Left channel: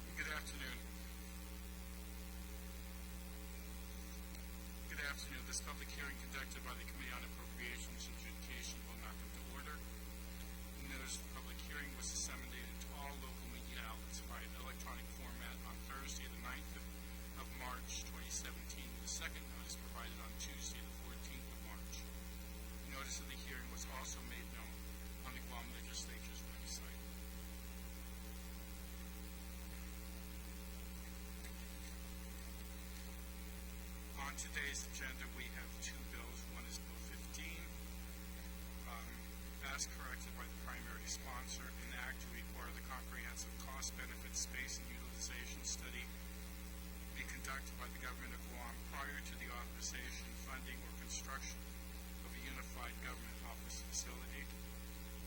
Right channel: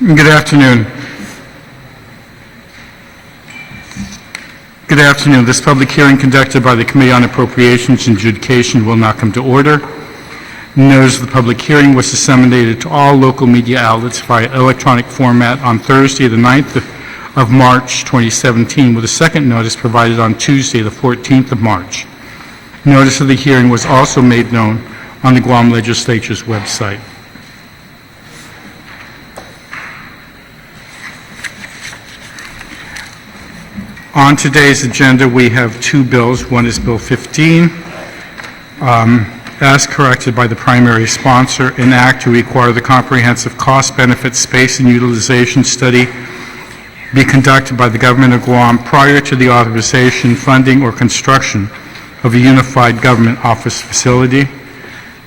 Good afternoon. Good afternoon. This public hearing conducted by the Committee on Appropriations and Adjudication will now come to order. Notice of the public hearing was disseminated to all local media outlets via electronic format on Thursday, the 9th of March, 2017, with a second notice provided on Tuesday, the 14th of March. Notice of the hearing was also made known on the Guam Legislature's website. On today's agenda, we have two bills. One is Bill 15, as corrected by the primary sponsor, an act to require the comprehensive cost, benefit, space, and utilization study be conducted by the Government of Guam prior to the authorization, funding, or construction of a unified government office facility.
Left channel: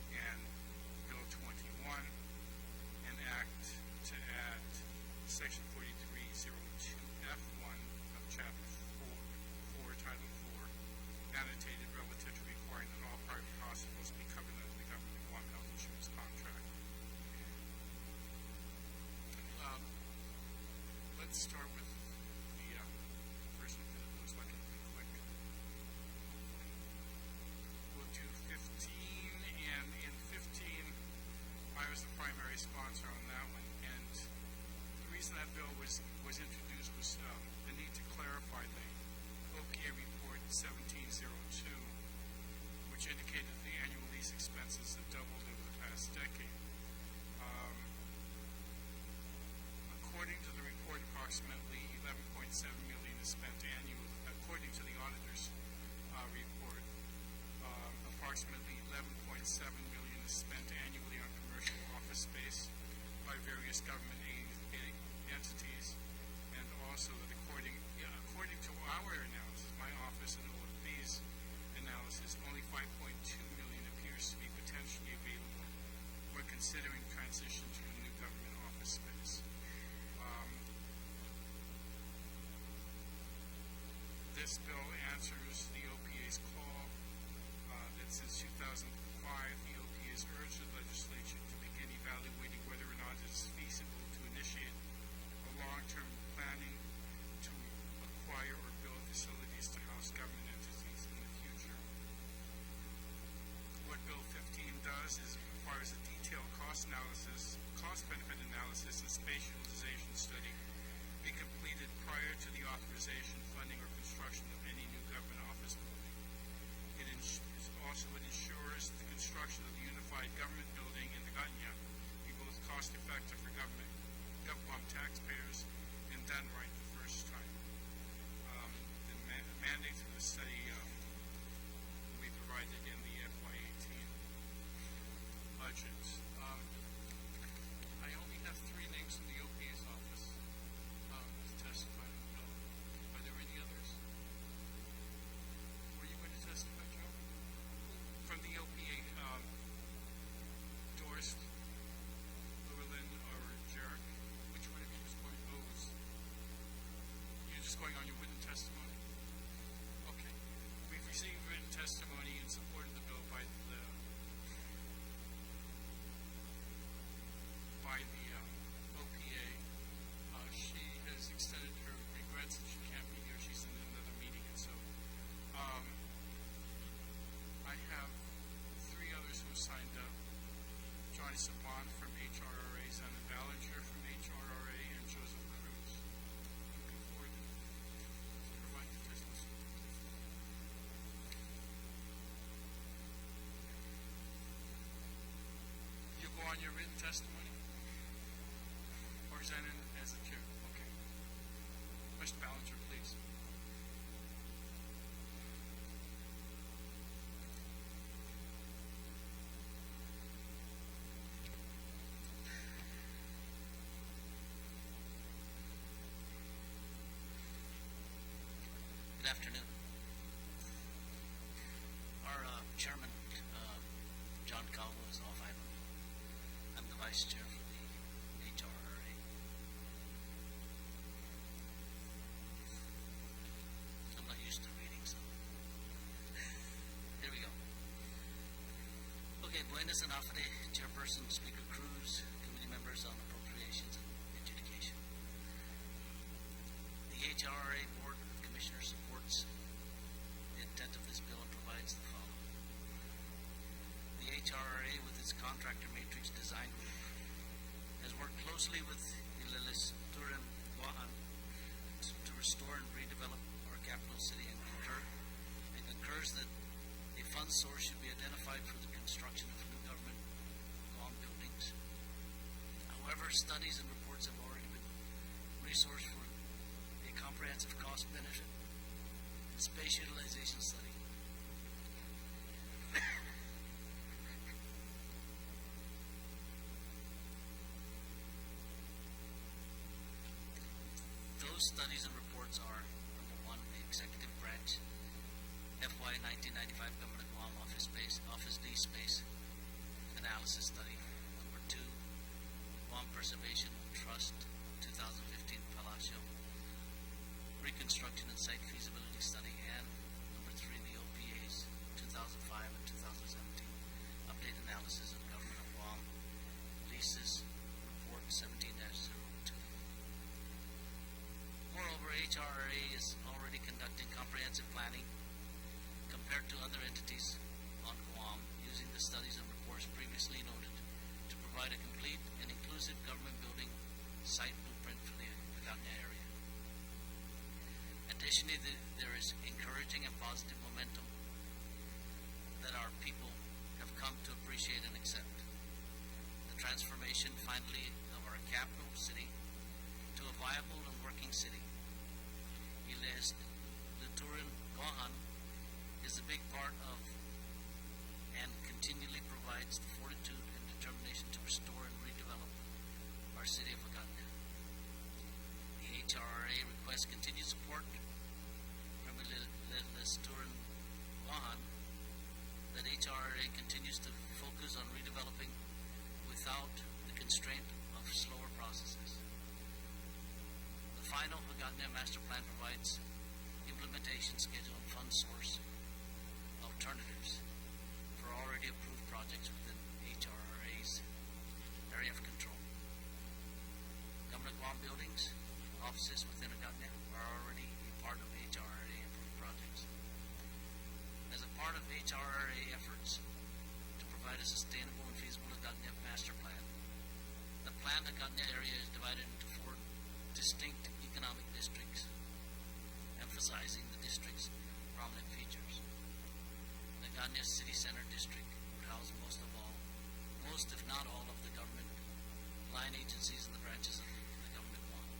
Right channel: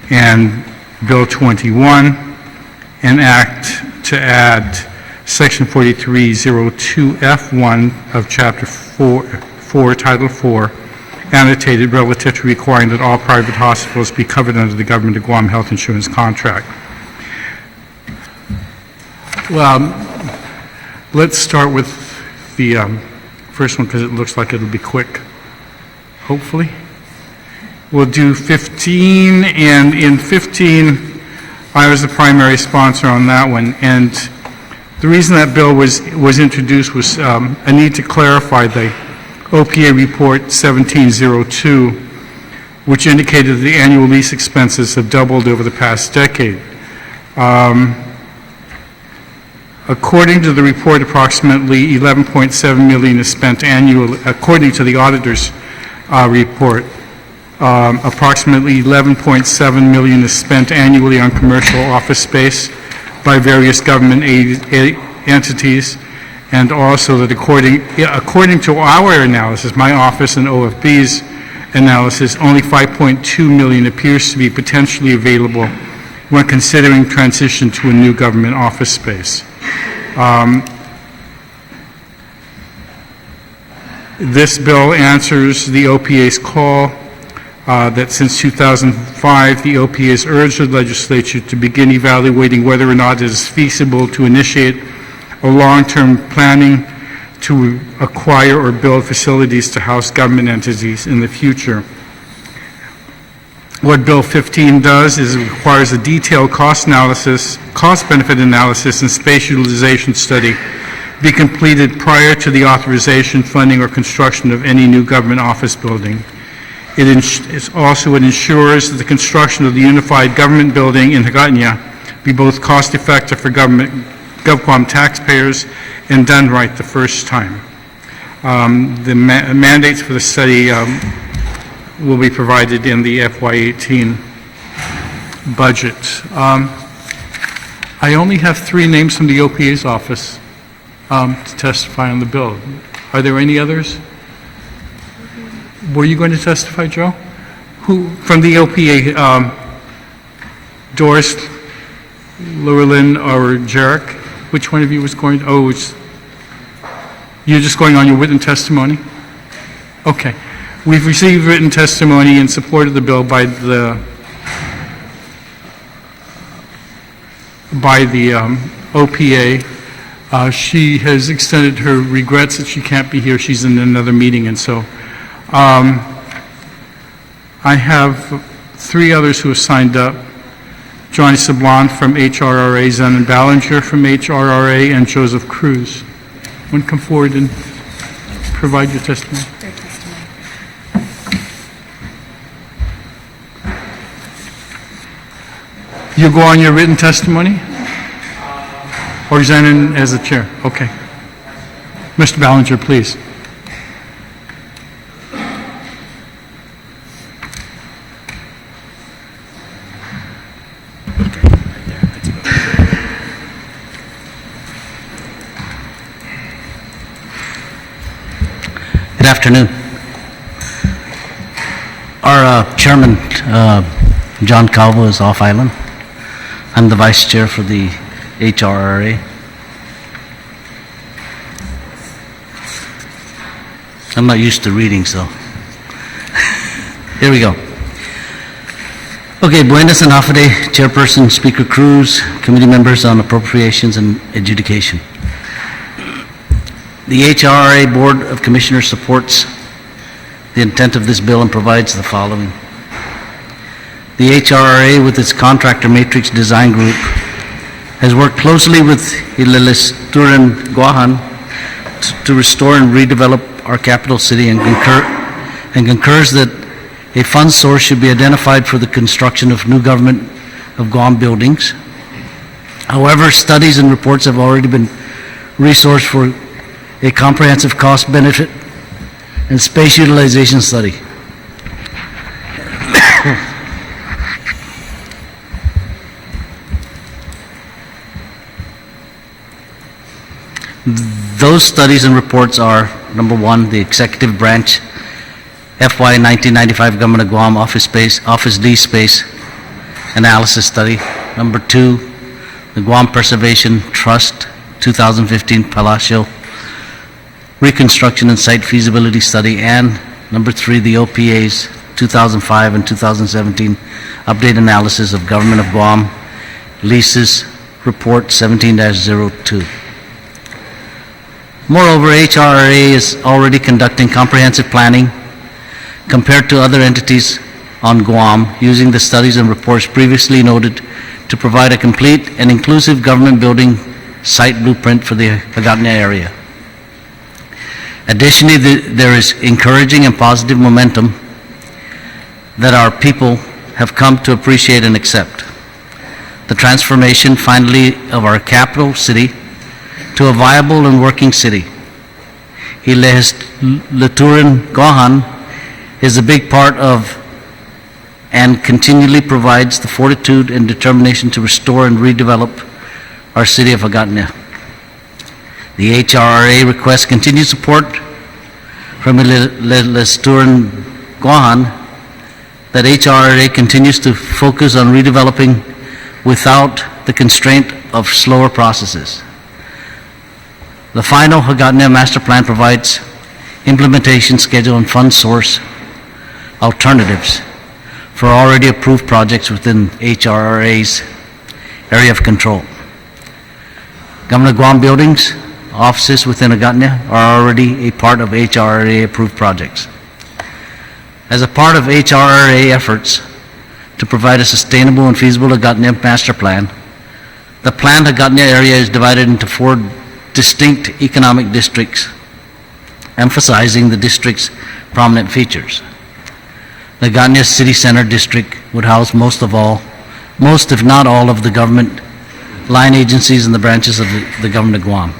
And Bill 21, an act to add Section 4302F1 of Chapter 4, Title 4, annotated relative to requiring that all private hospitals be covered under the Government of Guam health insurance contract. Well, let's start with the first one because it looks like it'll be quick, hopefully. We'll do 15, and in 15, I was the primary sponsor on that one, and the reason that bill was introduced was a need to clarify the OPA report 1702, which indicated that the annual lease expenses have doubled over the past decade. According to the report, approximately $11.7 million is spent annually. According to the auditor's report, approximately $11.7 million is spent annually on commercial office space by various government entities, and also that according to our analysis, my office and OFB's analysis, only $5.2 million appears to be potentially available when considering transition to a new government office space. This bill answers the OPA's call that since 2005, the OPA has urged the legislature to begin evaluating whether or not it is feasible to initiate a long-term planning to acquire or build facilities to house government entities in the future. What Bill 15 does is it requires a detailed cost benefit analysis, and space utilization study be completed prior to the authorization, funding, or construction of any new government office building. It ensures that the construction of the unified government building in Hagåtña be both cost-effective for GovGuam taxpayers and done right the first time. The mandates for the study will be provided in the FY18 budget. I only have 3 names from the OPA's office to testify on the bill. Are there any others? Were you going to testify, Joe? Who from the OPA? Doris, Llewellyn, or Jarek? Which one of you was going? You're just going on your written testimony? Okay. We've received written testimony in support of the bill by the OPA. She has extended her regrets that she can't be here. She's in another meeting, and so I have 3 others who have signed up. Johnny Sablon from HRRA, Zenon Ballinger from HRRA, and Joseph Cruz. Want to come forward and provide your testimony? You go on your written testimony? Or Zenon as the chair? Okay. Mr. Ballinger, please. Good afternoon. Our chairman, John Calvo, is off island. I'm the vice chair for the HRRA. I'm not used to reading, so here we go. Okay, Buenas and Hafade, Chairperson, Speaker Cruz, committee members on appropriations and adjudication. The HRRA Board of Commissioners supports the intent of this bill and provides the following. The HRRA, with its contractor matrix design group, has worked closely with Legislature and Guam to restore and redevelop our capital city and concurs that a fund source should be identified for the construction of new Government of Guam buildings. However, studies and reports have already been resourced for a comprehensive cost benefit and space utilization study. Those studies and reports are, number one, the Executive Branch FY 1995 Government of Guam Office D Space Analysis Study. Number two, the Guam Preservation Trust 2015 Palacio Reconstruction and Site Feasibility Study. And number three, the OPA's 2005 and 2017 Update Analysis of Government of Guam Leases Report 17-02. Moreover, HRRA is already conducting comprehensive planning compared to other entities on Guam, using the studies and reports previously noted to provide a complete and inclusive government building site blueprint for the Hagatna area. Additionally, there is encouraging and positive momentum that our people have come to appreciate and accept. The transformation, finally, of our capital city to a viable and working city. Legislature Gohan is a big part of and continually provides the fortitude and determination to restore and redevelop our city of Hagatna. The HRRA requests continued support from Legislature Gohan that HRRA continues to focus on redeveloping without the constraint of slower processes. The final Hagatna Master Plan provides implementation schedule and fund source alternatives for already approved projects within HRRA's area of control. Government of Guam buildings, offices within Hagatna are already a part of HRRA approved projects. As a part of HRRA efforts to provide a sustainable and feasible Hagatna Master Plan, the planned Hagatna area is divided into 4 distinct economic districts, emphasizing the district's prominent features. The Hagatna City Center District would house most if not all of the government line agencies and the branches of the Government of Guam.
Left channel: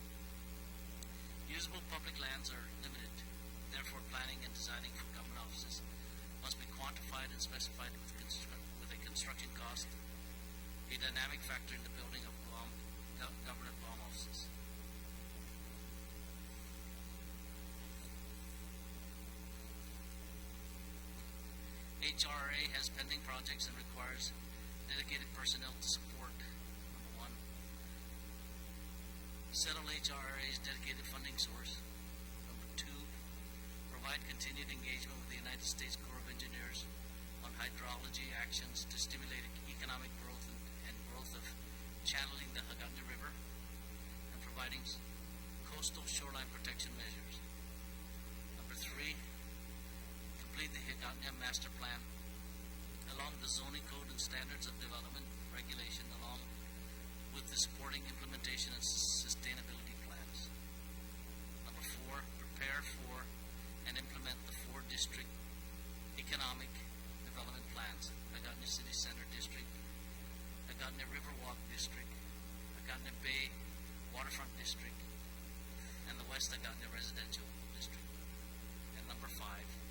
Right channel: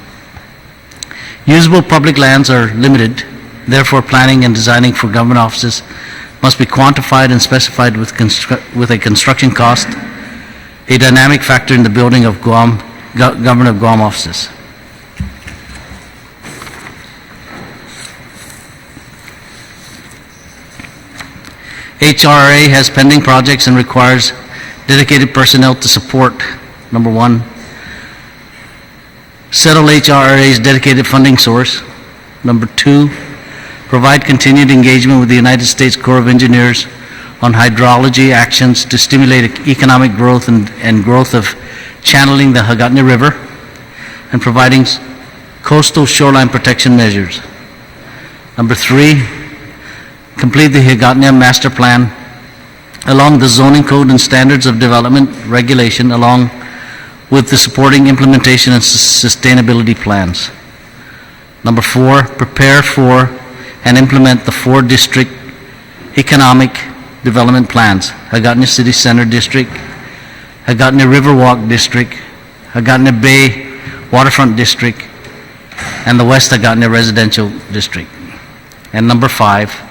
Usable public lands are limited, therefore planning and designing for government offices must be quantified and specified with a construction cost, a dynamic factor in the building of Government of Guam offices. HRRA has pending projects and requires dedicated personnel to support, number one, settle HRRA's dedicated funding source. Number two, provide continued engagement with the United States Corps of Engineers on hydrology actions to stimulate economic growth and growth of channeling the Hagatna River and providing coastal shoreline protection measures. Number three, complete the Hagatna Master Plan along the zoning code and standards of development regulation, along with the supporting implementation and sustainability plans. Number four, prepare for and implement the 4 district economic development plans: Hagatna City Center District, Hagatna Riverwalk District, Hagatna Bay Waterfront District, and the West Hagatna Residential District. And number 5,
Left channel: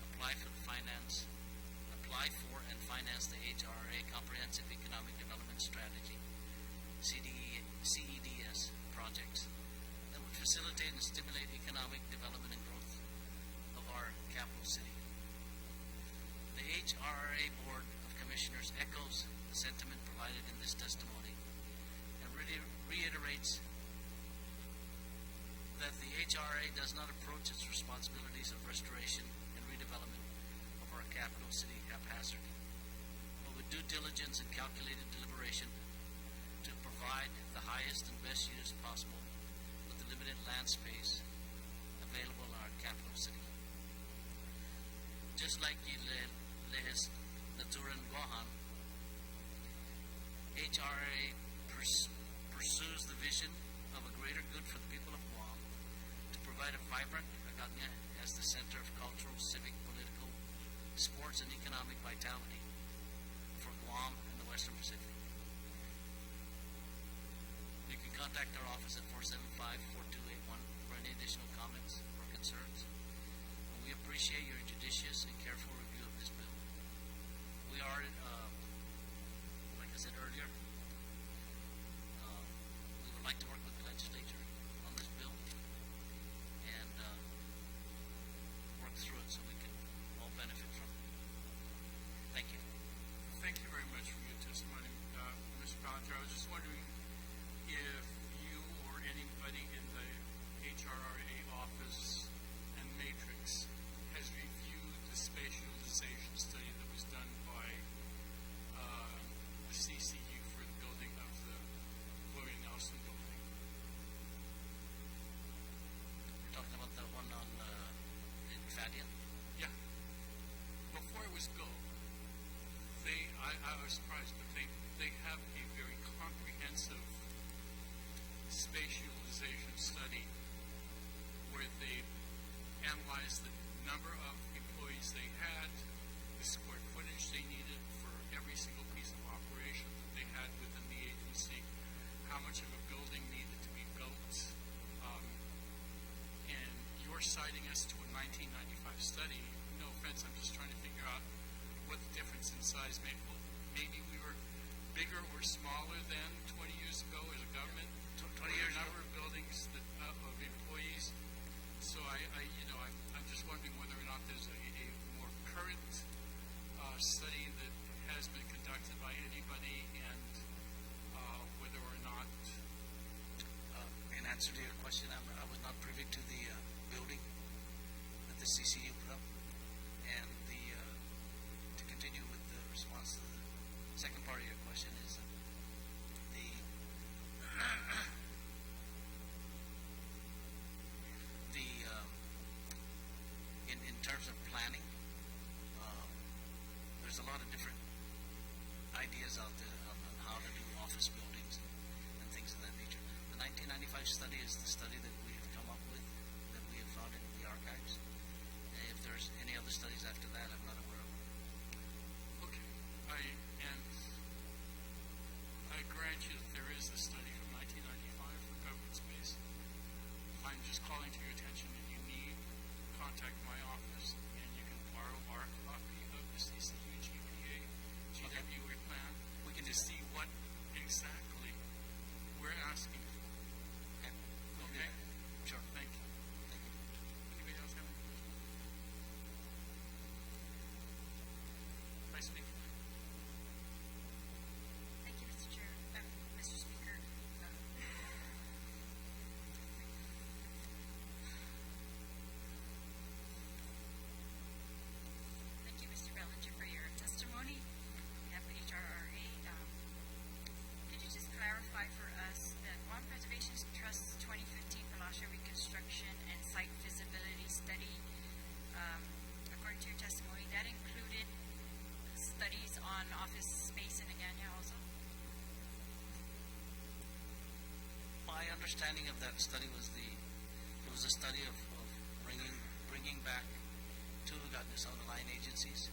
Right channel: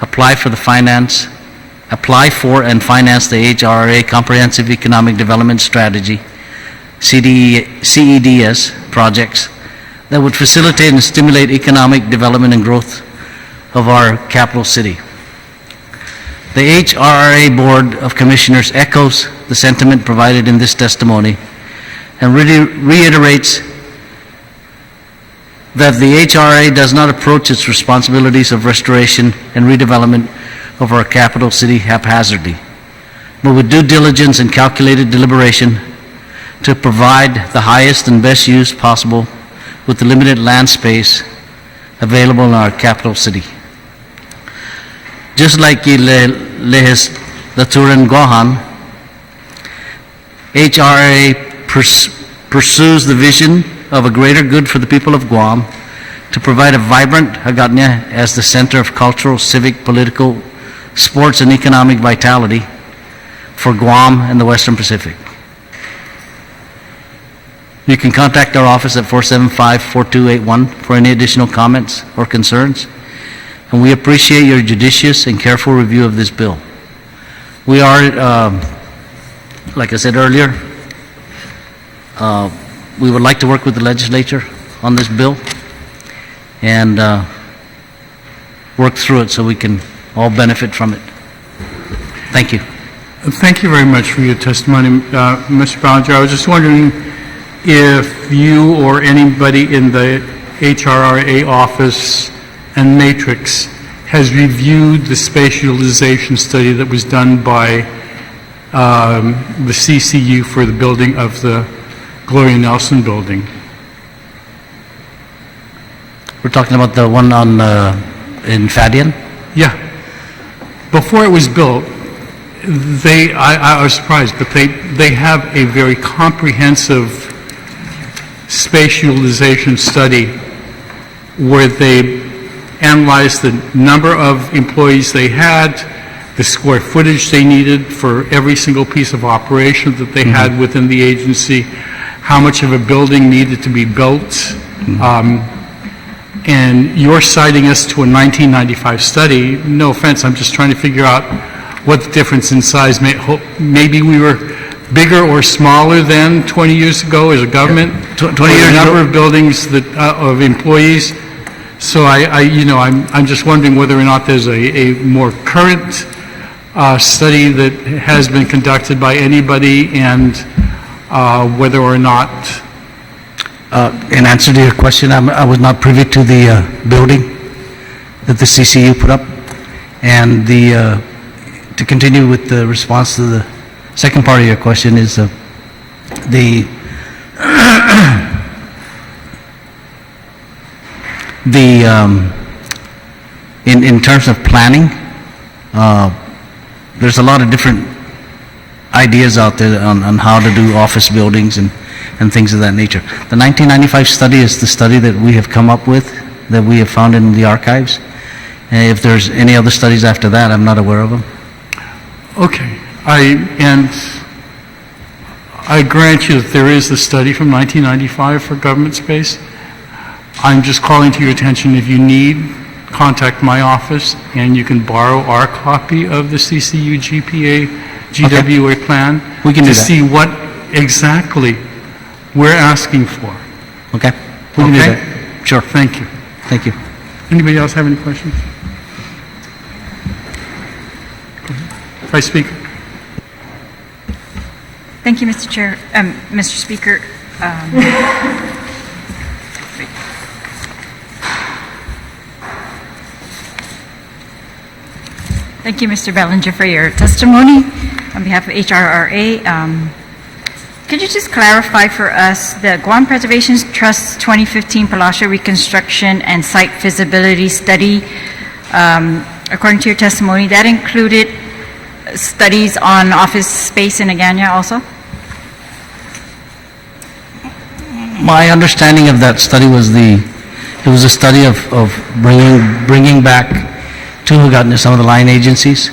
apply for and finance the HRRA Comprehensive Economic Development Strategy, CEDS projects that would facilitate and stimulate economic development and growth of our capital city. The HRRA Board of Commissioners echoes the sentiment provided in this testimony and reiterates that the HRRA does not approach its responsibilities of restoration and redevelopment of our capital city haphazardly, but with due diligence and calculated deliberation to provide the highest and best use possible with the limited land space available in our capital city. Just like the legislature in Guam, HRA pursues the vision of a greater good for the people of Guam to provide a vibrant Hagatna as the center of cultural, civic, political, sports, and economic vitality for Guam and the Western Pacific. You can contact our office at 475-4281 for any additional comments or concerns, and we appreciate your judicious and careful review of this bill. We are, like I said earlier, we would like to work with the legislature on this bill and work through it so we can all benefit from it. Thank you. Thank you very much for your testimony, Mr. Ballinger. I was just wondering if you or anybody in the HRRA office and matrix has reviewed the space utilization study that was done by the CCU for the building of the Gloria Nelson building. We're talking about the one on in Fadian? Yeah. Before it was built, I was surprised, but they have a very comprehensive space utilization study where they analyzed the number of employees they had, the square footage they needed for every single piece of operation that they had within the agency, how much of a building needed to be built. And you're citing us to a 1995 study. No offense, I'm just trying to figure out what the difference in size may. Maybe we were bigger or smaller than 20 years ago as a government. 20 years the number ago. of buildings that of employees. So I'm just wondering whether or not there's a more current study that has been conducted by anybody, and whether or not. In answer to your question, I was not privy to the building that the CCU put up, and to continue with the response to the second part of your question is in terms of planning, there's a lot of different ideas out there on how to do office buildings and things of that nature. The 1995 study is the study that we have come up with, that we have found in the archives. And if there's any other studies after that, I'm not aware of them. Okay, I grant you that there is a study from 1995 for government space. I'm just calling to your attention, if you need, contact my office and you can borrow our copy of the CCU GWA plan We can do to that. see what exactly we're asking for. Okay? We can do Okay? that. Sure. Thank you. Thank you. Anybody else have any questions? Vice Speaker. Thank you, Mr. Chair, Mr. Speaker. Thank you, Mr. Ballinger, for your testimony on behalf of HRRA. Could you just clarify for us the Guam Preservation Trust 2015 Palacio Reconstruction and Site Feasibility Study? According to your testimony, that included studies on office space in Agana also? My understanding of that study was it was a study of bringing back to Hagatna some of the line agencies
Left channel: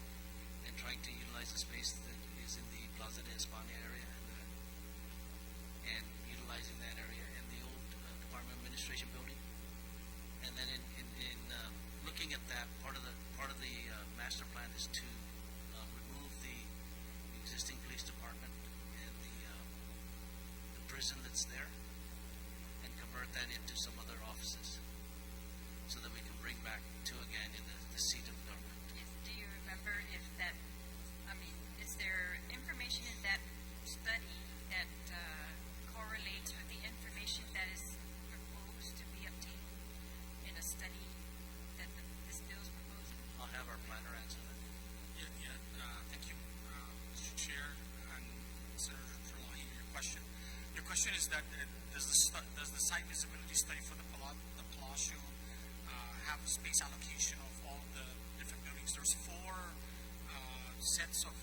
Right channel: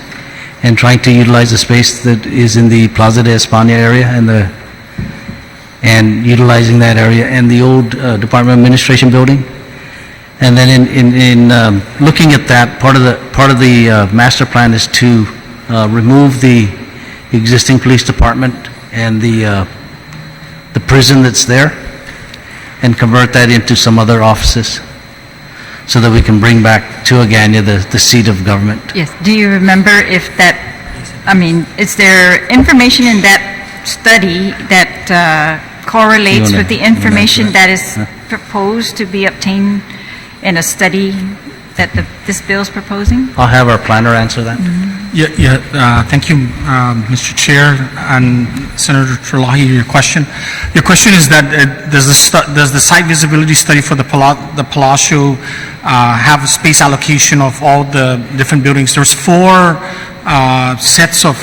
and trying to utilize the space that is in the Plaza de España area and utilizing that area and the old Department of Administration building. And then in looking at that, part of the master plan is to remove the existing police department and the prison that's there and convert that into some other offices so that we can bring back to Agana the seat of government. Yes. Do you remember if that, is there information in that study that correlates with the information that is proposed to be obtained in a study that this bill is proposing? I'll have our planner answer that. Thank you, Mr. Chair and Senator Terlahi. Your question is that does the site visibility study for the Palacio have a space allocation of all the different buildings? There's 4 sets of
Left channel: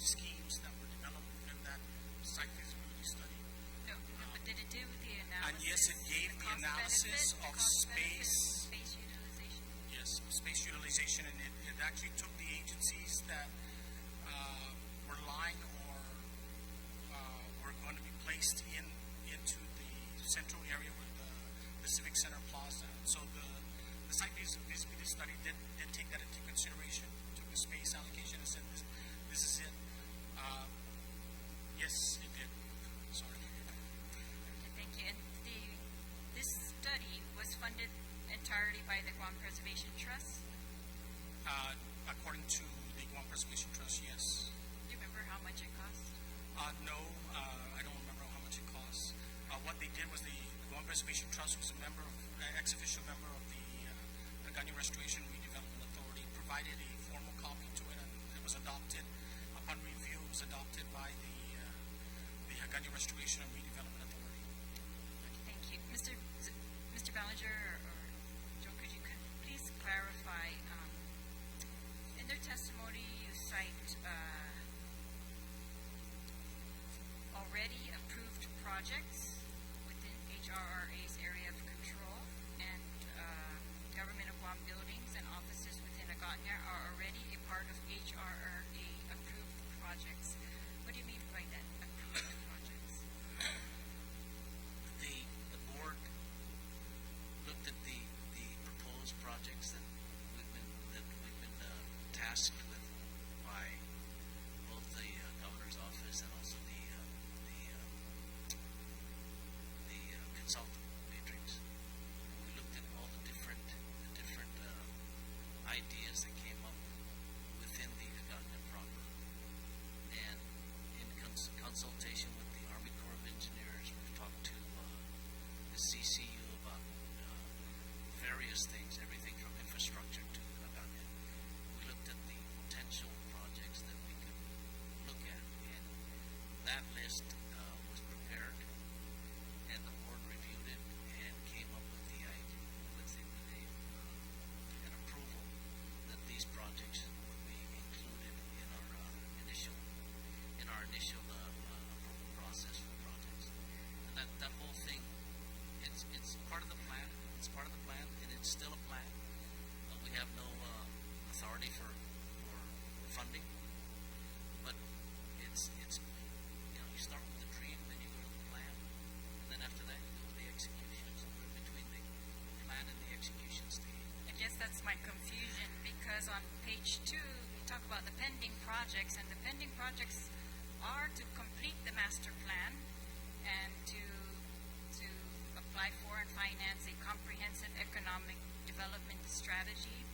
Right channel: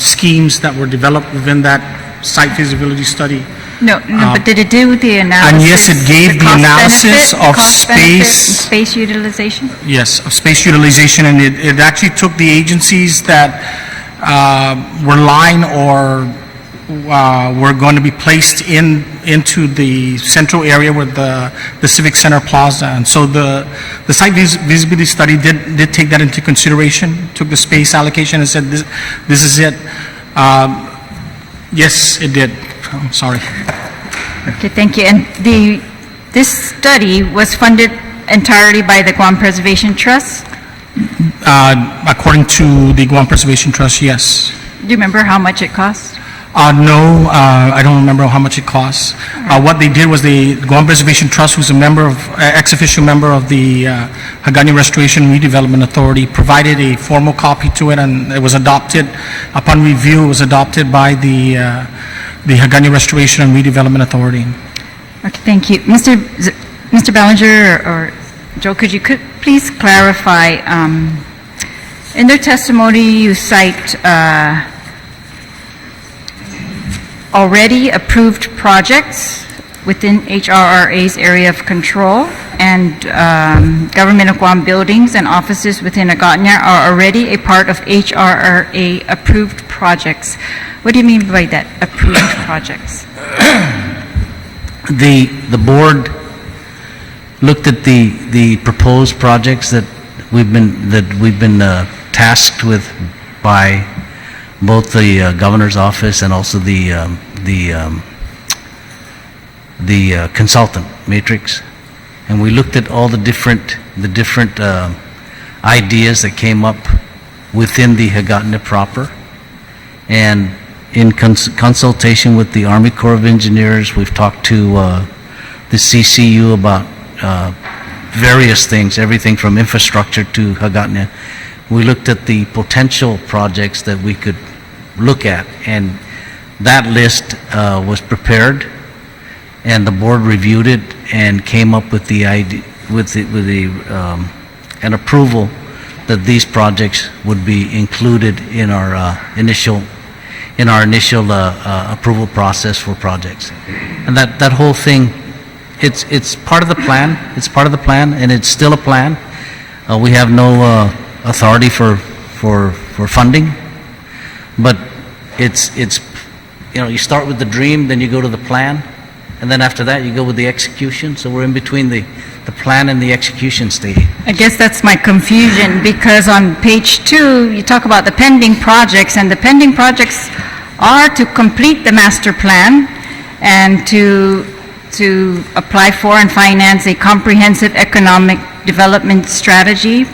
schemes that were developed within that site feasibility study. No, but did it do the analysis? And yes, it gave the analysis of space utilization? Yes, of space utilization, and it actually took the agencies that were lying or were going to be placed into the central area with the Civic Center Plaza. And so the site visibility study did take that into consideration, took the space allocation and said, this is it. Yes, it did. I'm sorry. Okay, thank you. And this study was funded entirely by the Guam Preservation Trust? According to the Guam Preservation Trust, yes. Do you remember how much it cost? No, I don't remember how much it costs. What they did was the Guam Preservation Trust, who's a member of, ex-official member of the Hagani Restoration and Redevelopment Authority, provided a formal copy to it, and it was adopted. Upon review, it was adopted by the Hagani Restoration and Redevelopment Authority. Okay, thank you. Mr. Ballinger or Joe, could you please clarify, in their testimony you cite already approved projects within HRRA's area of control, and Government of Guam buildings and offices within Agatna are already a part of HRRA approved projects. What do you mean by that, approved projects? The board looked at the proposed projects that we've been tasked with by both the governor's office and also the consultant matrix, and we looked at all the different ideas that came up within the Hagåtña proper, and in consultation with the Army Corps of Engineers, we've talked to the CCU about various things, everything from infrastructure to Hagåtña. We looked at the potential projects that we could look at, and that list was prepared, and the board reviewed it and came up with the idea, an approval that these projects would be included in our initial approval process for projects. And that whole thing, it's part of the plan. It's part of the plan, and it's still a plan. We have no authority for funding, but it's you start with the dream, then you go to the plan, and then after that you go with the execution. So we're in between the plan and the execution stage. I guess that's my confusion, because on page 2 you talk about the pending projects, and the pending projects are to complete the master plan and to apply for and finance a comprehensive economic development strategy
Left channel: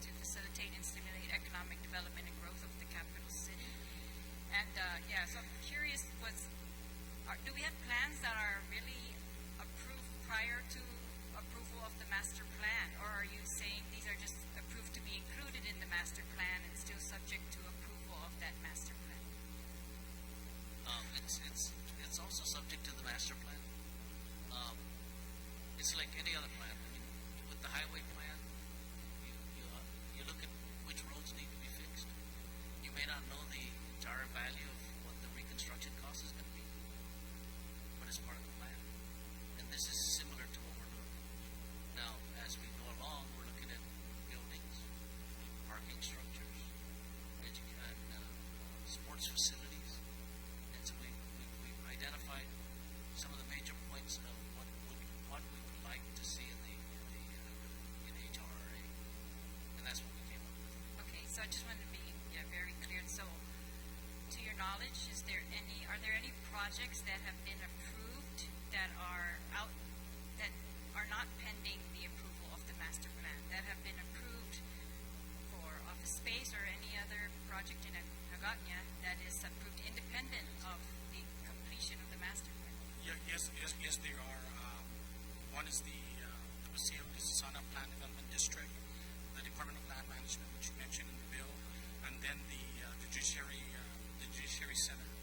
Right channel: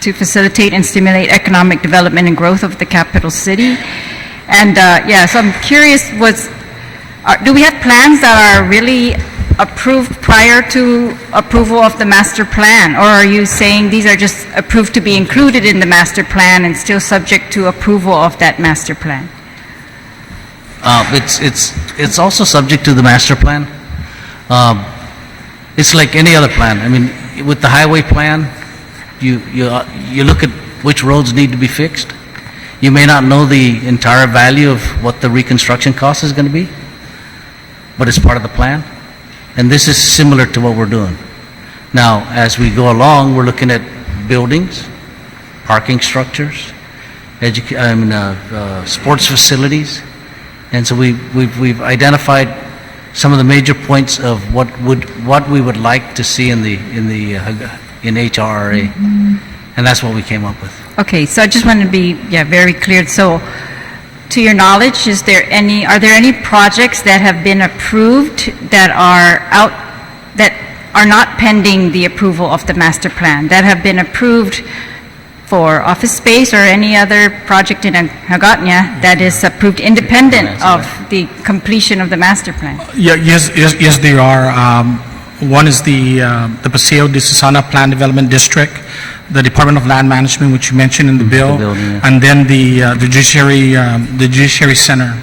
to facilitate and stimulate economic development and growth of the capital city. And so I'm curious, do we have plans that are really approved prior to approval of the master plan, or are you saying these are just approved to be included in the master plan and still subject to approval of that master plan? It's also subject to the master plan. It's like any other plan. I mean, with the highway plan, you look at which roads need to be fixed. You may not know the entire value of what the reconstruction cost is going to be, but it's part of the plan. And this is similar to what we're doing. Now, as we go along, we're looking at buildings, parking structures, sports facilities, and so we've identified some of the major points of what we would like to see in HRRA, and that's what we came up with. Okay, so I just want to be very clear. So, to your knowledge, are there any projects that have been approved that are not pending the approval of the master plan, that have been approved for office space or any other project in Hagåtña that is approved independent of the completion of the master plan? Yes, there are. One is the Paseo de Susana Plan Development District. the Department of Land Management, which you mentioned in the bill, building, yeah. and then the Judiciary Center.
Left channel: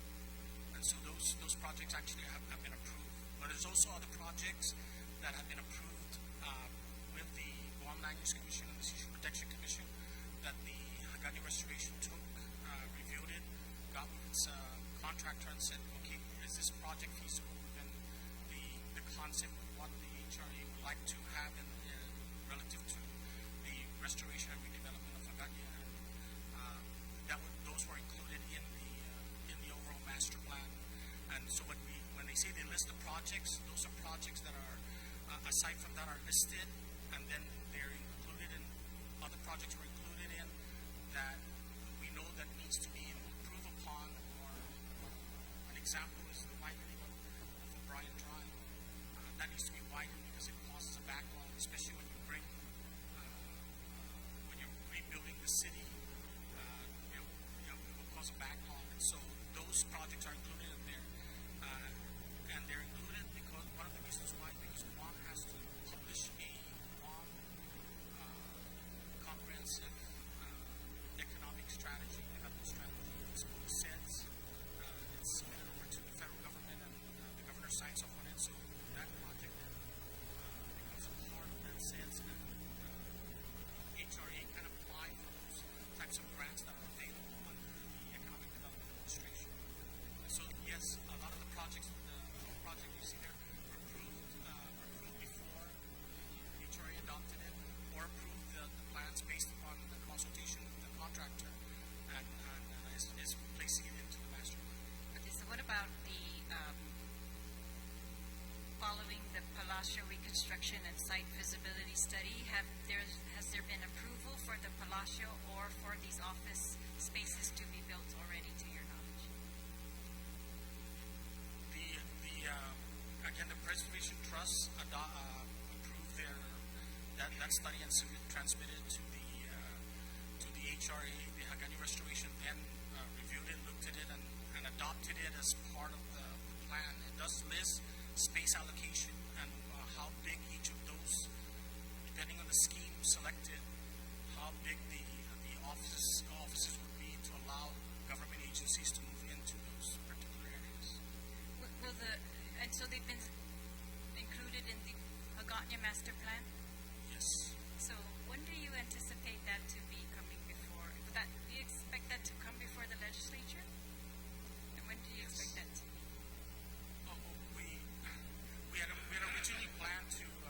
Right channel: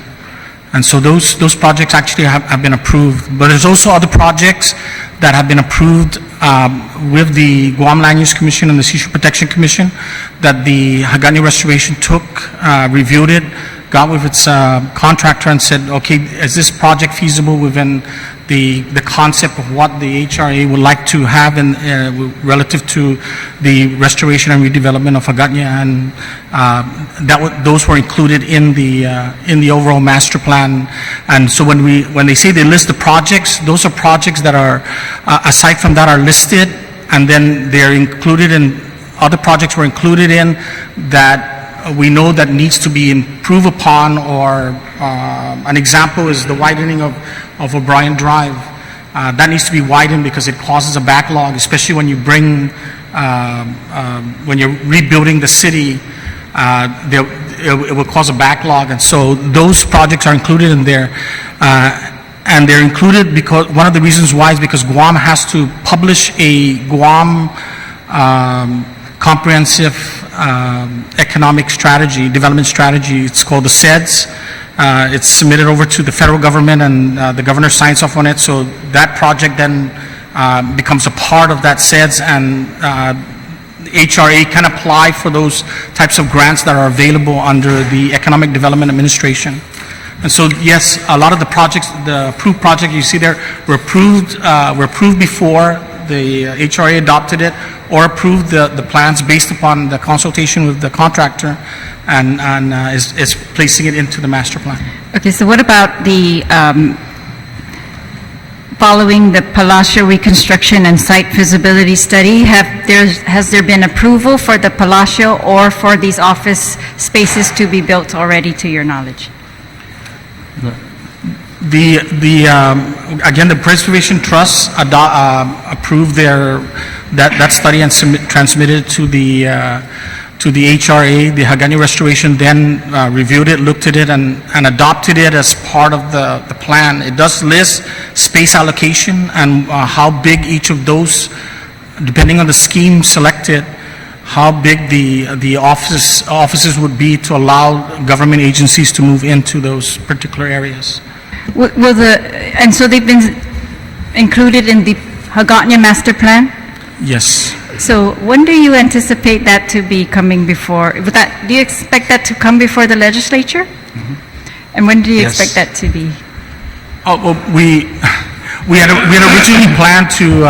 And so those projects actually have been approved. But there's also other projects that have been approved with the Guam Land Use Commission and the Seashore Protection Commission that the Hagani Restoration took, reviewed it, got with its contractor and said, okay, is this project feasible within the concept of what the HRA would like to have in relative to the restoration and redevelopment of Hagania, and those were included in the overall master plan. And so when they say they list the projects, those are projects that are aside from that are listed, and then they're included in other projects were included in that we know that needs to be improved upon, or an example is the widening of O'Brien Drive. That needs to be widened because it causes a backlog, especially when you bring, when you're rebuilding the city, it will cause a backlog. And so those projects are included in there. And they're included because one of the reasons why is because Guam has to publish a Guam comprehensive economic strategy, development strategy. It's called the SEDS. It's submitted over to the federal government, and the governor signs off on it. So that project then becomes a part of that SEDS, and HRA can apply for those types of grants that are available under the Economic Development Administration. And so, yes, a lot of the projects, the approved projects you see there, were approved before the HRA adopted it, or approved the plans based upon the consultation with the contractor, and is placing it into the master plan. Okay, so what about the, following the Palacio reconstruction and site feasibility study, has there been approval for the Palacio or for these office spaces to be built already, to your knowledge? Again, the Preservation Trust approved that study and transmitted to the HRA. The Hagani Restoration then reviewed it, looked at it, and adopted it as part of the plan. It does list space allocation and how big each of those, depending on the scheme selected, how big the offices would be to allow government agencies to move into those particular areas. And so they've been included in the Hagåtña master plan? Yes. So when do you anticipate that to be coming before? Do you expect that to come before the legislature? Mm-hmm. And when do you expect that to be? Oh, well, we had originally planned to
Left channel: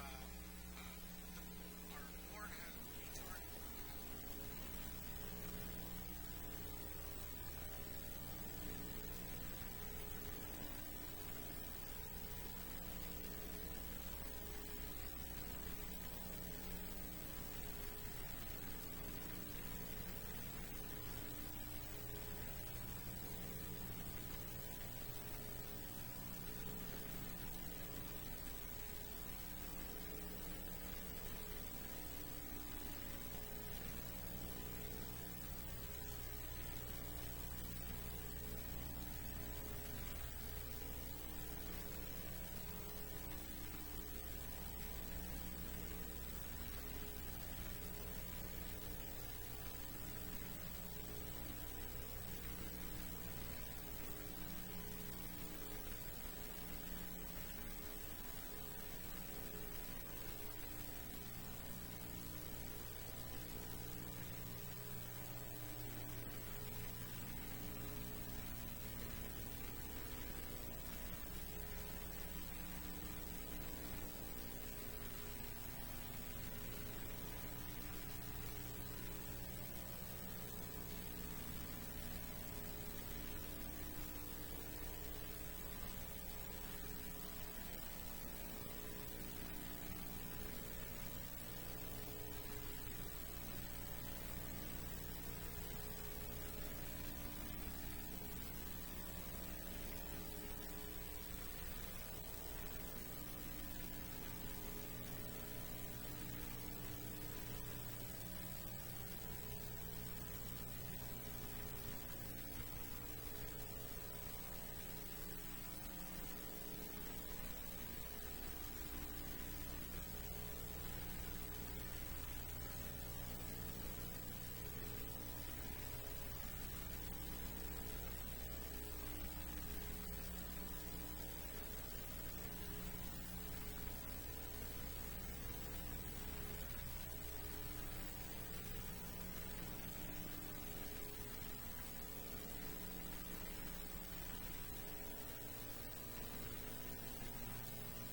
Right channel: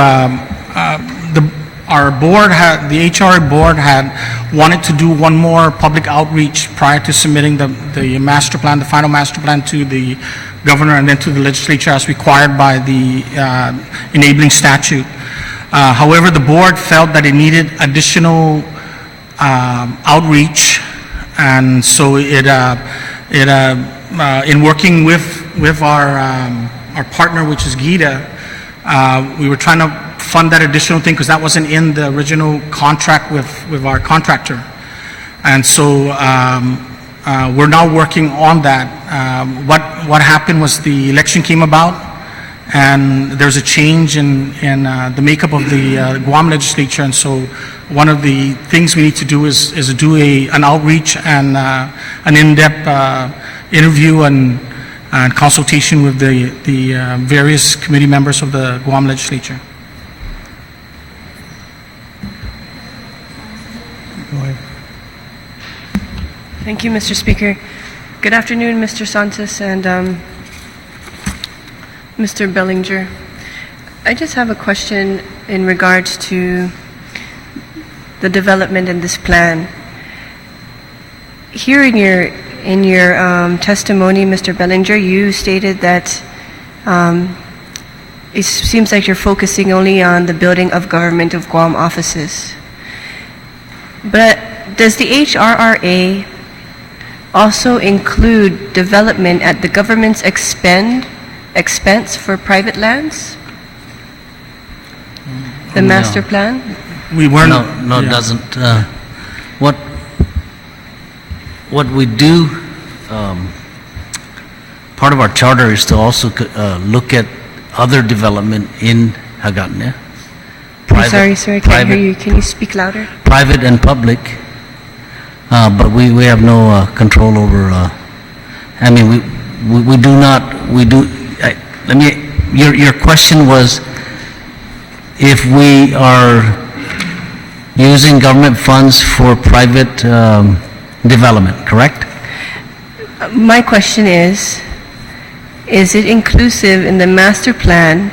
our board had, the HR board had wanted to do one more public outreach prior to submitting the master plan, the final master plan, to the governor and then to the legislature as required by the enabling statute. However, the board felt that it needed additional outreach, and so in working with our partner, which is GITA, we were trying to fund that additional thing because that wasn't in the original contract with our contractor. And so we're now working on that. What happened was the election came about, and there's a change in the makeup of the Guam legislature. And so one of the things we need to do is do an outreach and an in-depth interview and consultation with the various committee members of the Guam legislature. Go ahead. Thank you, Mr. Speaker. Good afternoon, Mr. Santos and Mr. Bellinger. I just have a question in regards to the development in this plan. Here in your testimony, Mr. Bellinger, you stated that it seems like you're focusing only on the building of Government of Guam offices. But does the HRRA also include development at the government's expense for private lands? The master plan? We weren't. No, it doesn't. What we do, part of our charter is to also look at other development in Hagåtña, I'm sorry, sir, I can't hear you. Can you speak louder? Private and public, but we have no control over, I mean, we do not, your question was if we are using government funds for private development, correct? My question is it inclusive in the master plan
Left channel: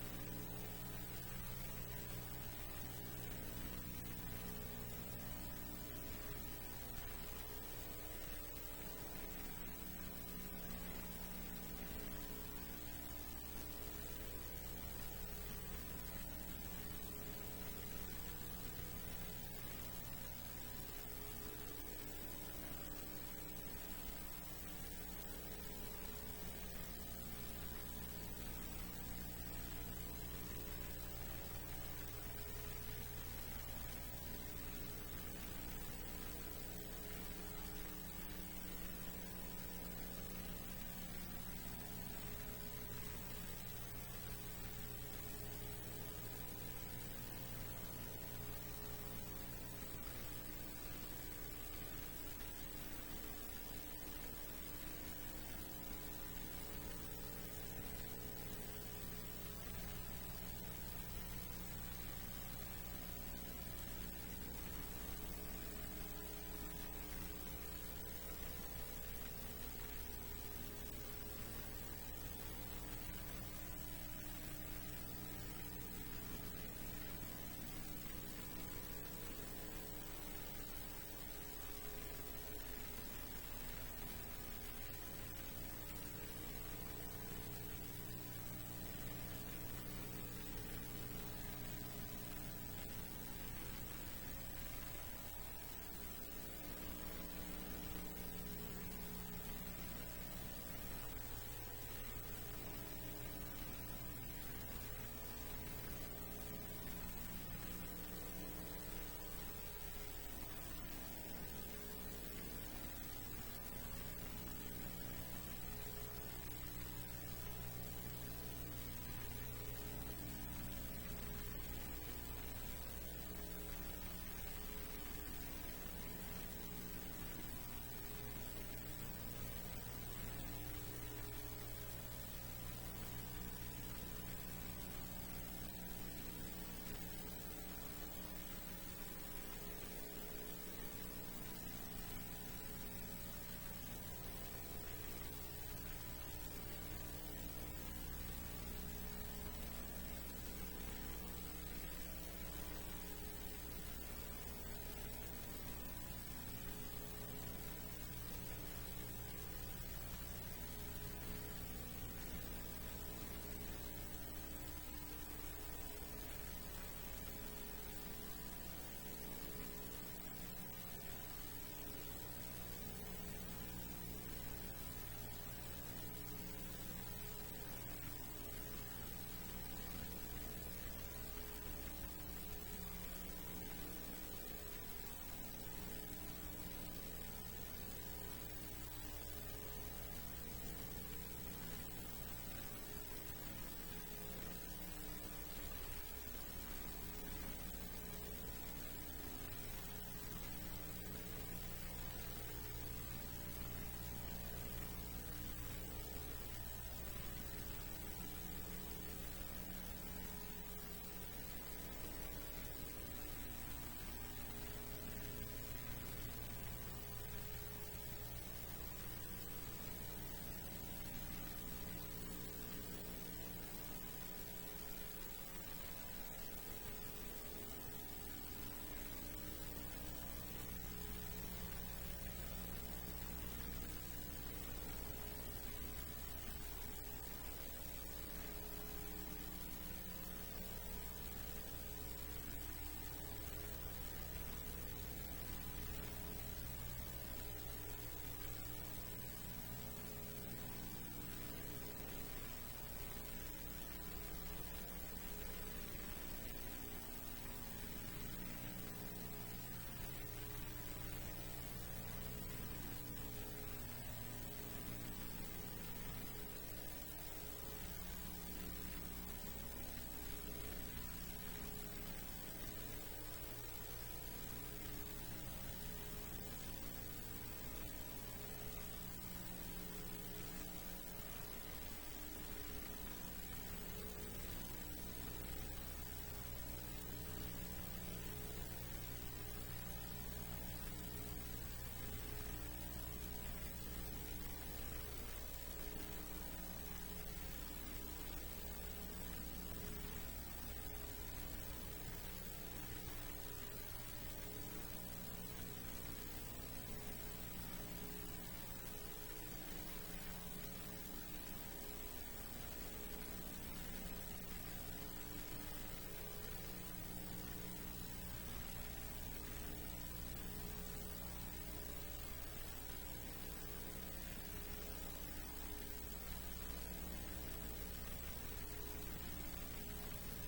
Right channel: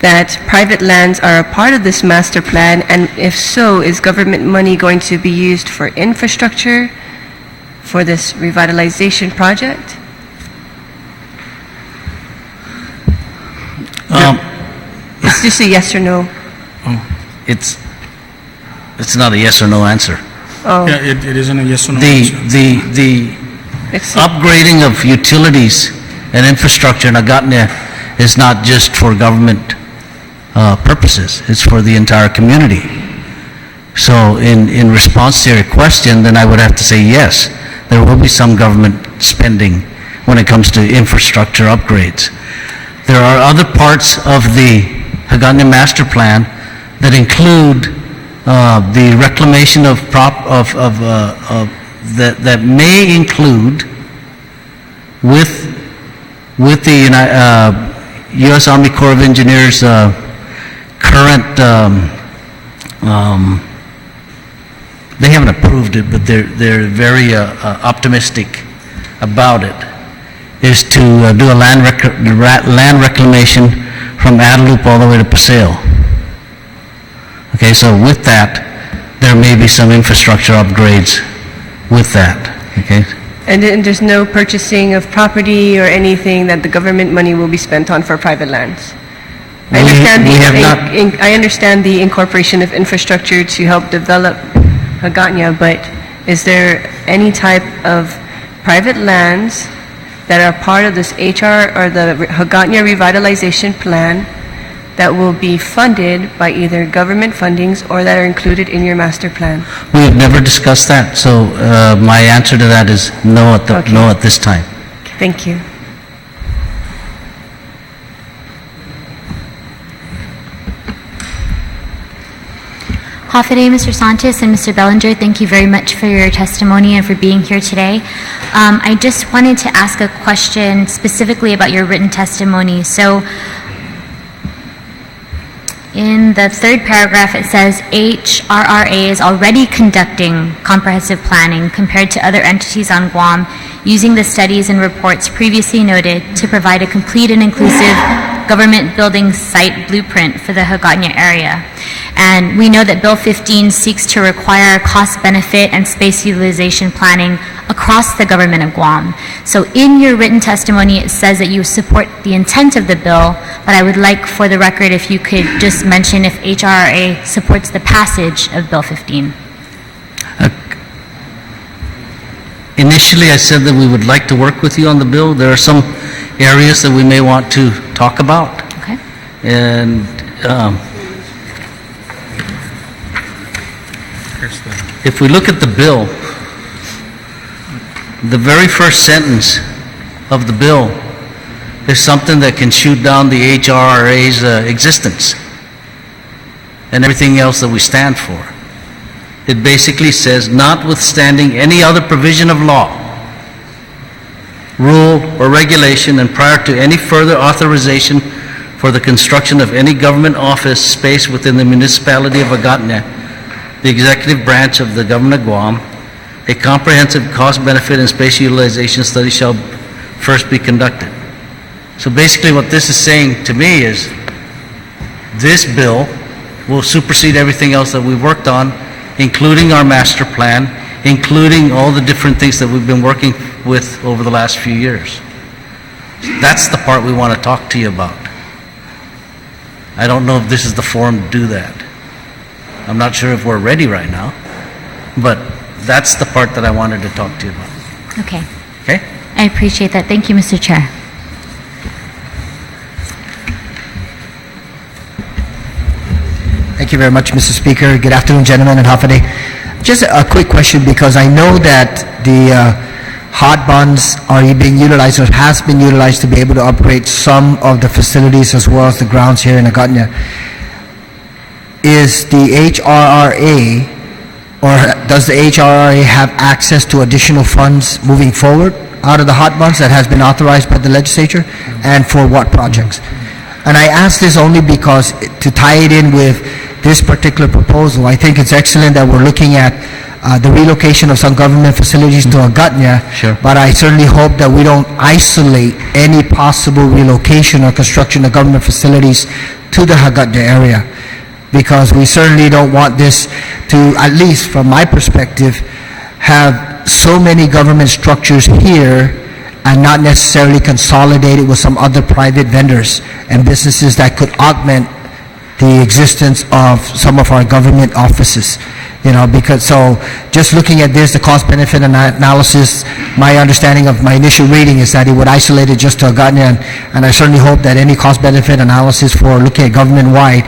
that private lands are a part of this master plan? And if so, is government money going to be used for infrastructure for this revitalization project? It's just a yes or no. It's not a yes or no answer. Oh, Yeah, it isn't a yes or no The, answer. the excellent. upgrading of utilities and infrastructure in Agatna is not just for government purposes, it's for the entire community. So in response to your question, then I would have to say yes, there will be some government spending when it comes to infrastructure upgrades. There are other parts of the Agatna Master Plan that include the reclamation of that may include with the U.S. Army Corps of Engineers current, they haven't approved it, but they're very optimistic about it, is to do a land reclamation from Adelup all the way to Paseo. Okay, so with that, there may be some infrastructure upgrades with that, okay? And then there's no purchasing of property or anything that the government money will be spent on for private lands? I understand the incorporation of infrastructure to help develop Hagåtña, but is there any type of private lands that are part of this HR or the Hagåtña revitalization plan that will be funded by either government fundings or that are included in your master plan? We have never discussed that, so my answer to that is no at this time. Thank you. Hafiday, Mr. Sanchez and Mr. Bellinger, thank you very much for your testimony and for being here today. I just wanted to ask a question specifically about your written testimony. So in the third paragraph, it says HRRA is already conducting comprehensive planning compared to other entities on Guam, using the studies and reports previously noted to provide a complete and inclusive government building site blueprint for the Hagåtña area. And we know that Bill 15 seeks to require cost benefit and space utilization planning across the Government of Guam. So in your written testimony, it says that you support the intent of the bill, but I would like for the record if you could just mention if HRRA supports the passage of Bill 15. Initially, I said that we would like to work with you on the bill. There are some areas that we may want to talk about. Okay. And if we look at the bill, the very first sentence of the bill is something that can shoot down the HRRA's existence and everything else that we stand for. It basically says, notwithstanding any other provision of law, rule, or regulation, and prior to any further authorization for the construction of any government office space within the municipality of Hagåtña, the executive branch of the Government of Guam, a comprehensive cost-benefit and space utilization study shall first be conducted. So basically what this is saying to me is this bill will supersede everything else that we've worked on, including our master plan, including all the different things that we've been working with over the last few years. That's the part we want to talk to you about. I don't know if this is the forum to do that. I'm not sure if we're ready right now, but that's the part that I wanted to talk to you about. Okay. Okay? I appreciate that. Thank you, Mr. Chair. Thank you very much, Mr. Speaker. Good afternoon, gentlemen, and Hafiday. Just a quick question, because I know that the hot bonds are being utilized or has been utilized to be able to upgrade some of the facilities as well as the grounds here in Hagåtña. is the HRRA, or does the HRRA have access to additional funds moving forward out of the hot bonds that has been authorized by the legislature, and for what projects? And I ask this only because to tie it in with this particular proposal, I think it's excellent that we're looking at the relocation of some government facilities to Agatna, Sure. but I certainly hope that we don't isolate any possible relocation or construction of government facilities to the Agatna area, because we certainly don't want this to, at least from my perspective, have so many government structures here and not necessarily consolidated with some other private vendors and businesses that could augment the existence of some of our government offices. You know, because, so just looking at this, the cost-benefit analysis, my understanding of my initial reading is that it would isolate it just to Agatna, and I certainly hope that any cost-benefit analysis for looking at government-wide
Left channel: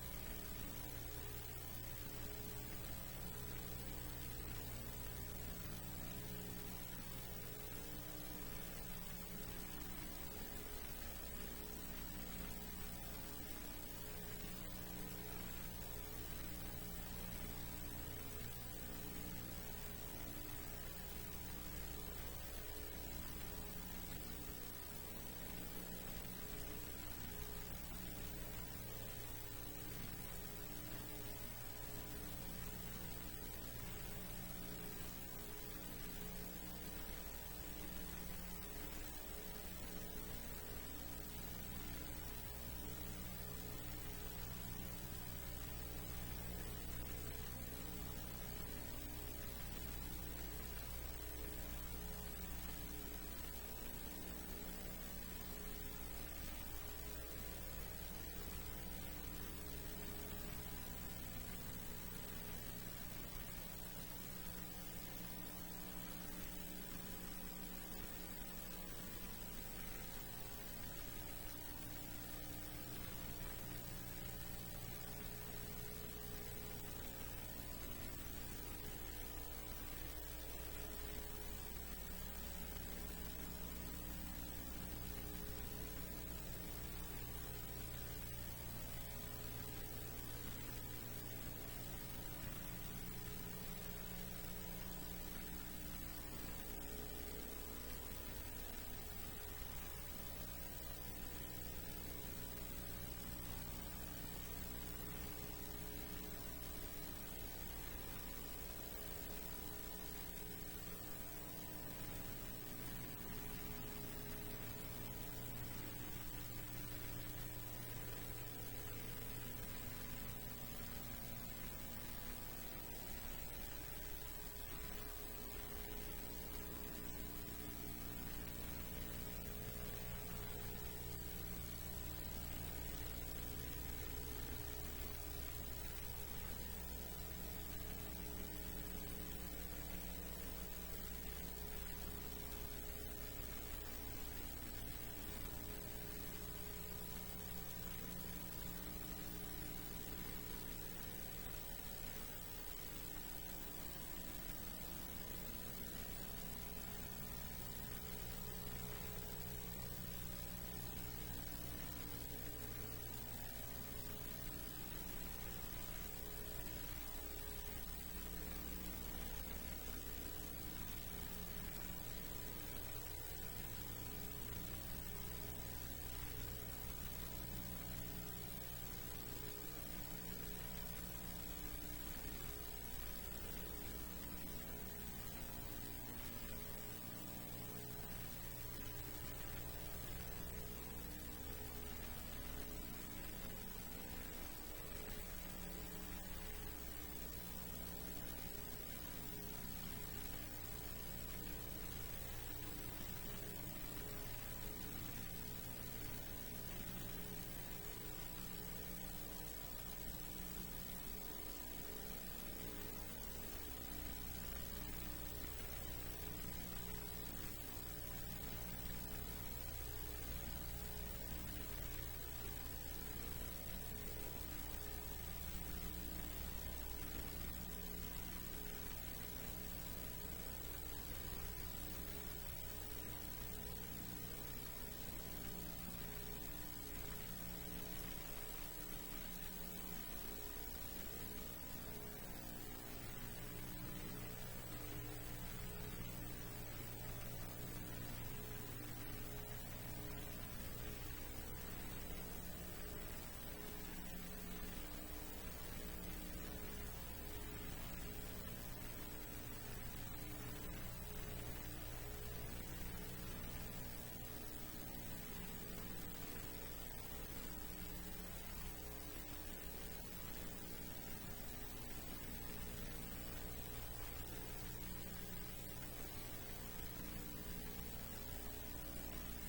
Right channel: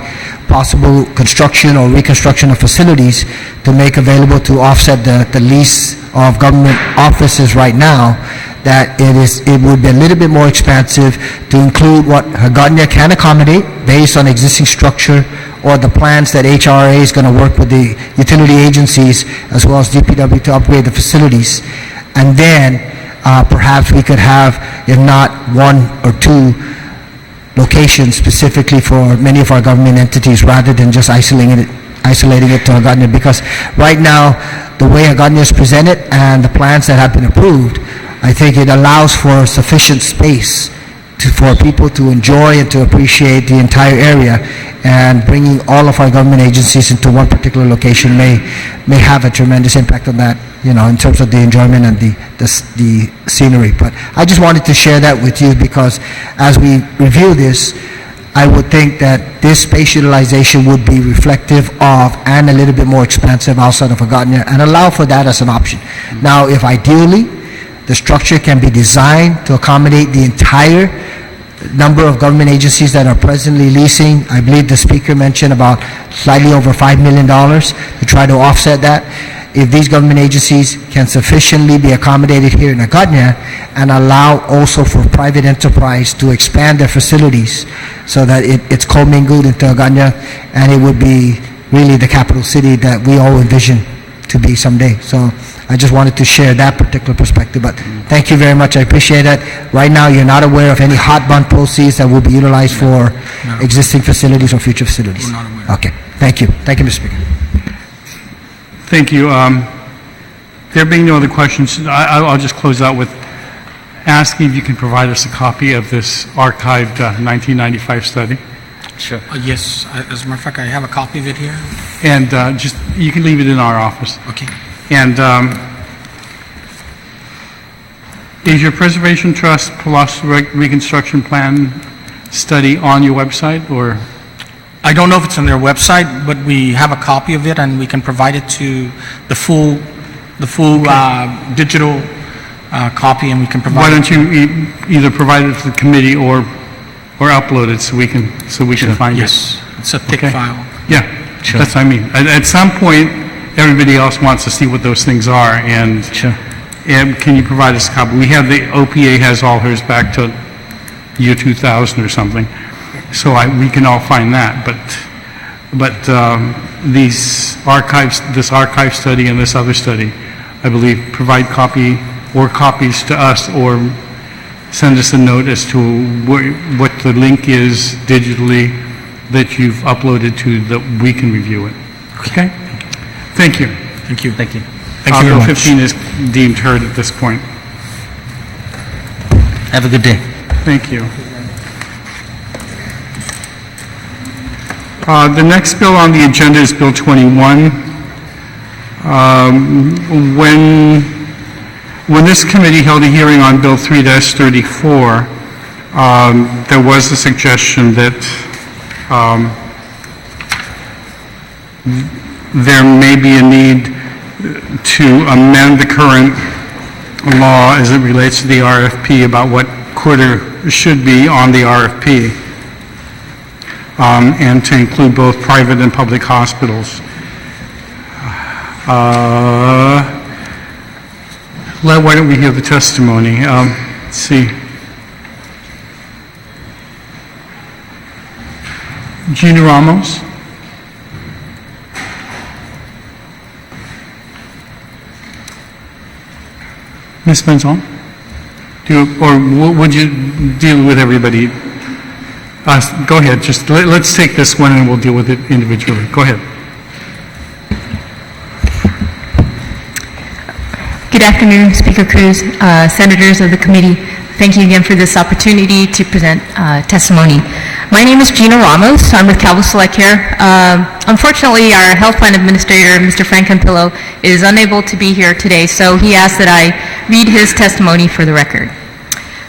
possible construction or reconstruction of facilities to make available to offset the lease of government offices right now, that it would be a little bit more expansive to include what Agatna can accommodate based on existing structure, or the plans that HRA is going to work with the utility agencies as well as DPW to upgrade the facilities. And then perhaps we could have, if not one or two locations specifically for many of our government entities, rather than just isolating it to Agatna. Because right now, the way Agatna is presented and the plans that have been approved, I think it allows for sufficient space for people to enjoy and to appreciate the entire area, and bringing all of our government agencies into one particular location may have a tremendous impact on that, you know, in terms of the enjoyment and the scenery. But I just wanted to share that with you, because as we review this, I would think that this space utilization would be reflective of and a little bit more expansive outside of Agatna, and allow for that as an option. Now, if ideally the structure can be designed to accommodate the entire number of government agencies that are presently leasing, I believe the speaker mentioned about slightly over $5 million to try to offset that. If these government agencies can sufficiently be accommodated here in Agatna, and allow also for private enterprise to expand their facilities so that it's commingled into Agatna, and it would be really the capital city that we all envision to be someday. So I just wanted to share that particular perspective, but thank you very much. I appreciate it. Right now, you're not aware of any hot bond proceeds that will be utilized for existing facilities or future facilities? We're not aware. Okay. Thank you. Thank you, Mr. Speaker. Thank you. There being no other questions, I'll just close out with asking if you can provide us a copy of this archived 1995 study. Sure. Yes, as a matter of fact, I have a copy of it here. And just, you can leave it in our office. Okay. And is your Preservation Trust plus Reconstruction Plan study on your website, or? I don't know if it's on their website, but we have a copy of it, and we can provide it to the full digital copy, and we can provide. Why don't you either provide it to the committee or upload it so we can find it? Yes, it's a thick Okay. file. Yeah, Sure. that's what I mean. At some point, everybody else wants to see what those things are, and Sure. can you provide us a copy? We have the OPA has all hers back to year 2000 or something, so we can all find that. But these archives, this archive study and this other study, I believe, provide copies to us, or send us a note as to what the link is digitally that you've uploaded to, that we can review it. Okay? Thank you. Thank you. Thank you. Thank you very Bill much. 15 is deemed heard at this point. Have a good day. Thank you. The next bill on the agenda is Bill 21. When this committee held a hearing on Bill 3-34, there was a suggestion that there may be a need to amend the current law as it relates to the RFP about what could or should be on the RFP, and to include both private and public hospitals. Why don't we hear the testimony? Let's see. Gina Ramos? Ms. Benzon? Would you deal with everybody? Go ahead, just let's take this one and we'll deal with it individually. Go ahead. Good afternoon, Speaker Cruz, senators of the committee. Thank you again for this opportunity to present testimony. My name is Gina Ramos. I'm with Calvo Select Care. Unfortunately, our health plan administrator, Mr. Frank Campillo, is unable to be here today, so he asked that I read his testimony for the record.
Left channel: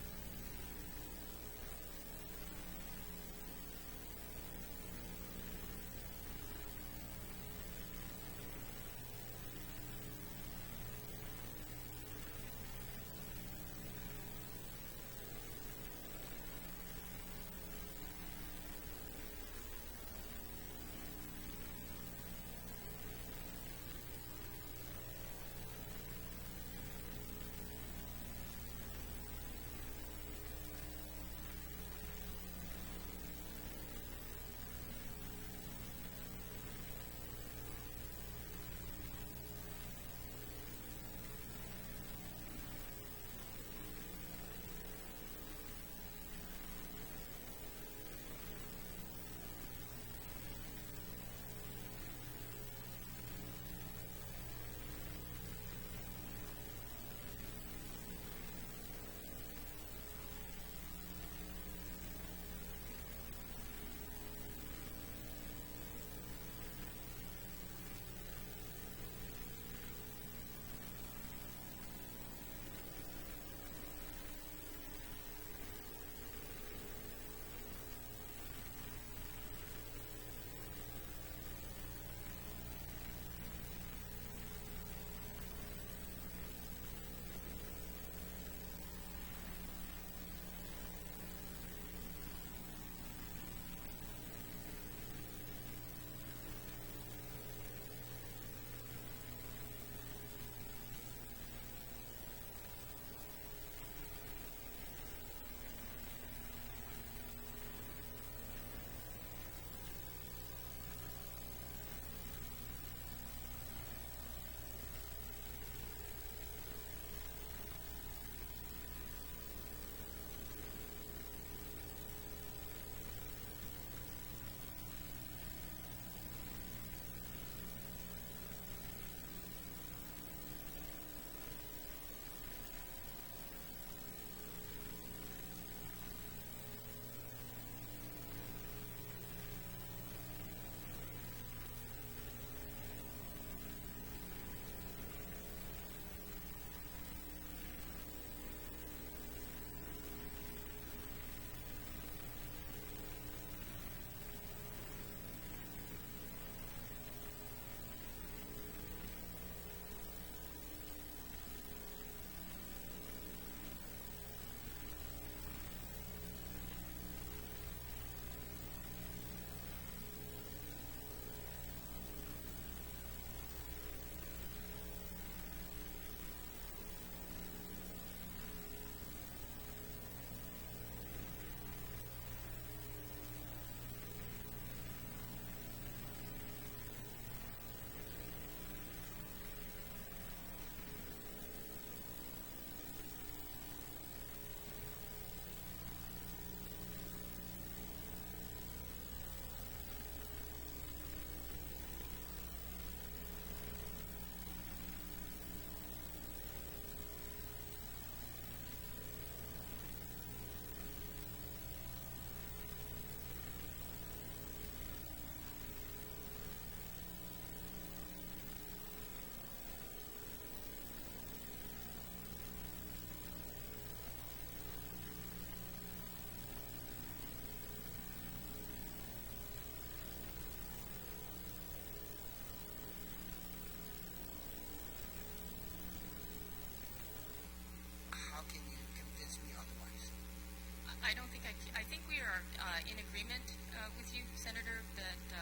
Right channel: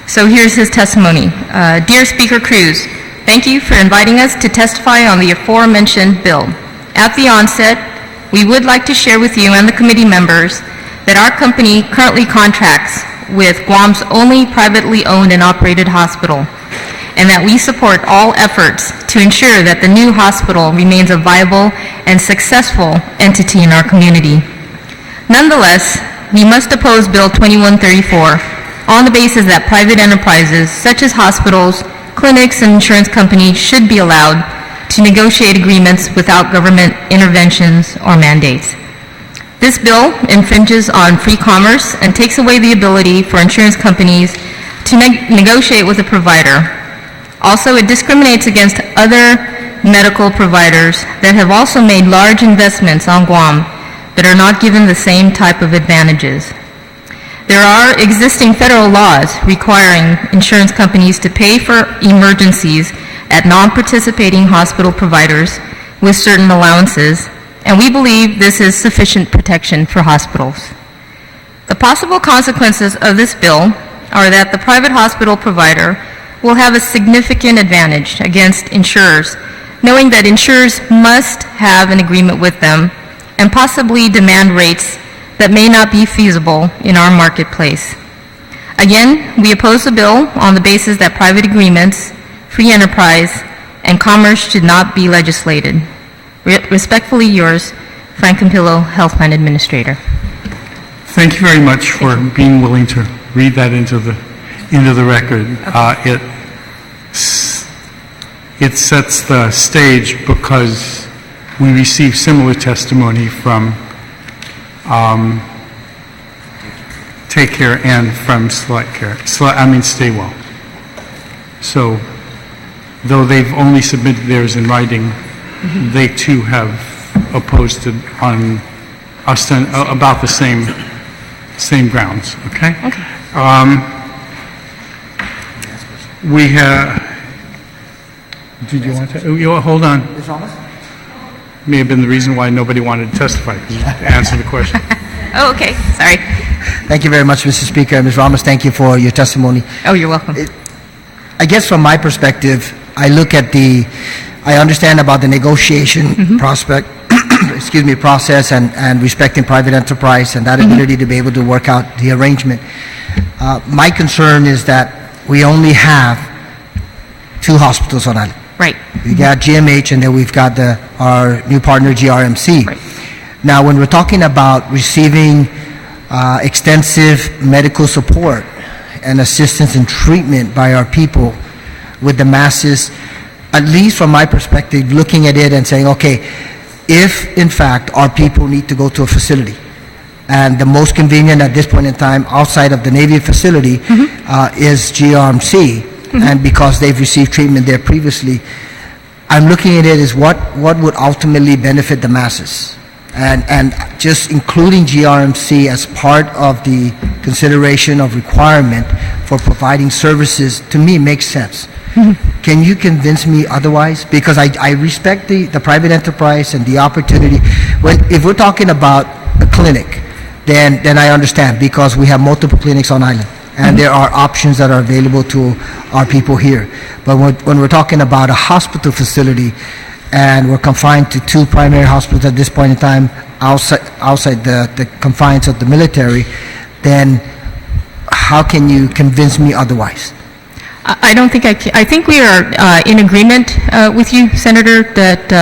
So here's his testimony. Dear Speaker Cruz, thank you for inviting us to testify on the aforementioned bill. At the onset, we would like to share with you and the committee members that our company currently contracts with Guam's only privately owned and operated hospital, and that we support all efforts to ensure that the new hospital remains a viable and successful entity in our community. Nonetheless, we must oppose Bill 2134 on the basis that private enterprises such as hospitals, clinics, and insurance companies should be allowed to negotiate agreements without government interventions or mandates. This bill infringes on free commerce and takes away the ability for insurance companies to negotiate with a provider. Also, it discriminates against other medical providers that have also made large investments on Guam but are not given the same type of advantages. There are existing federal laws requiring insurance companies to pay for emergencies at non-participating hospital providers with certain allowances, and we believe this is sufficient protection for hospitals. The possible consequences of this bill are that the private hospital provider will have a significant advantage against insurers, knowing that insurers must have an agreement with them and possibly demand rates that may not be feasible in our marketplace. Again, we oppose the bill on the basis that private agreements, free enterprise, and commerce should not be legislated. Respectfully yours, Frank Campillo, Health Plan Administrator. Thank you very much for being willing to read that into the record. Okay. It sets the stage because we received similar testimony from Take Care and from Select Care. Stay Well. So, though they've only submitted theirs in writing, they too have opposed it on about the same grounds. Okay. Okay. We have. Did you want to? Hold on. May have been the reason why nobody wanted to testify, because you answered the question. Oh, okay. Sorry. Thank you very much, Mr. Speaker. Ms. Ramos, thank you for your testimony. Oh, you're welcome. I guess from my perspective, I understand about the negotiation prospect, process and respecting private enterprise and that ability to be able to work out the arrangement. My concern is that we only have 2 hospitals on island. Right. We got GMH and then we've got our new partner GRMC. Right. Now, when we're talking about receiving extensive medical support and assistance and treatment by our people with the masses, at least from my perspective, looking at it and saying, okay, if in fact our people need to go to a facility, and the most convenient at this point in time outside of the Navy facility is GRMC, and because they've received treatment there previously, I'm looking at it as what would ultimately benefit the masses. And just including GRMC as part of the consideration of requirement for providing services, to me, makes sense. Can you convince me otherwise? Because I respect the private enterprise and the opportunity. If we're talking about a clinic, then I understand, because we have multiple clinics on island, and there are options that are available to our people here. But when we're talking about a hospital facility, and we're confined to 2 primary hospitals at this point in time outside the confines of the military, then how can you convince me otherwise? I don't think I think we are in agreement with you, Senator, that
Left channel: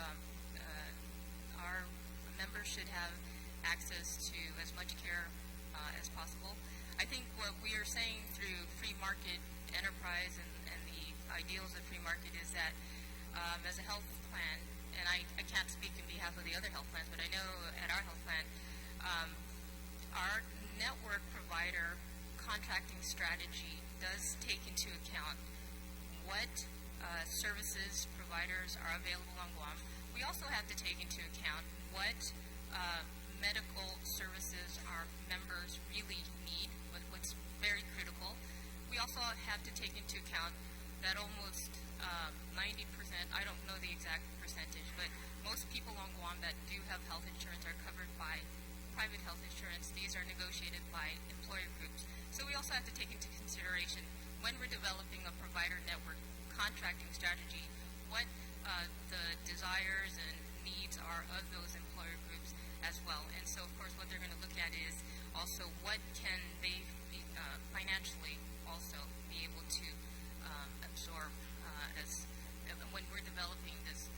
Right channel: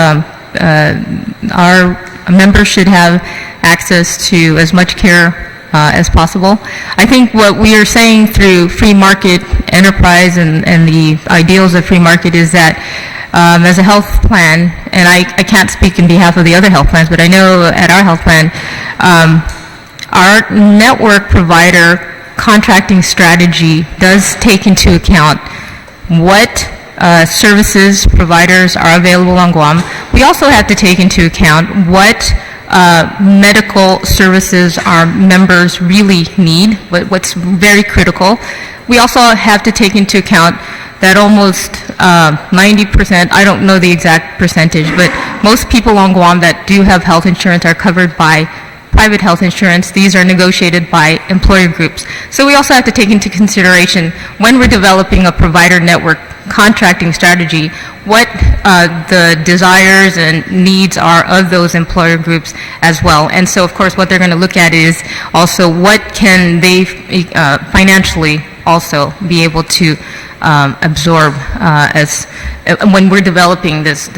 our members should have access to as much care as possible. I think what we are saying through free market enterprise and the ideals of free market is that as a health plan, and I can't speak in behalf of the other health plans, but I know at our health plan, our network provider contracting strategy does take into account what services providers are available on Guam. We also have to take into account what medical services our members really need, what's very critical. We also have to take into account that almost 90%, I don't know the exact percentage, but most people on Guam that do have health insurance are covered by private health insurance. These are negotiated by employer groups. So we also have to take into consideration when we're developing a provider network contracting strategy, what the desires and needs are of those employer groups as well. And so, of course, what they're going to look at is also what can they financially also be able to absorb as when we're developing this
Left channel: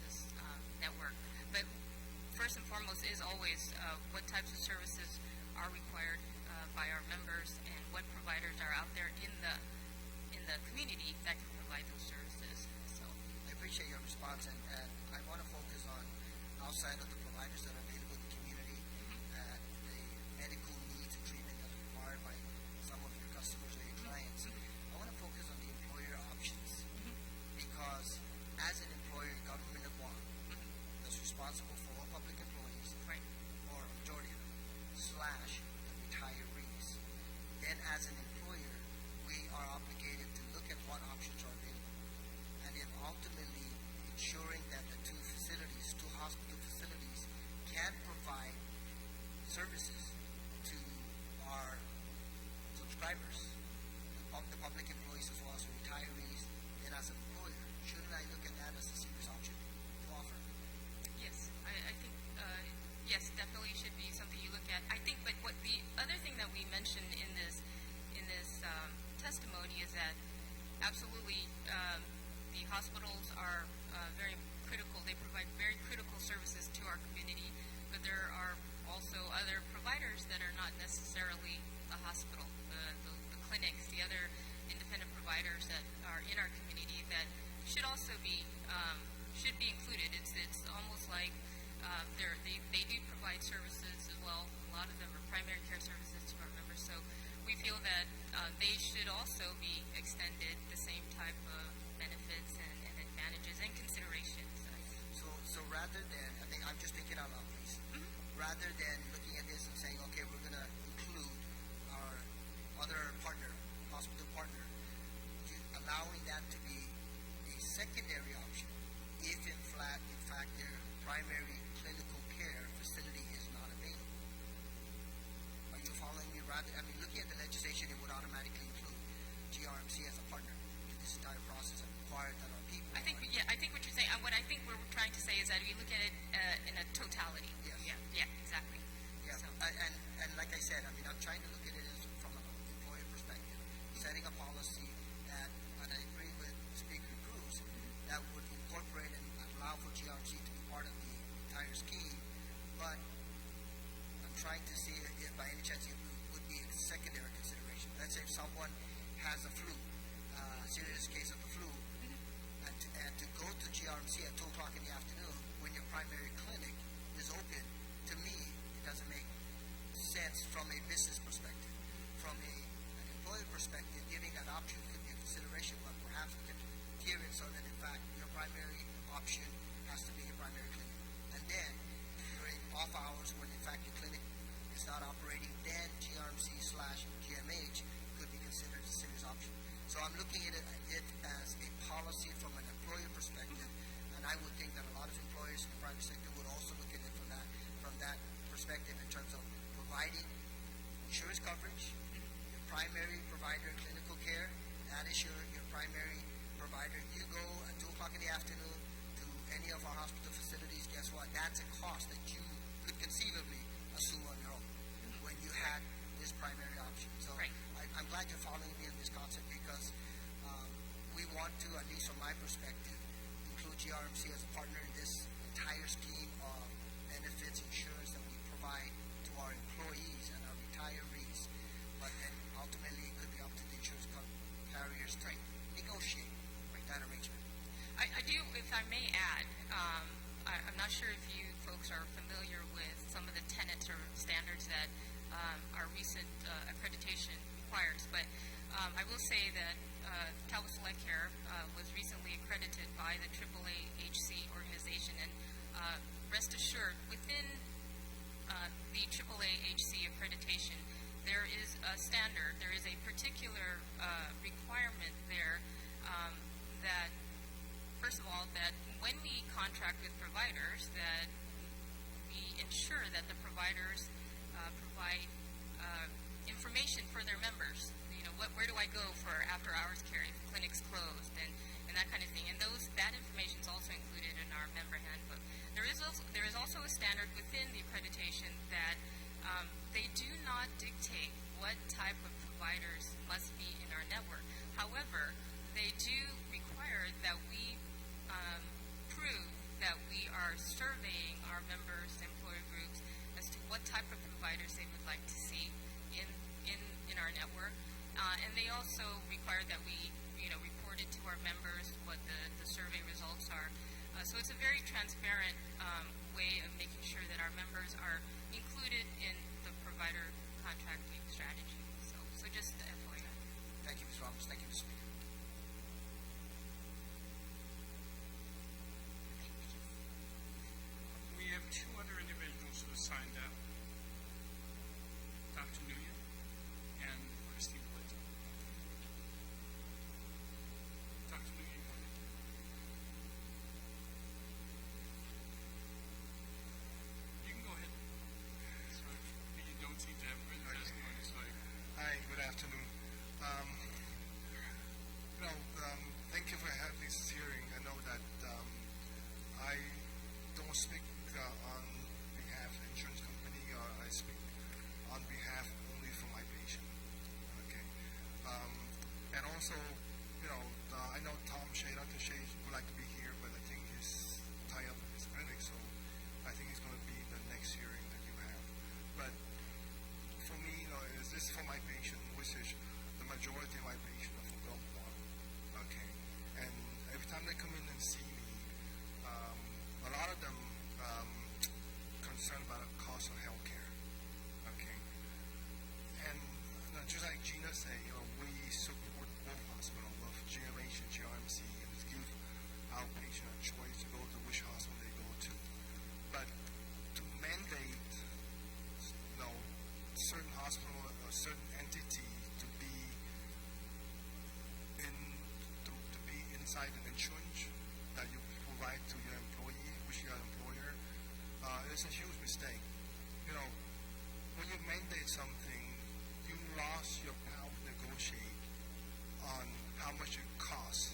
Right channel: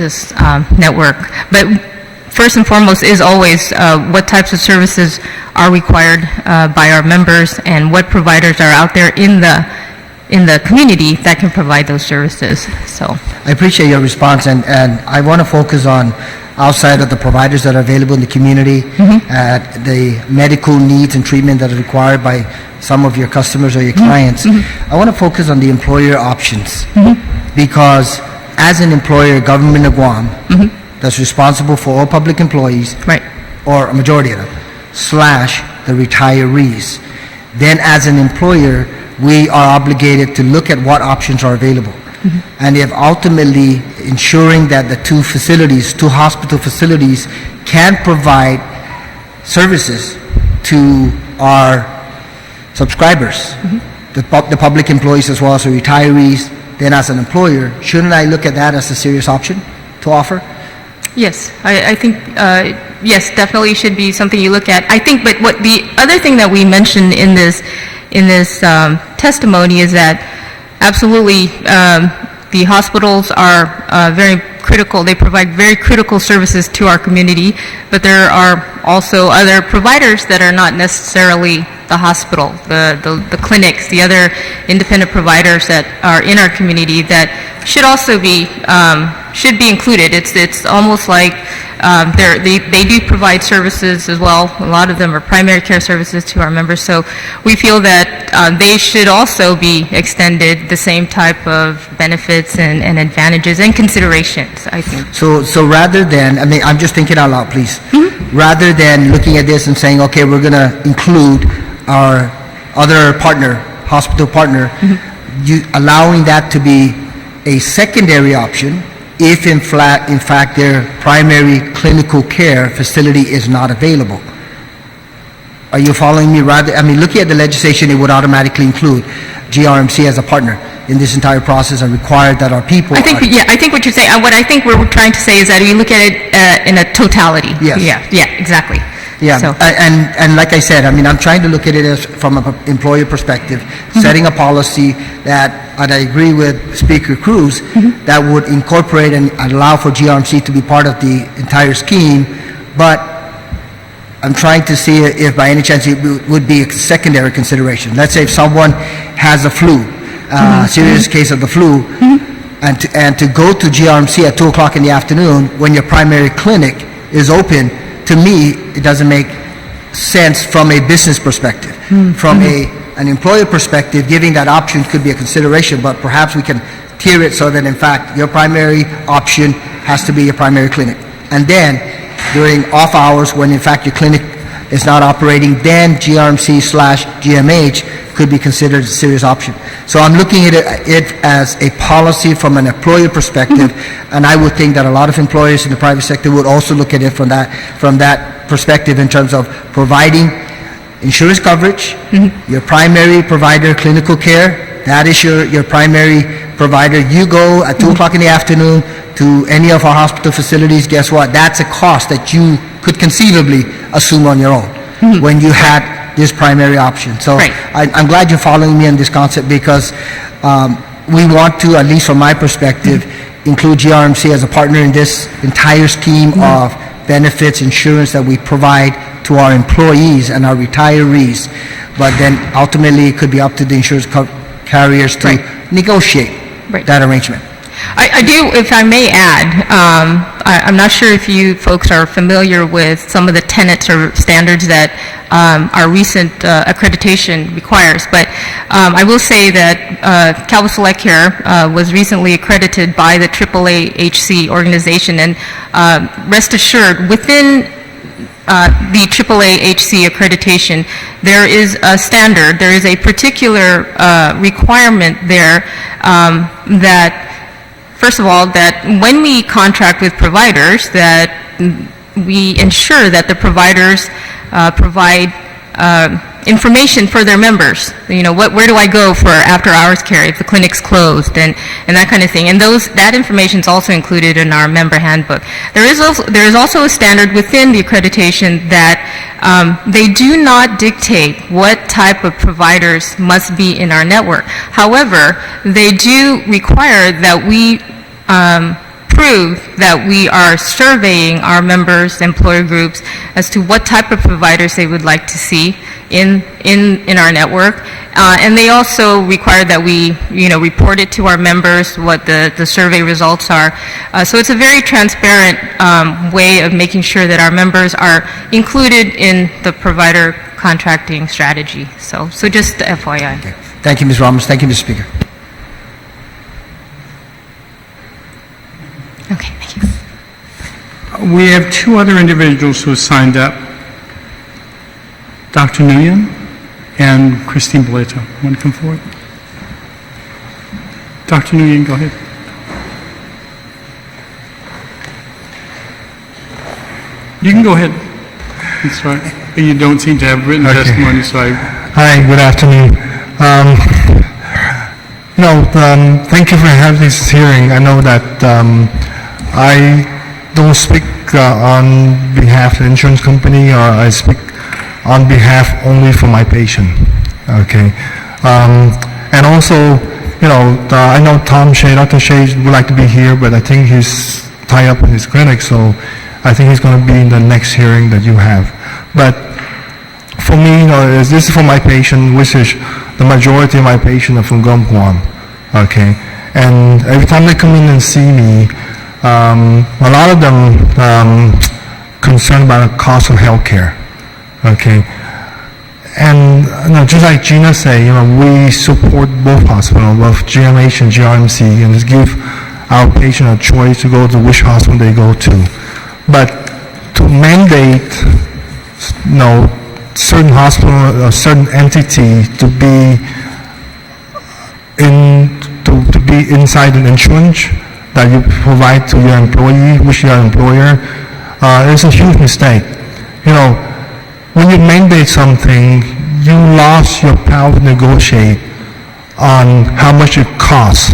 network. But first and foremost is always what types of services are required by our members and what providers are out there in the community that can provide those services. So I appreciate your response, and I want to focus on outside of the providers that are available in the community, the medical needs and treatment that are required by some of your customers or your clients. I want to focus on the employer options because as an employer, Government of Guam, that's responsible for all public employees, right, or a majority of them, / the retirees. Then as an employer, we are obligated to look at what options are available. And if ultimately ensuring that the two hospital facilities can provide services to our subscribers, the public employees as well as the retirees, then as an employer, shouldn't I look at that as a serious option to offer? Yes, I think, yes, definitely should be something you look at. I think, but what the other thing that we mentioned in this testimony is that absolutely the hospitals are very critical. They provide very critical services to our community, but there are also other providers that are not necessarily the hospital, the clinics, the other independent providers that are in our community that should also be included. It's almost like they do provide services as well. A lot of them are primary care services to our members. So we feel that they should also be extended the same type of benefits and advantages and considerations, I think. So rather than, I mean, I'm just thinking out loud, please. Rather than looking at this and saying, okay, we're going to include our other partner, hospital partner, allowing that to be a secondary option if in fact their primary clinical care facility is not available. Are you following me? Looking at the legislation, it would automatically include GRMC as a partner in this entire process and require that our people. I think what you're saying, what I think we're trying to say is that we look at it in a totality. Yes. Yeah, exactly. Yeah, so. and like I said, I'm trying to look at it as from an employer perspective, setting a policy that, and I agree with Speaker Cruz, that would incorporate and allow for GRMC to be part of the entire scheme, but I'm trying to see if by any chance it would be a secondary consideration. Let's say if someone has a flu, serious case of the flu, and to go to GRMC at 2 o'clock in the afternoon when your primary clinic is open, to me, it doesn't make sense from a business perspective. From an employer perspective, giving that option could be a consideration, but perhaps we can tier it so that, in fact, your primary option has to be your primary clinic. And then, during off hours, when, in fact, your clinic is not operating, then GRMC/GMH could be considered a serious option. So I'm looking at it as a policy from an employer perspective, and I would think that a lot of employers in the private sector would also look at it from that perspective in terms of providing insurance coverage, your primary provider, clinical care, that is your primary provider. You go at 2 o'clock in the afternoon to any of our hospital facilities, guess what? That's a cost that you could conceivably assume on your own when you had this primary option. So I'm glad you're following me on this concept because we want to, at least from my perspective, include GRMC as a partner in this entire scheme of benefits, insurance that we provide to our employees and our retirees. But then ultimately it could be up to the insurance carriers to negotiate that arrangement. I do, if I may add, I'm not sure if you folks are familiar with some of the tenets or standards that our recent accreditation requires, but I will say that Calvo Select Care was recently accredited by the AAA-HC organization, and rest assured, within the AAA-HC accreditation, there is a standard, there is a particular requirement there that, first of all, that when we contract with providers, that we ensure that the providers provide information for their members. You know, where do I go for after-hours care if the clinic's closed, and that kind of thing. And that information is also included in our member handbook. There is also a standard within the accreditation that they do not dictate what type of providers must be in our network. However, they do require that we prove that we are surveying our members, employer groups, as to what type of providers they would like to see in our network. And they also require that we, report it to our members, what the survey results are. So it's a very transparent way of making sure that our members are included in the provider contracting strategy. So just FYI. Okay. Thank you, Ms. Ramos. Thank you, Mr. Speaker. Okay, thank you. We have two other individuals who have signed up, Dr. Nguyen and Christine Boleto. Want to come forward? Dr. Nguyen, go ahead. You can go ahead. That's right. But you don't seem to have written testimony, so I... Hi, good afternoon. Thank you for having this hearing. I know that I don't speak on behalf of the insurance company, or I speak on behalf only for my patient. Okay. And also, I know Dr. Shea would like to be here, but I think he's tied up in his clinic, so I think he's going to be in the next hearing that you have. But for me, this is for my patient, which is the majority of my patients are from Guam. Okay. And every time they come in and see me, a lot of them concerned about the cost of health care. Okay. And just like Gina said, we support both hospitals, both GMH and GRMC, and just give our patient a choice to go to which hospital they go to. But to mandate, certain hospital or certain entity to be inside an insurance that you provide to your employee, which your employer, is a huge mistake. When you mandate something, you lost your power to negotiate on how much it costs.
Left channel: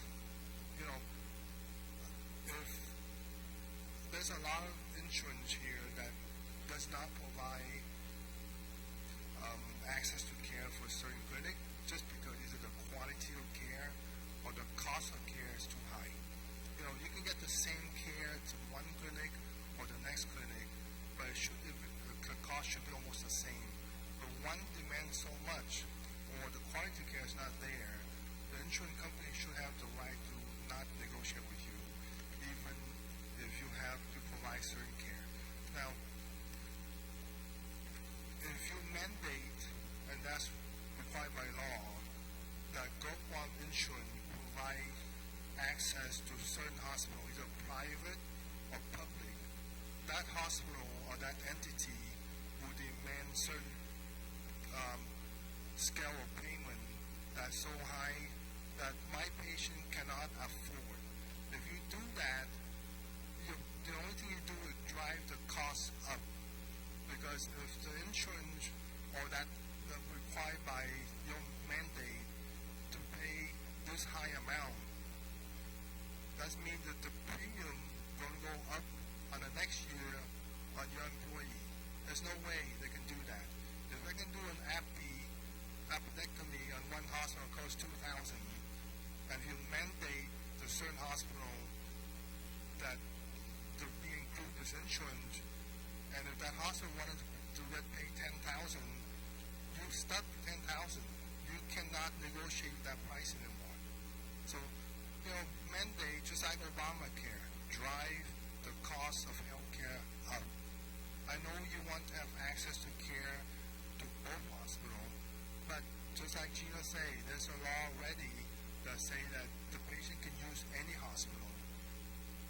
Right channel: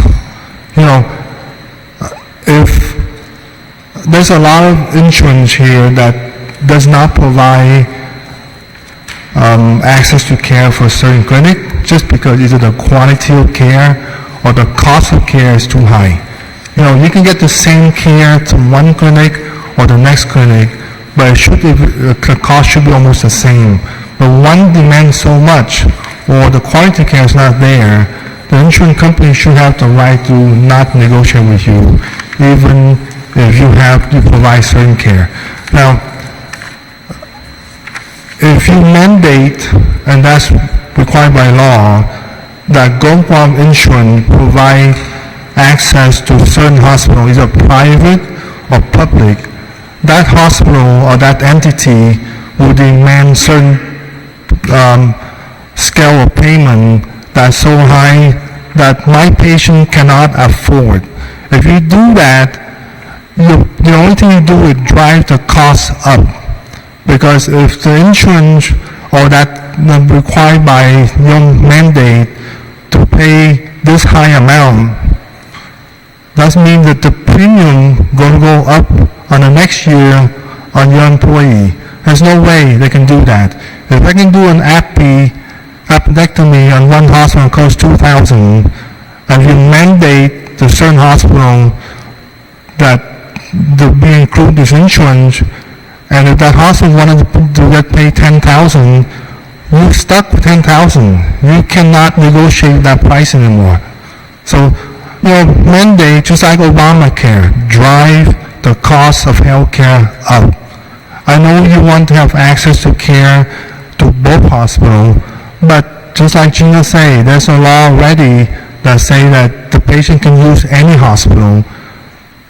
If there's a lot of insurance here that does not provide access to care for a certain clinic, just because either the quality of care or the cost of care is too high. You can get the same care to one clinic or the next clinic, but the cost should be almost the same. But one demands so much, or the quality care is not there, the insurance company should have the right to not negotiate with you, even if you have to provide certain care. Now, if you mandate, and that's required by law, that Guam Insurance provide access to certain hospitals, either private or public, that hospital or that entity will demand certain scale of payment that's so high that my patient cannot afford. If you do that, the only thing you do is drive the cost up. Because if the insurance or that required by your mandate to pay this high amount, that means that the premium going to go up on the next year on your employee. There's no way they can do that. If I can do an appendectomy on one hospital costs $2,000, and you mandate the certain hospital that be include this insurance, and if that hospital wanted to get paid $10,000, you're stuck with $10,000. You cannot negotiate that price anymore. So, mandate, just like Obamacare, drive the cost of healthcare up. I know you want to have access to care to both hospitals, but just like Gina said, there's a law already that say that the patient can use any hospital,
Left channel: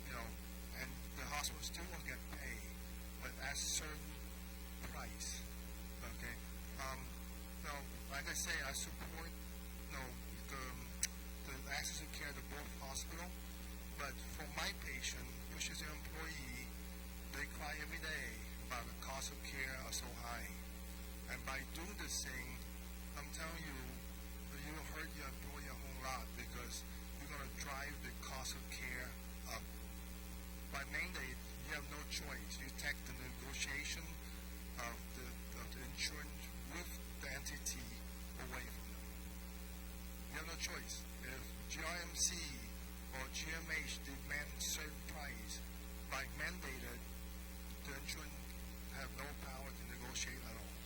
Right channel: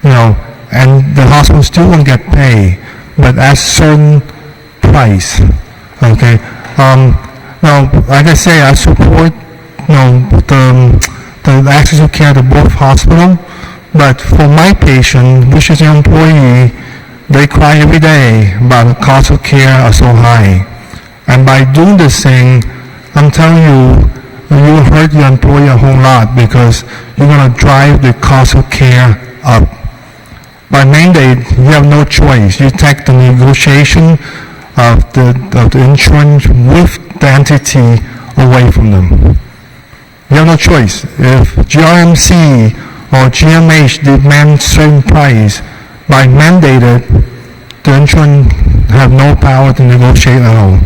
and the hospital still won't get paid, but at certain price. Okay. Now, like I say, I support the access to care to both hospitals, but for my patient, which is an employee, they cry every day about the cost of care are so high. And by doing this thing, I'm telling you, you hurt your employer a whole lot because you're going to drive the cost of care up. By mandate, you have no choice. You take the negotiation of the insurance with the entity away from them. You have no choice. If GRMC or GMH demand certain price, by mandated, the insurance have no power to negotiate at all.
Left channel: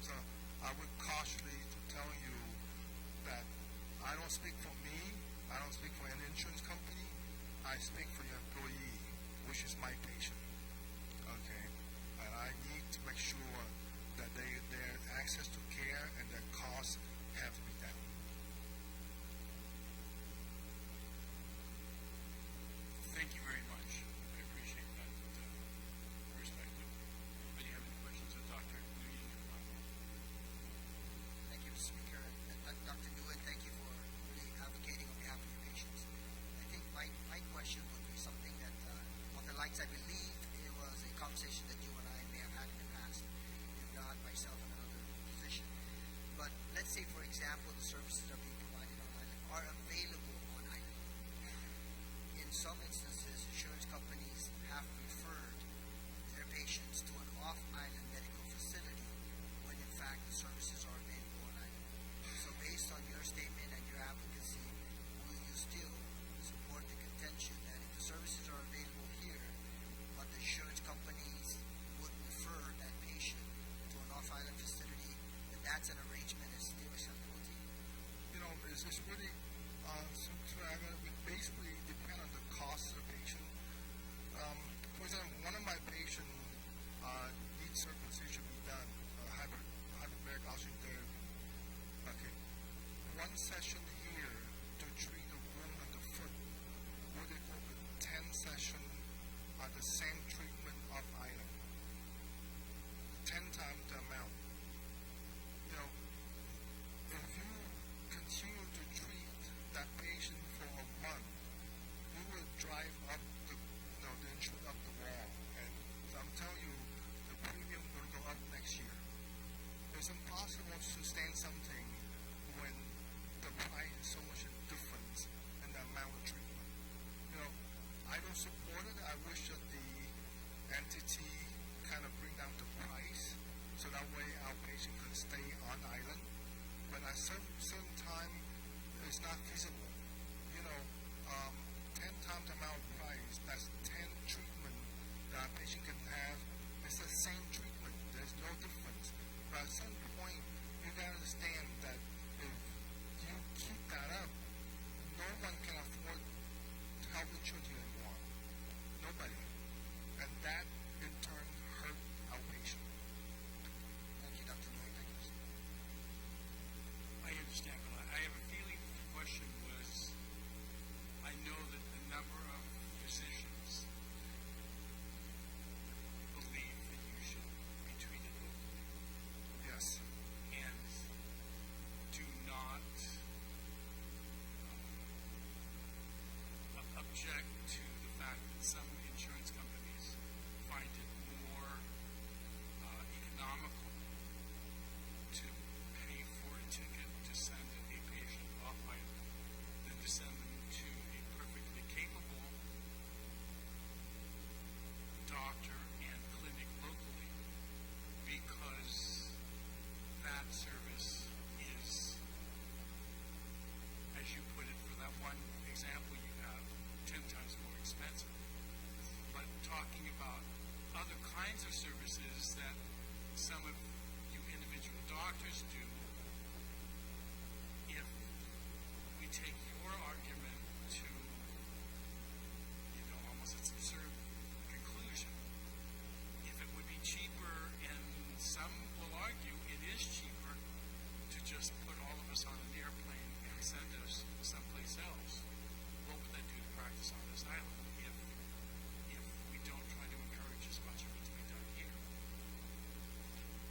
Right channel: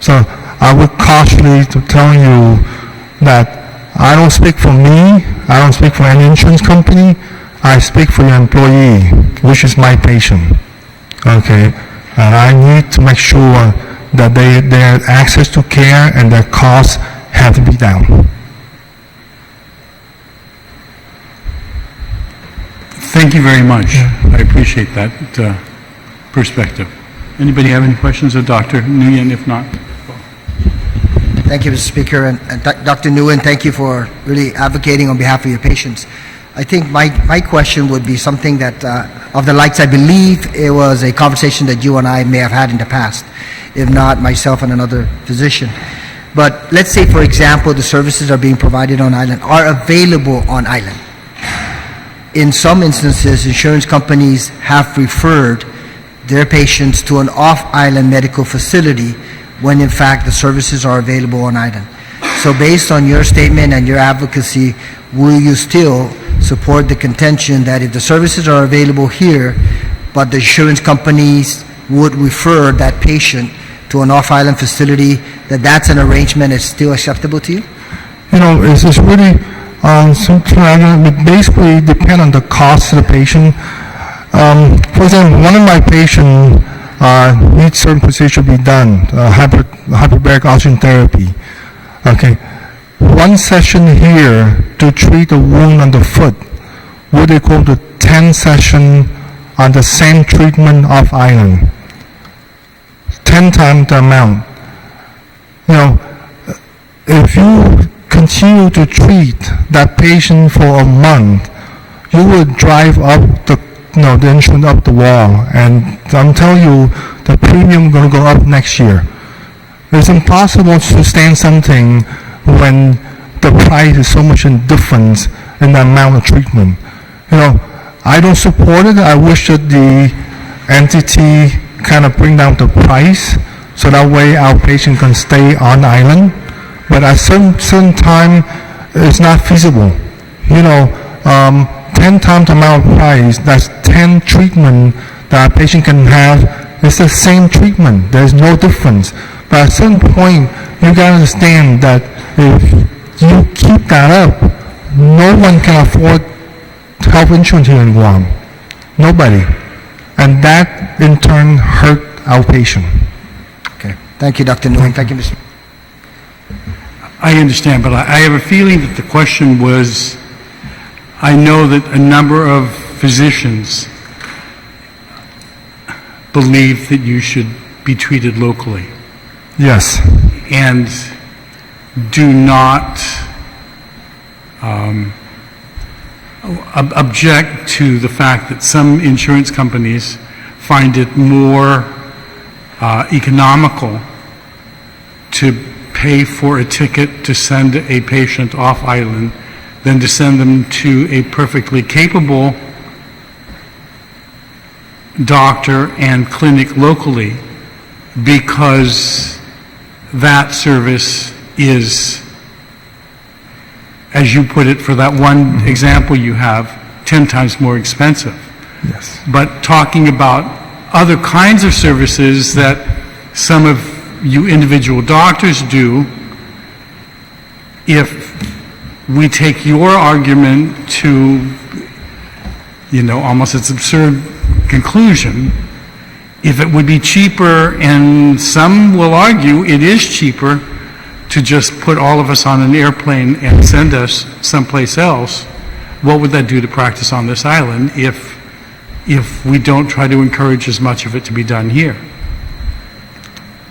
So I would cautiously to tell you that I don't speak for me, I don't speak for any insurance company, I speak for your employee, which is my patient. Okay? And I need to make sure that their access to care and their costs have to be down. Thank you very much. I appreciate that perspective. Anybody have any questions of Dr. Nguyen? If not, Thank you, Mr. Speaker. And Dr. Nguyen, thank you for really advocating on behalf of your patients. I think my question would be something that, of the likes, I believe it was a conversation that you and I may have had in the past, if not myself and another physician. But let's say, for example, the services are being provided on island, are available on island. In some instances, insurance companies have referred their patients to an off-island medical facility when in fact the services are available on island. So based on your statement and your advocacy, will you still support the contention that if the services are available here, but the insurance companies would refer that patient to an off-island facility, that's an arrangement that's still acceptable to you? It's just really something it basically depend on the cost of the patient. For example, one of my patients needs certain procedure to be done, hyperbaric oxygen therapy. Okay, one session here to treat a wound on the foot would equal to 10 sessions on the same treatment off island. 10 times the amount. If you continue to treat that patient for a month, you will drive up the insurance up the wall, and I'm telling you, the premium going to go up next year. It's impossible to sustain something when the price is so much in difference in the amount of treatment. I don't support it. I wish that the entity kind of bring down the price so that way our patient can stay on island. But at certain time, it's not feasible. 10 times the amount of price, that's 10 treatment that a patient can have. It's the same treatment. There's no difference. But at a certain point, you got to understand that if you keep that up, no one can afford health insurance here in Guam. Nobody. And that, in turn, hurt our patient. Okay. Thank you, Dr. Nguyen. Thank you, Mr. I understand, but I have a feeling that the question was, I know that a number of physicians believe that you should be treated locally. Yes. And do not object to the fact that some insurance companies find it more economical to pay for a ticket to send a patient off island than to send them to a perfectly capable doctor and clinic locally, because that service is, as you put it, for that one example you have, 10 times more expensive. Yes. But talking about other kinds of services that some of you individual doctors do, if we take your argument to almost its absurd conclusion. If it would be cheaper, and some will argue it is cheaper, to just put all of us on an airplane and send us someplace else, what would that do to practice on this island if we don't try to encourage as much of it to be done here?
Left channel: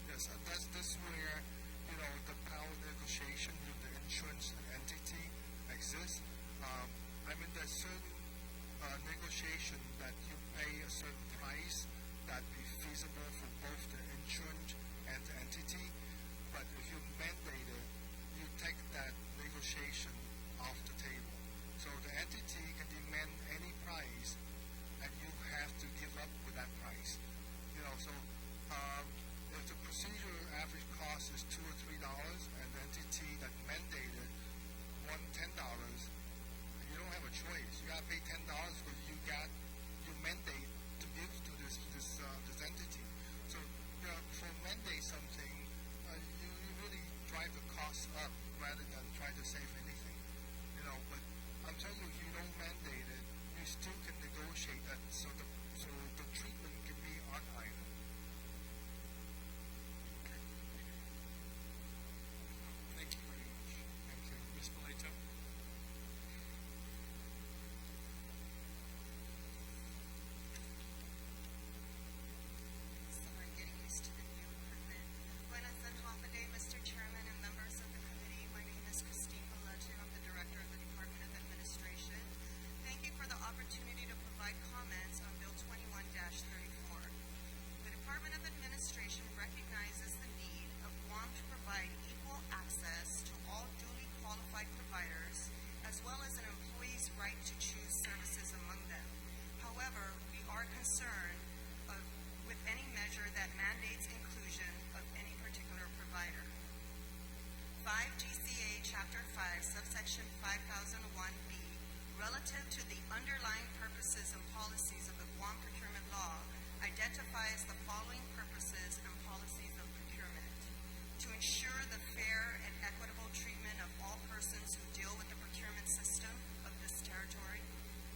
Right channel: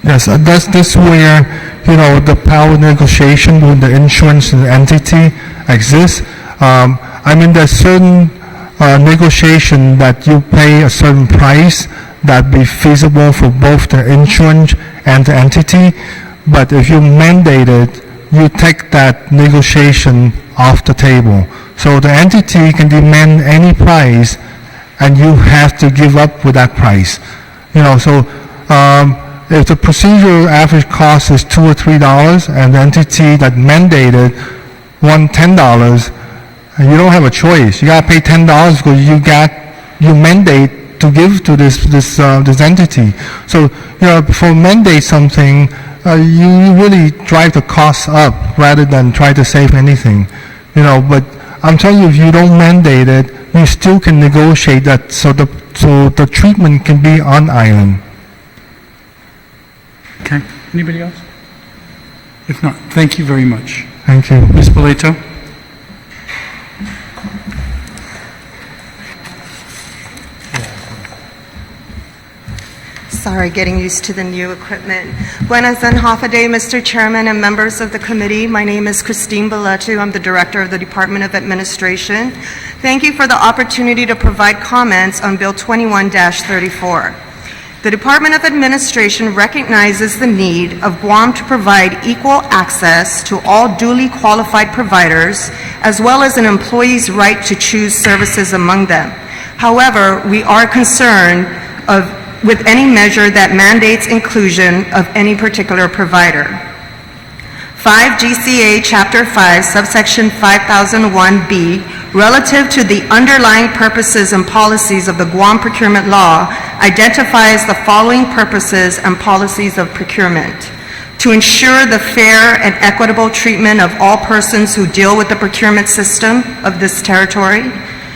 Yes, that's where, the power negotiation with the insurance entity exists. There's certain negotiation that you pay a certain price that be feasible for both the insurance and the entity. But if you mandate it, you take that negotiation off the table. So the entity can demand any price, and you have to give up with that price. If the procedural average cost is $2 or $3, and the entity that mandated want $10, you don't have a choice. You got to pay $10 because you mandate to give to this entity. So before mandate something, you really drive the costs up rather than try to save anything. But I'm telling you, if you don't mandate it, you still can negotiate that so the treatment can be on island. Okay. Anybody else? If not, thank you very much. Thank you. Ms. Boleto? Sorry, getting used to the new equipment. Buenas and half a day, Mr. Chairman and members of the committee. My name is Christine Beletu. I'm the Director of the Department of Administration. Thank you for the opportunity to provide comments on Bill 21-34. The Department of Administration recognizes the need of Guam to provide equal access to all duly qualified providers, as well as an employee's right to choose services among them. However, we are concerned with any measure that mandates inclusion of any particular provider. 5 GCA Chapter 5, subsection 5001B, relative to the underlying purposes and policies of the Guam procurement law, identifies the following purposes and policies of procurement: to ensure the fair and equitable treatment of all persons who deal with the procurement system of this territory,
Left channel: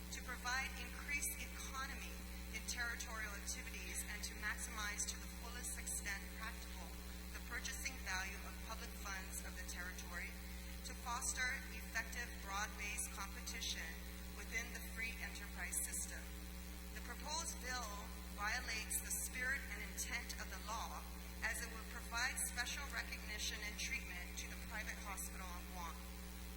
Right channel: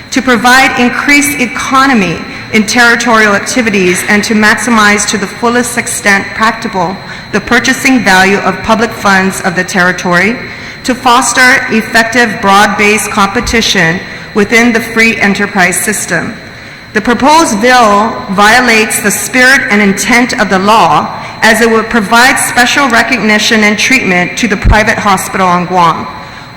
to provide increased economy in territorial activities, and to maximize to the fullest extent practicable the purchasing value of public funds of the territory, to foster effective broad-based competition within the free enterprise system. The proposed bill violates the spirit and intent of the law, as it would provide special recognition and treatment to the private hospital on Guam.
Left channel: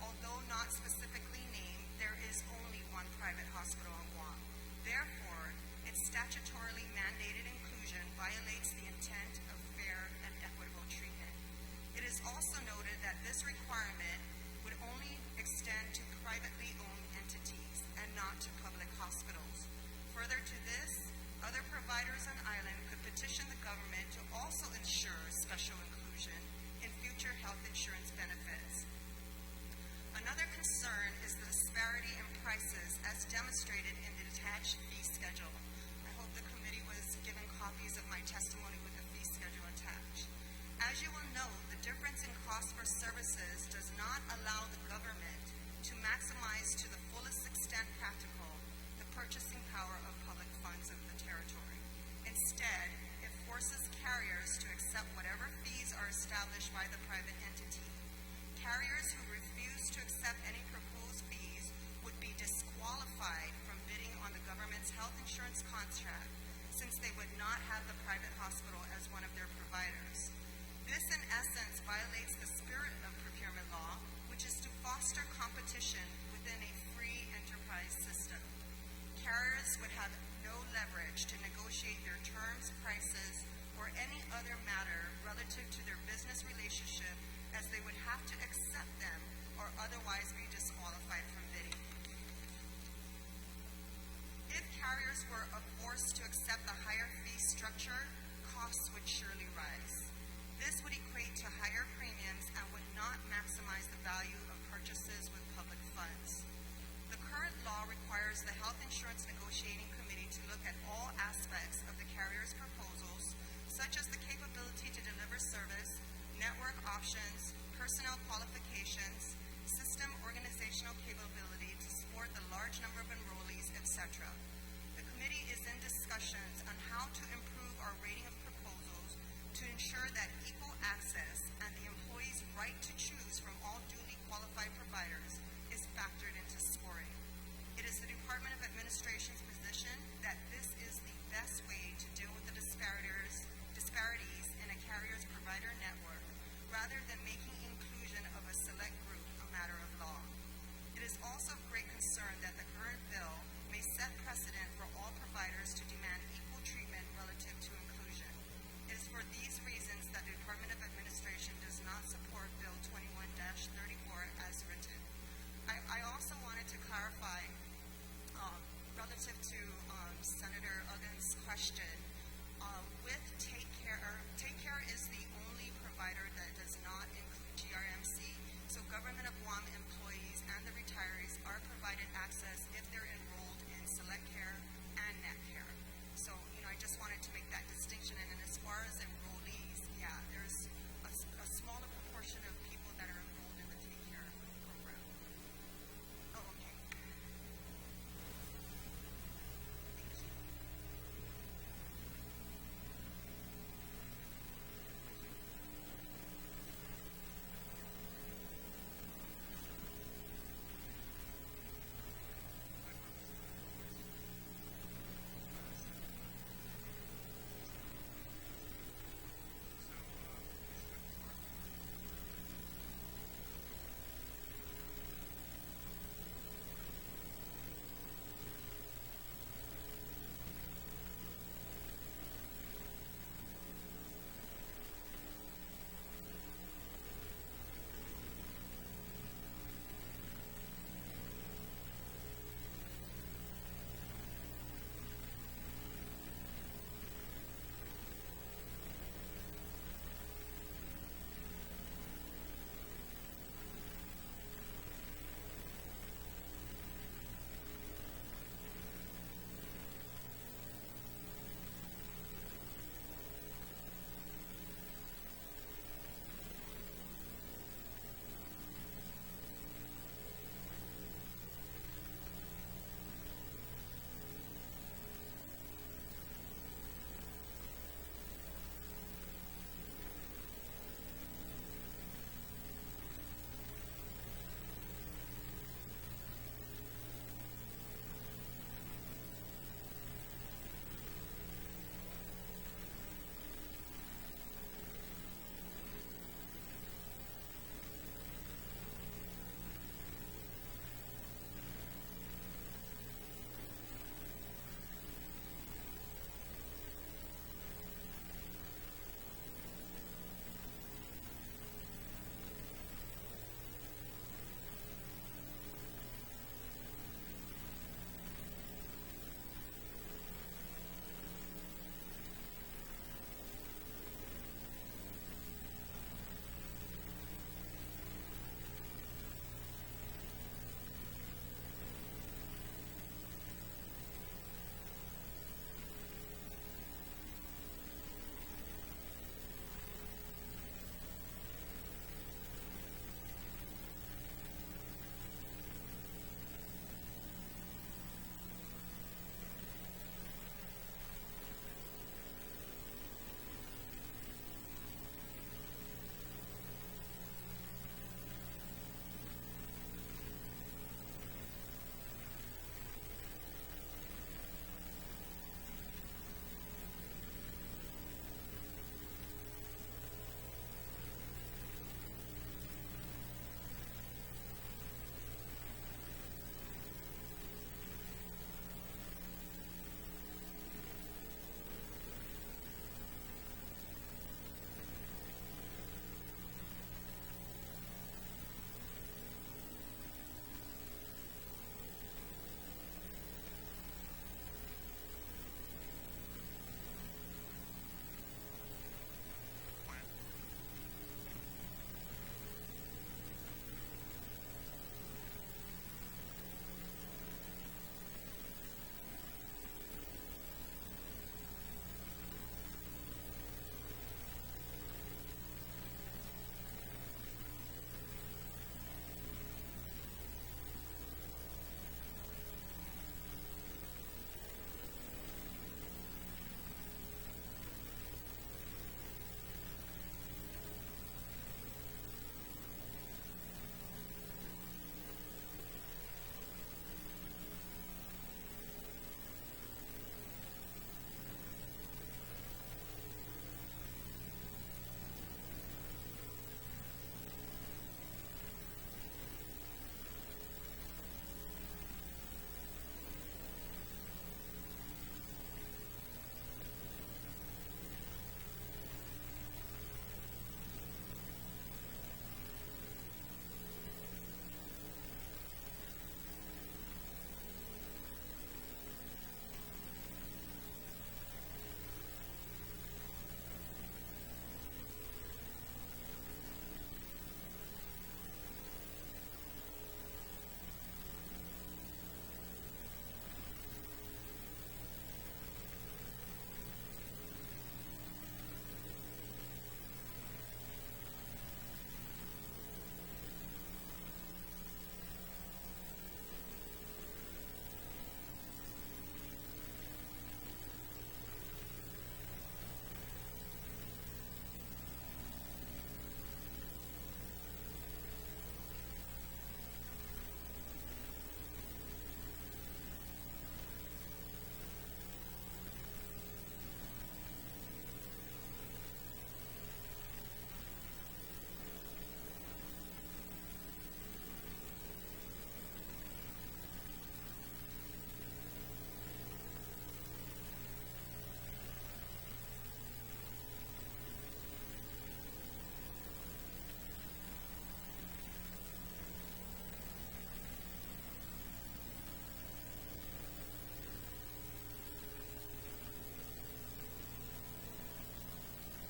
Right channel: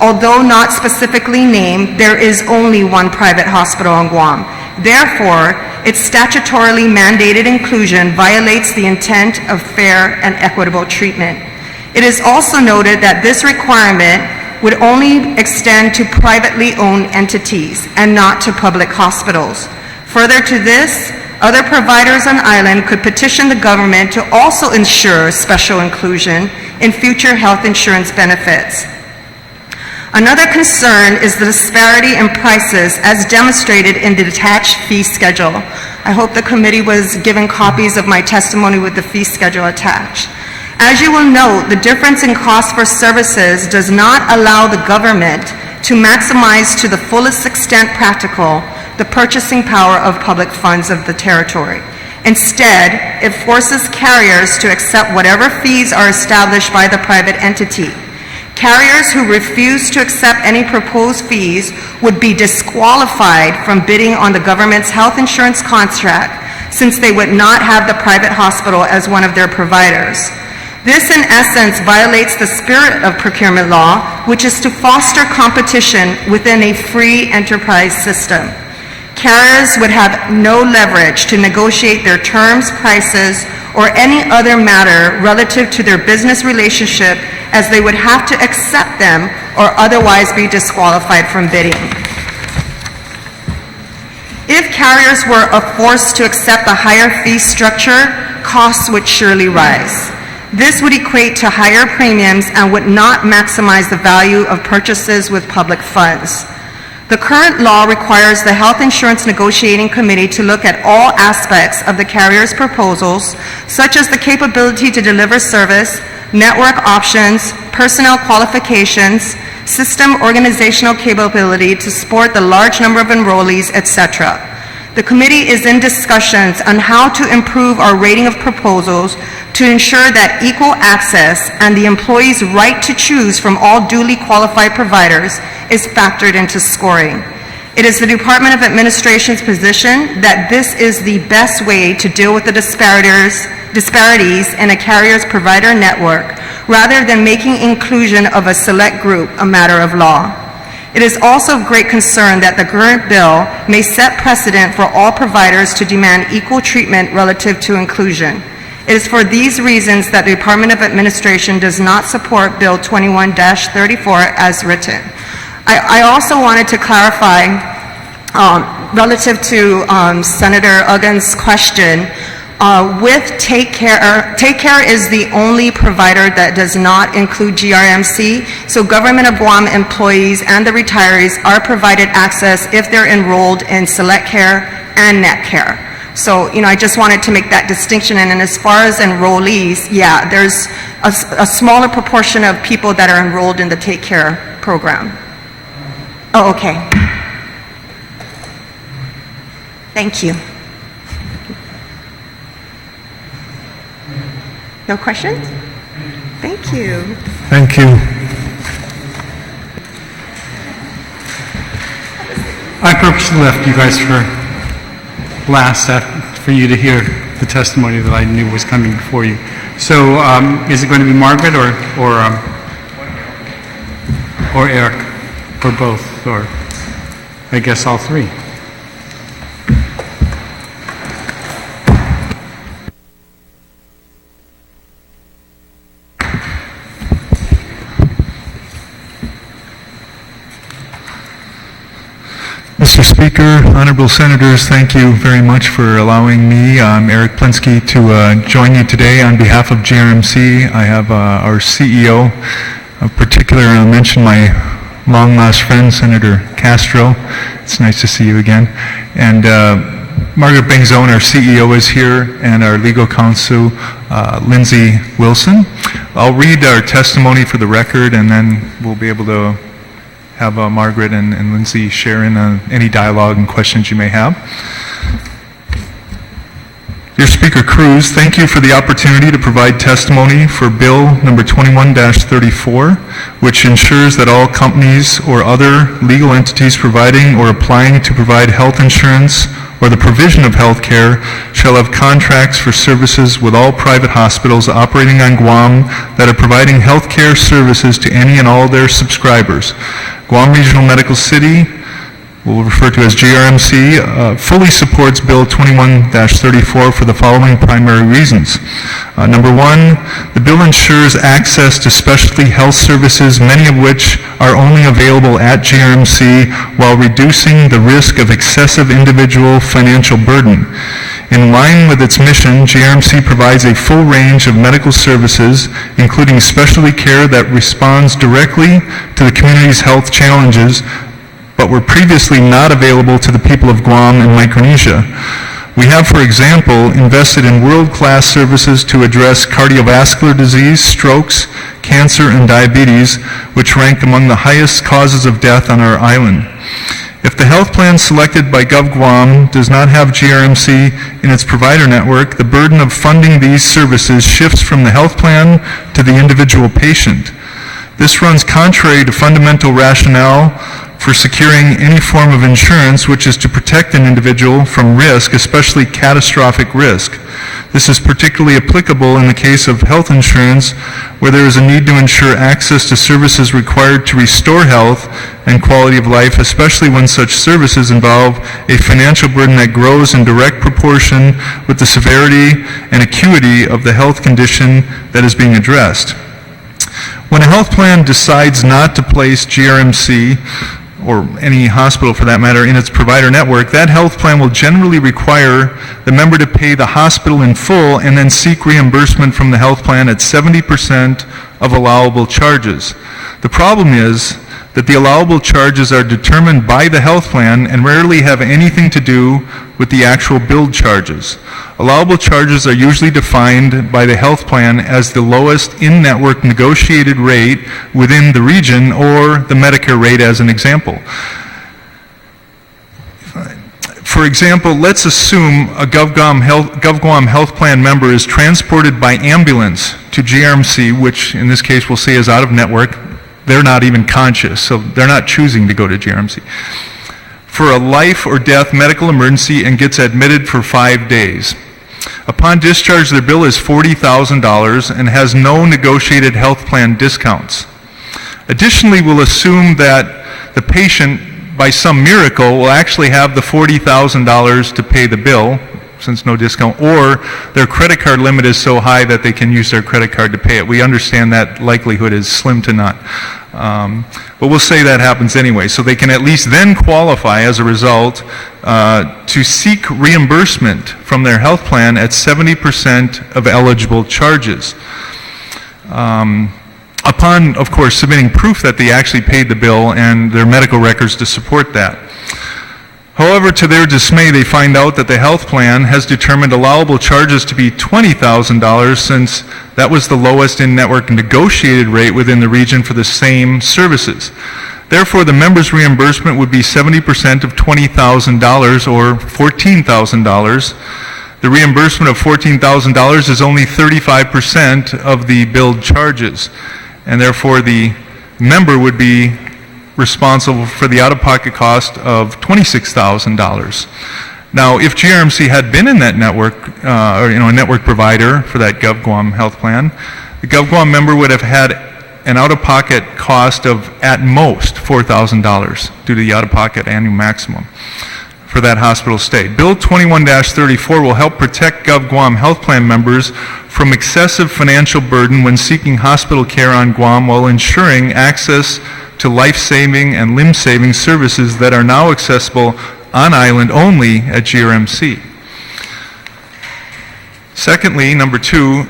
Although not specifically named, there is only one private hospital on Guam. Therefore, its statutorily mandated inclusion violates the intent of fair and equitable treatment. It is also noted that this requirement would only extend to privately owned entities and not to public hospitals. Further to this, other providers on island could petition the government to also ensure special inclusion in future health insurance benefits. Another concern is the disparity in prices as demonstrated in the attached fee schedule. I hope the committee was given copies of my testimony with the fee schedule attached. As you will note, the difference in cost for services does not allow the government to maximize to the fullest extent practical the purchasing power of public funds of the territory. Instead, it forces carriers to accept whatever fees are established by the private entity. Carriers who refuse to accept any proposed fees would be disqualified from bidding on the government's health insurance contract, since they would not have the private hospital as one of their providers. This, in essence, violates the spirit of procurement law, which is to foster competition within a free enterprise system. Carriers would have no leverage to negotiate their terms, prices, or any other matter relative to their business relationship, as they would have to accept them or otherwise be disqualified from bidding. If carriers were forced to accept a higher fee structure, costs would surely rise. This would equate to higher premiums and would not maximize the value of purchases with public funds. The current law requires the Health Insurance Negotiating Committee to look at all aspects of the carrier's proposals, such as the capability to deliver service, network options, personnel qualifications, system organizational capability to support the large number of enrollees, etc. The committee is in discussions on how to improve our rating of proposals to ensure that equal access and the employee's right to choose from all duly qualified providers is factored into scoring. It is the Department of Administration's position that this is the best way to deal with the disparities in a carrier's provider network, rather than making inclusion of a select group a matter of law. It is also of great concern that the current bill may set precedent for all providers to demand equal treatment relative to inclusion. It is for these reasons that the Department of Administration does not support Bill 21-34 as written. I also wanted to clarify relative to Senator Uggan's question. With Take Care is the only provider that does not include GRMC, so Government of Guam employees and the retirees are provided access if they're enrolled in Select Care and Net Care. So, I just wanted to make that distinction. And as far as enrollees, yeah, there's a smaller proportion of people that are enrolled in the Take Care program. Oh, okay. Thank you. No questions? Thank you. Thank you. I purposely left you guys for last for you to hear the testimony that I knew was coming before you. So is it going to be Margaret or Eric, or both, or I guess all three? Mr. Speaker, Honorable Senators, thank you very much for allowing me, Eric Plinsky, to join you today on behalf of GRMC. I have our CEO, in particular, I'll mention my long-lost friend, Senator Castro. It's nice to see you again. And Margaret Bengzone, our CEO, is here, and our legal counsel, Lindsay Wilson. I'll read our testimony for the record, and then we'll be able to have Margaret and Lindsay share in any dialogue and questions you may have. Dear Speaker Cruz, thank you for the opportunity to provide testimony for Bill number 21-34, which ensures that all companies or other legal entities providing or applying to provide health insurance or the provision of health care shall have contracts for services with all private hospitals operating on Guam that are providing health care services to any and all their subscribers. Guam Regional Medical City, we'll refer to as GRMC, fully supports Bill 21-34 for the following primary reasons. Number one, the bill ensures access to specialty health services, many of which are only available at GRMC, while reducing the risk of excessive individual financial burden. In line with its mission, GRMC provides a full range of medical services, including specialty care that responds directly to the community's health challenges, but were previously not available to the people of Guam and Micronesia. We have, for example, invested in world-class services to address cardiovascular disease, strokes, cancer, and diabetes, which rank among the highest causes of death on our island. If the health plan selected by Gov Guam does not have GRMC in its provider network, the burden of funding these services shifts from the health plan to the individual patient. This runs contrary to fundamental rationale for securing any form of insurance, which is to protect an individual from risk, especially catastrophic risk. This is particularly applicable in the case of health insurance, where there is a need to ensure access to services required to restore health and quality of life, especially when such services involve a financial burden that grows in direct proportion with the severity and acuity of the health condition that is being addressed. When a health plan decides not to place GRMC, or any hospital for that matter, in its provider network, that health plan will generally require the member to pay the hospital in full and then seek reimbursement from the health plan at 70% of allowable charges. The problem is that the allowable charges are determined by the health plan and rarely have anything to do with the actual billed charges. Allowable charges are usually defined by the health plan as the lowest in-network negotiated rate within the region or the Medicare rate as an example. For example, let's assume a GovGuam Health Plan member is transported by ambulance to GRMC, which in this case we'll say is out of network. They're not even conscious, so they're not choosing to go to GRMC, for a life or death medical emergency and gets admitted for 5 days. Upon discharge, their bill is $40,000 and has no negotiated health plan discounts. Additionally, we'll assume that the patient, by some miracle, will actually have the $40,000 to pay the bill, since no discount, or their credit card limit is so high that they can use their credit card to pay it. We understand that likelihood is slim to none. But we'll say that happens anyway. So they can at least then qualify as a result to seek reimbursement from their health plan at 70% of eligible charges. Upon, of course, submitting proof that they actually paid the bill and their medical records to support that. However, to their dismay, they find out that the health plan has determined allowable charges to be $20,000 since that was the lowest in-network negotiated rate within the region for the same services. Therefore, the member's reimbursement would be 70% of $20,000 or $14,000. The reimbursement of $14,000 is only 35% of the billed charges, and therefore the member would be responsible for the out-of-pocket cost of $26,000. Now, if GRMC had been in that network, or a network provider for that GovGuam health plan, the GovGuam member would have had an out-of-pocket cost of at most $4,000 due to the out-of-pocket annual maximum for that hospital stay. Bill 21-34 will help protect GovGuam health plan members from excessive financial burden when seeking hospital care on Guam while ensuring access to life-saving and limb-saving services that are now accessible on island only at GRMC. Secondly, number 2,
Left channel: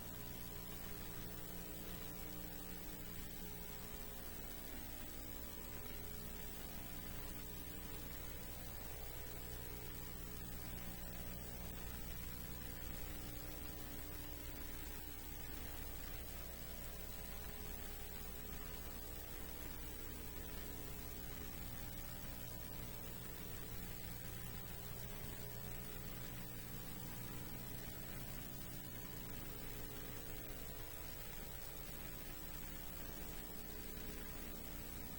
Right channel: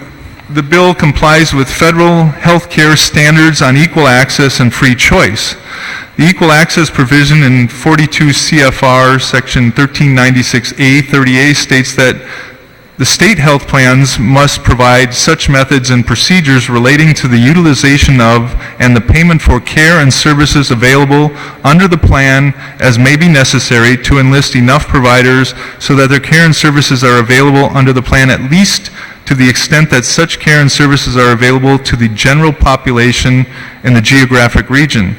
the bill complies with federal health care standards on equal access and free choice. The equal access provision in 42 CFR section 1396A-30A states that the state health plans must provide such methods and procedures relating to the utilization of and the payment for care and services available under the plan as may be necessary to enlist enough providers so that their care and services are available under the plan at least to the extent that such care and services are available to the general population in the geographic region.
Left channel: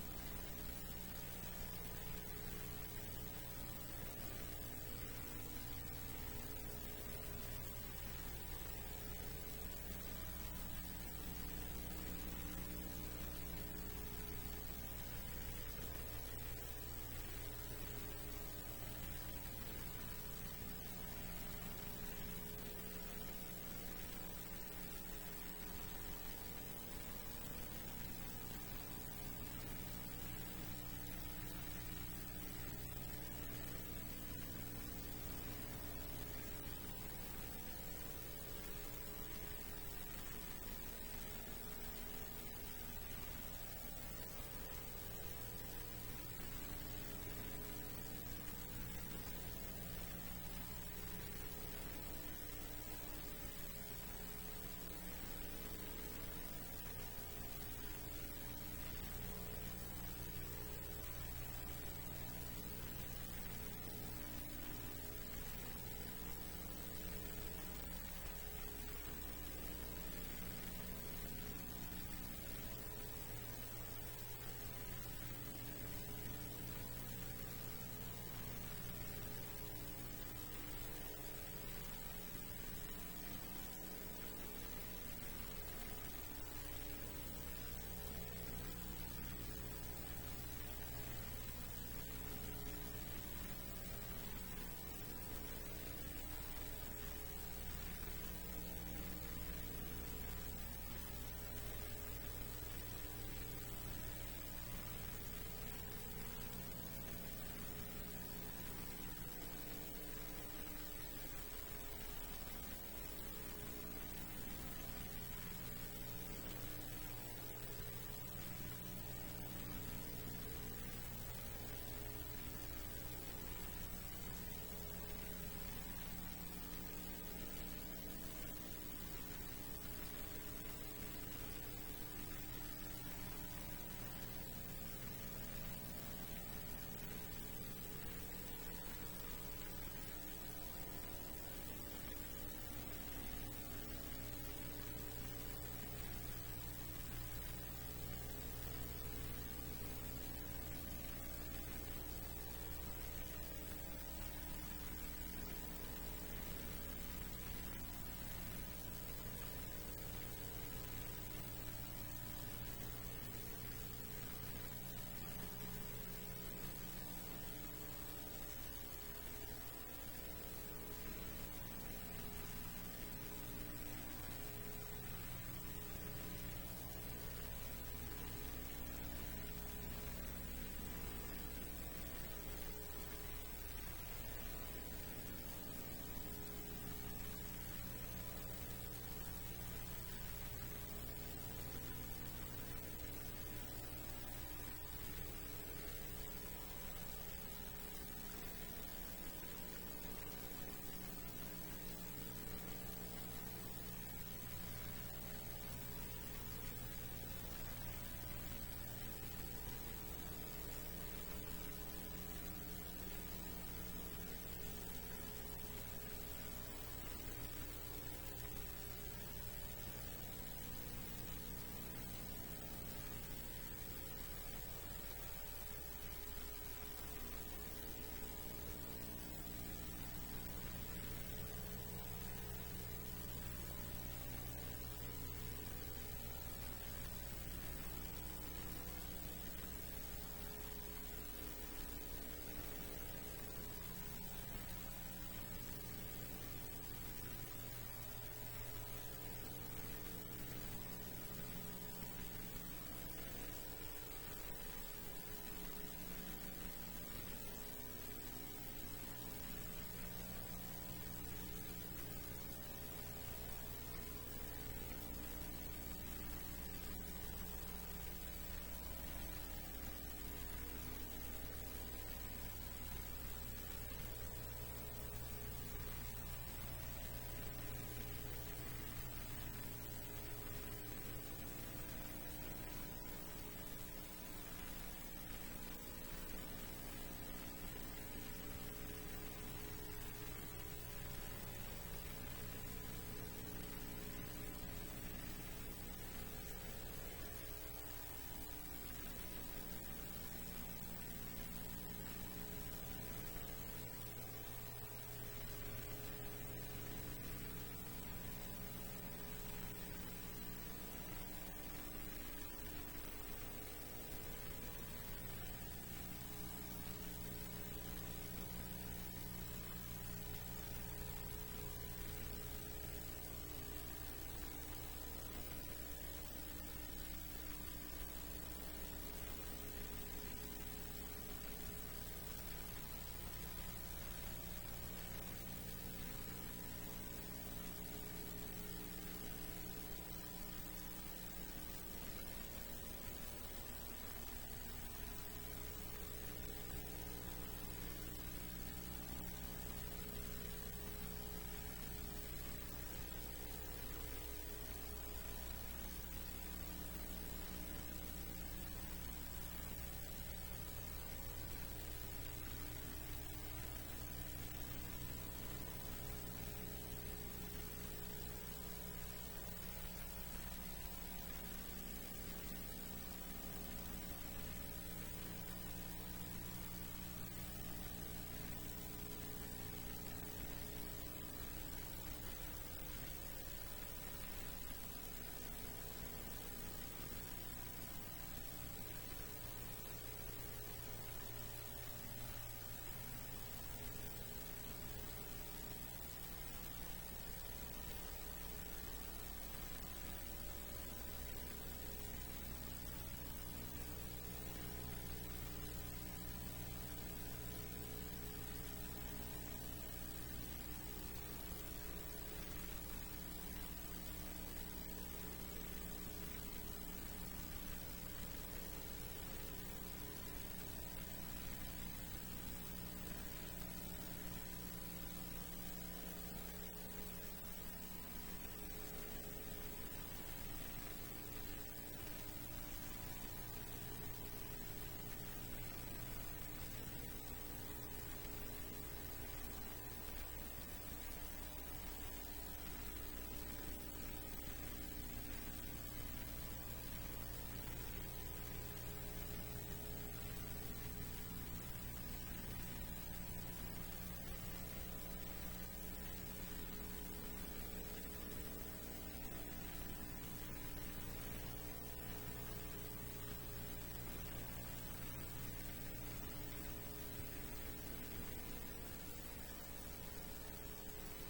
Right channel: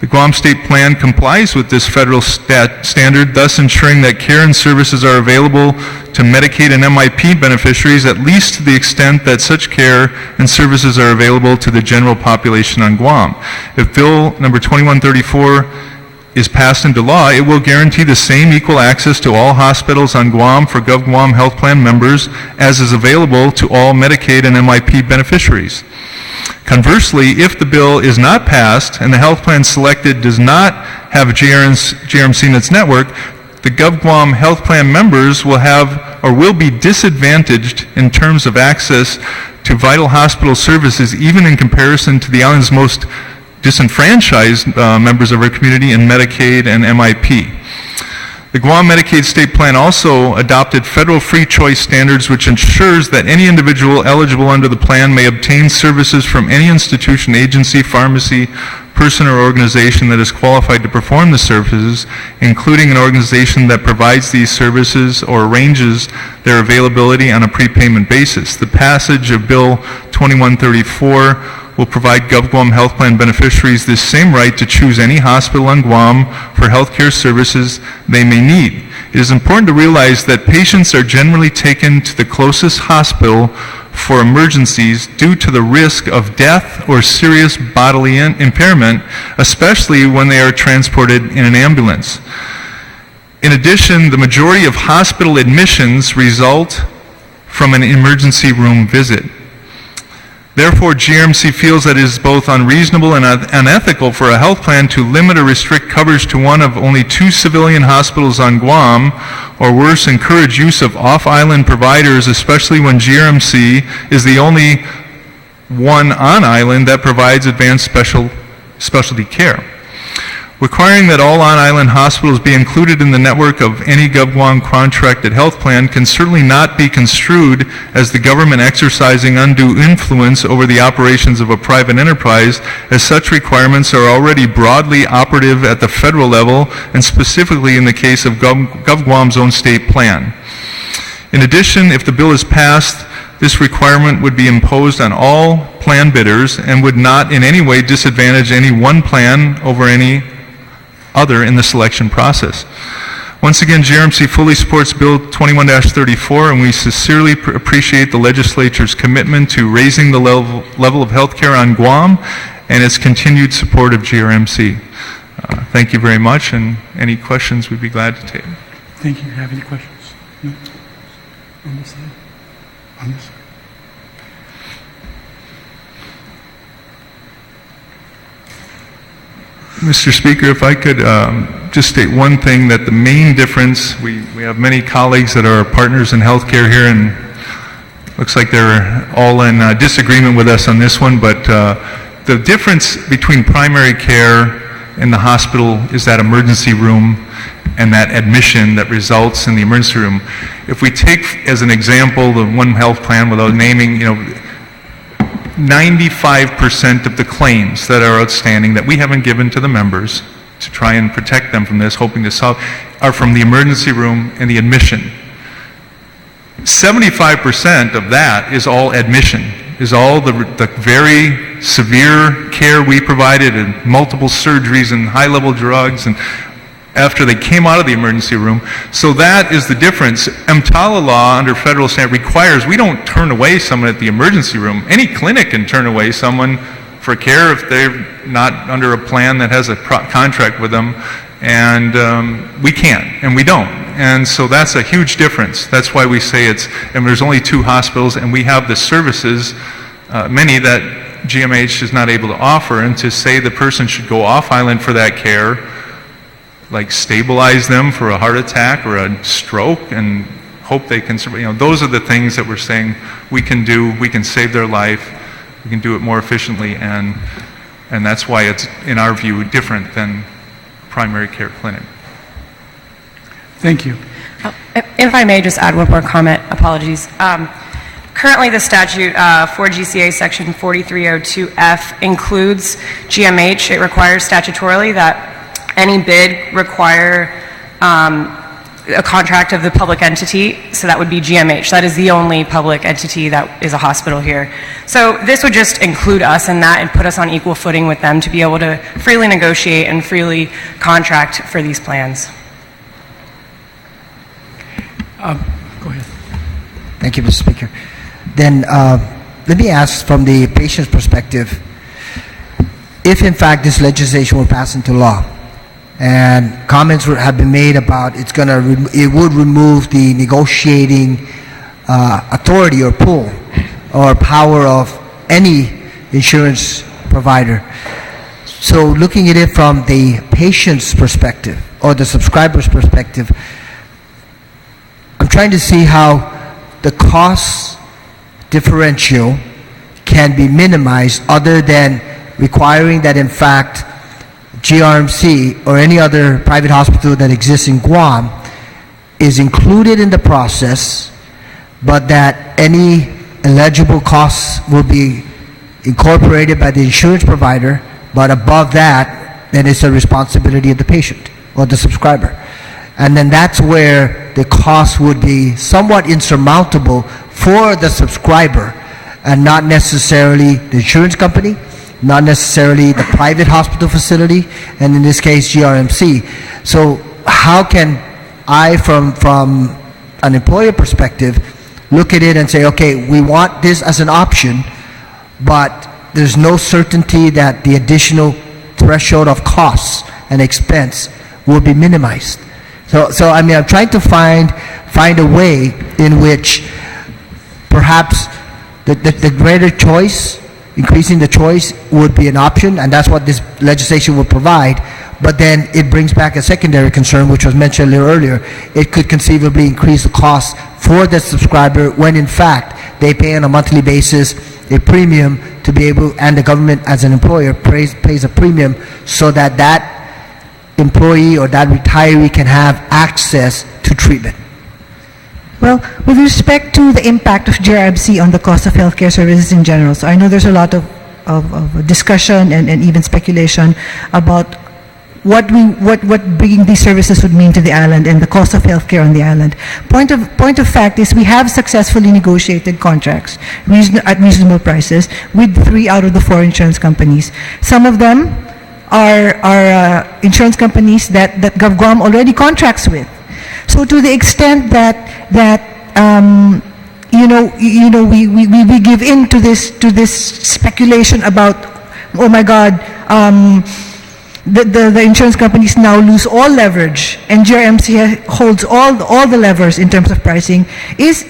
The Guam State Plan complies with this federal standard, thus ensuring that care and services are available to Medicaid and MIP beneficiaries at least to the extent that such care and services are available to the general population on Guam. If Bill number 2134 is passed into law, it will guarantee the same equal access to all hospitals on Guam for GovGuam Health Plan members as is available to all Medicaid and MIP beneficiaries. Conversely, if the bill is not passed and the health plan selected does not have a GRMC in its network, the GovGuam health plan members will have or will be disadvantaged in terms of access to vital hospital services, even in comparison to the island's most disenfranchised members of our community in Medicaid and MIP. The Guam Medicaid State Plan also adopted federal free choice standards which ensures that any individual eligible under the plan may obtain services from any institution, agency, pharmacy, person, or organization that is qualified to perform the services, including an organization that provides these services or arranges their availability on a prepayment basis. The passage of Bill 2134 will provide GovGuam Health Plan beneficiaries this same right to choose any hospital on Guam for health care services they may need. It is important to realize that patients are generally taken to the closest hospital for emergencies due to the risk of death or serious bodily impairment, especially when they are transported in an ambulance. In addition, the majority of hospital admissions result from an emergency room visit. Therefore, GRMC feels that it is both unreasonable and unethical for a health plan to limit or restrict coverage to one of only 2 civilian hospitals on Guam, or worse, encourage use of off-island providers, especially when GRMC is the only one on island that provides advanced specialty care. Requiring that all on-island hospitals be included in the network of any GovGuam contracted health plan can certainly not be construed as the government exercising undue influence over the operations of a private enterprise, as such requirements are already broadly operative at the federal level, and specifically in the case of GovGuam's own state plan. In addition, if the bill is passed, this requirement would be imposed on all plan bidders and would not in any way disadvantage any one plan over any other in the selection process. Once again, GRMC fully supports Bill 21-34, and we sincerely appreciate the legislature's commitment to raising the level of health care on Guam and its continued support of GRMC. Thank you very much, and any questions we'd be glad to take. Thank you. Have any questions? No? On this side? On this side? Mr. Speaker, if I could just state one thing, that the main difference, we have many colleagues that are partners in healthcare here, and looks like they're all in disagreement with us on this one, but the difference between primary care in the hospital is that emergency room and that admission that results in the emergency room. If we take as an example the one health plan, without naming, 95% of the claims that are outstanding that we haven't given to the members to try and protect them from this, hoping to solve, are from the emergency room and the admission. 75% of that is all admission, is all the very severe care we provided, and multiple surgeries and high-level drugs, and after they came out of the emergency room. So that is the difference. EMTALA law under federal standard requires we don't turn away someone at the emergency room. Any clinic can turn away someone for care if they're not under a plan that has a contract with them, and we can't, and we don't. And so that's a huge difference. That's why we say and there's only 2 hospitals, and we have the services, many that GMH is not able to offer, and to say the person should go off island for that care, like stabilize them for a heart attack or a stroke and hope they can survive. Those are the things that we're saying we can do. We can save their life. We can do it more efficiently, and that's why it's, in our view, different than primary care clinic. Thank you. If I may just add one more comment, apologies. Currently, the statute 4 GCA section 4302F includes GMH. It requires statutorily that any bid require a contract of the public entity, so that would be GMH. That is the only public entity that is a hospital here. So this would just include us in that and put us on equal footing with them to be able to freely negotiate and freely contract for these plans. Go ahead. Thank you, Mr. Speaker. Then let me ask from the patient's perspective, if in fact this legislation were passed into law, and comments have been made about it would remove the negotiating authority or pull or power of any insurance provider. So looking at it from the patient's perspective or the subscriber's perspective, I'm trying to see how the cost differential can be minimized other than requiring that in fact GRMC or any other private hospital that exists in Guam is included in the process, but that any eligible costs will be incorporated by the insurance provider, but above that, then it's the responsibility of the patient or the subscriber. And then that's where the cost would be somewhat insurmountable for the subscriber and not necessarily the insurance company, not necessarily the private hospital facility, and in this case, GRMC. So how can I, from an employer perspective, look at it and say, okay, we want this as an option, but there's no certainty that the additional threshold of costs and expense will be minimized. So I mean, I'm trying to find a way in which perhaps the greater choice, increasing the choice would be an option, and that's what this legislation would provide. But then it brings back a secondary concern, which was mentioned a little earlier. It could conceivably increase the cost for the subscriber when in fact they pay on a monthly basis a premium to be able, and the government as an employer pays a premium so that employee or that retiree can have access to treatment? Well, with respect to the impact of GRMC on the cost of healthcare services in general, so I know there's a lot of discussion and even speculation about what bringing these services would mean to the island and the cost of healthcare on the island. Point of fact is we have successfully negotiated contracts at reasonable prices with 3 out of the 4 insurance companies. Some of them are insurance companies that GovGuam already contracts with. So to the extent that we give in to this speculation about, oh my God, the insurance companies now lose all leverage and GRMC holds all the levers in terms of pricing is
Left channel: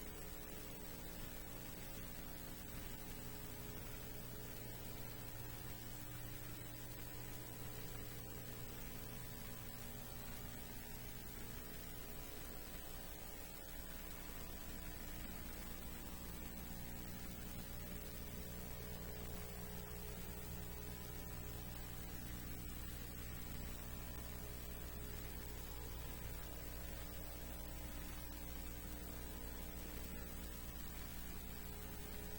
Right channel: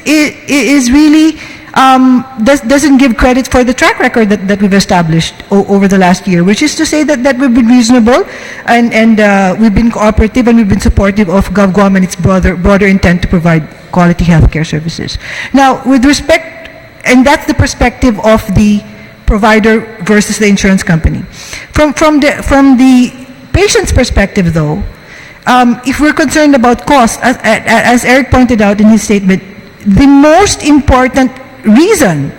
really doesn't give credit for the track record that we've established over the last year, which is to say that we've been reasonable and we've been cooperative and we've been supportive of GovGuam and its broader intent to provide quality healthcare services. Now, with respect, and that's the perspective of the provider versus the insurance company. From the patient's perspective, though, if we're concerned about cost, as Eric pointed out in his statement, the most important reason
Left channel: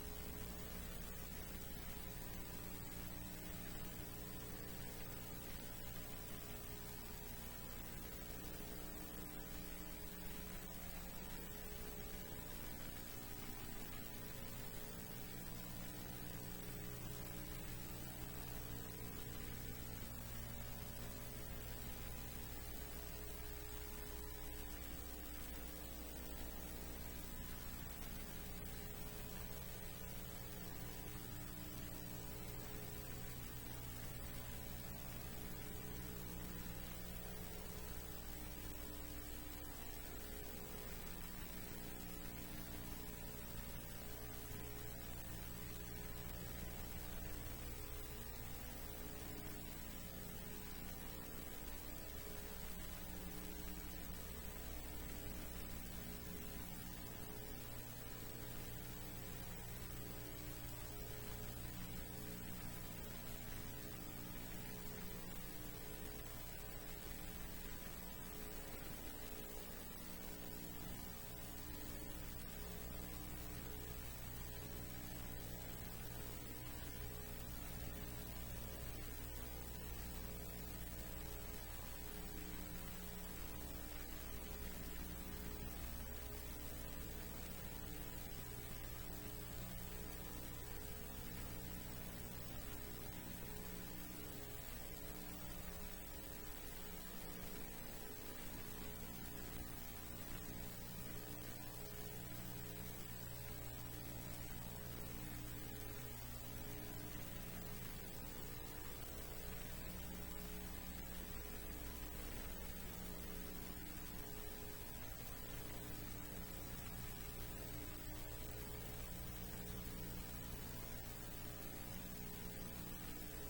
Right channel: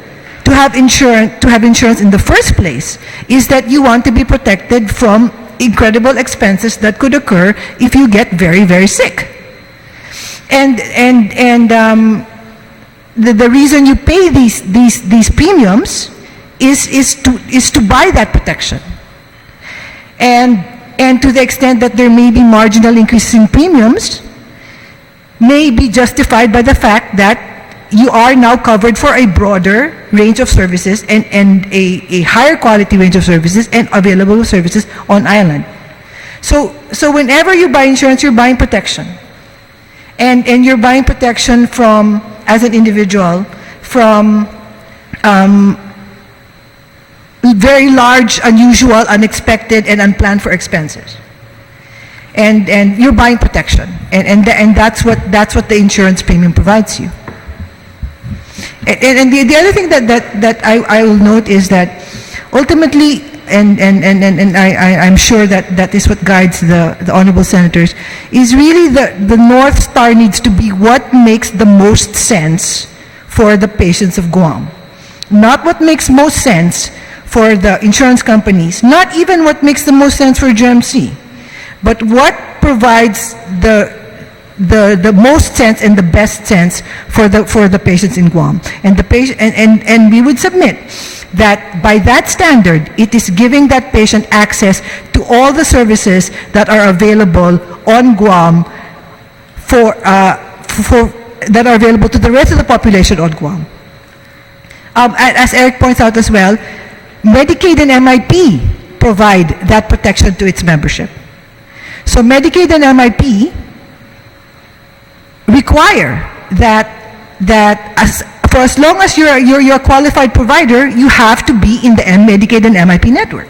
to have insurance in the first place is that you want to be protected from incredible expenses that could occur if you get very, very sick. And the reason you pay these premiums is to buy that protection. And to the extent that there may be marginal increases in premiums, may be justified by the fact that you are now covered for a broader range of services and a higher quality range of services and available services on island. So whenever you buy insurance, you're buying protection. And you're buying protection from, as an individual, from very large, unusual, unexpected, and unplanned for expenses. And you're buying protection. And that's what the insurance premium provides you. And the other thing that I will note is that ultimately, and I'm sure that is what guides the honorable senators, is really the North Star needs to be what makes the most sense for the patients of Guam. Not what makes most sense for the insurance companies, not even what makes the most sense for GMC, but what provides the most sense and the best sense for the patients in Guam. And we would submit that by that standard, it is giving that patient access to all the services that are available on Guam that are available to the rest of the population on Guam. As Eric points out as well, Medicaid and MIP provide that protection to its membership. So Medicaid and MIP require that for as long as you're a qualified provider, you have to be in the Medicaid and MIP network.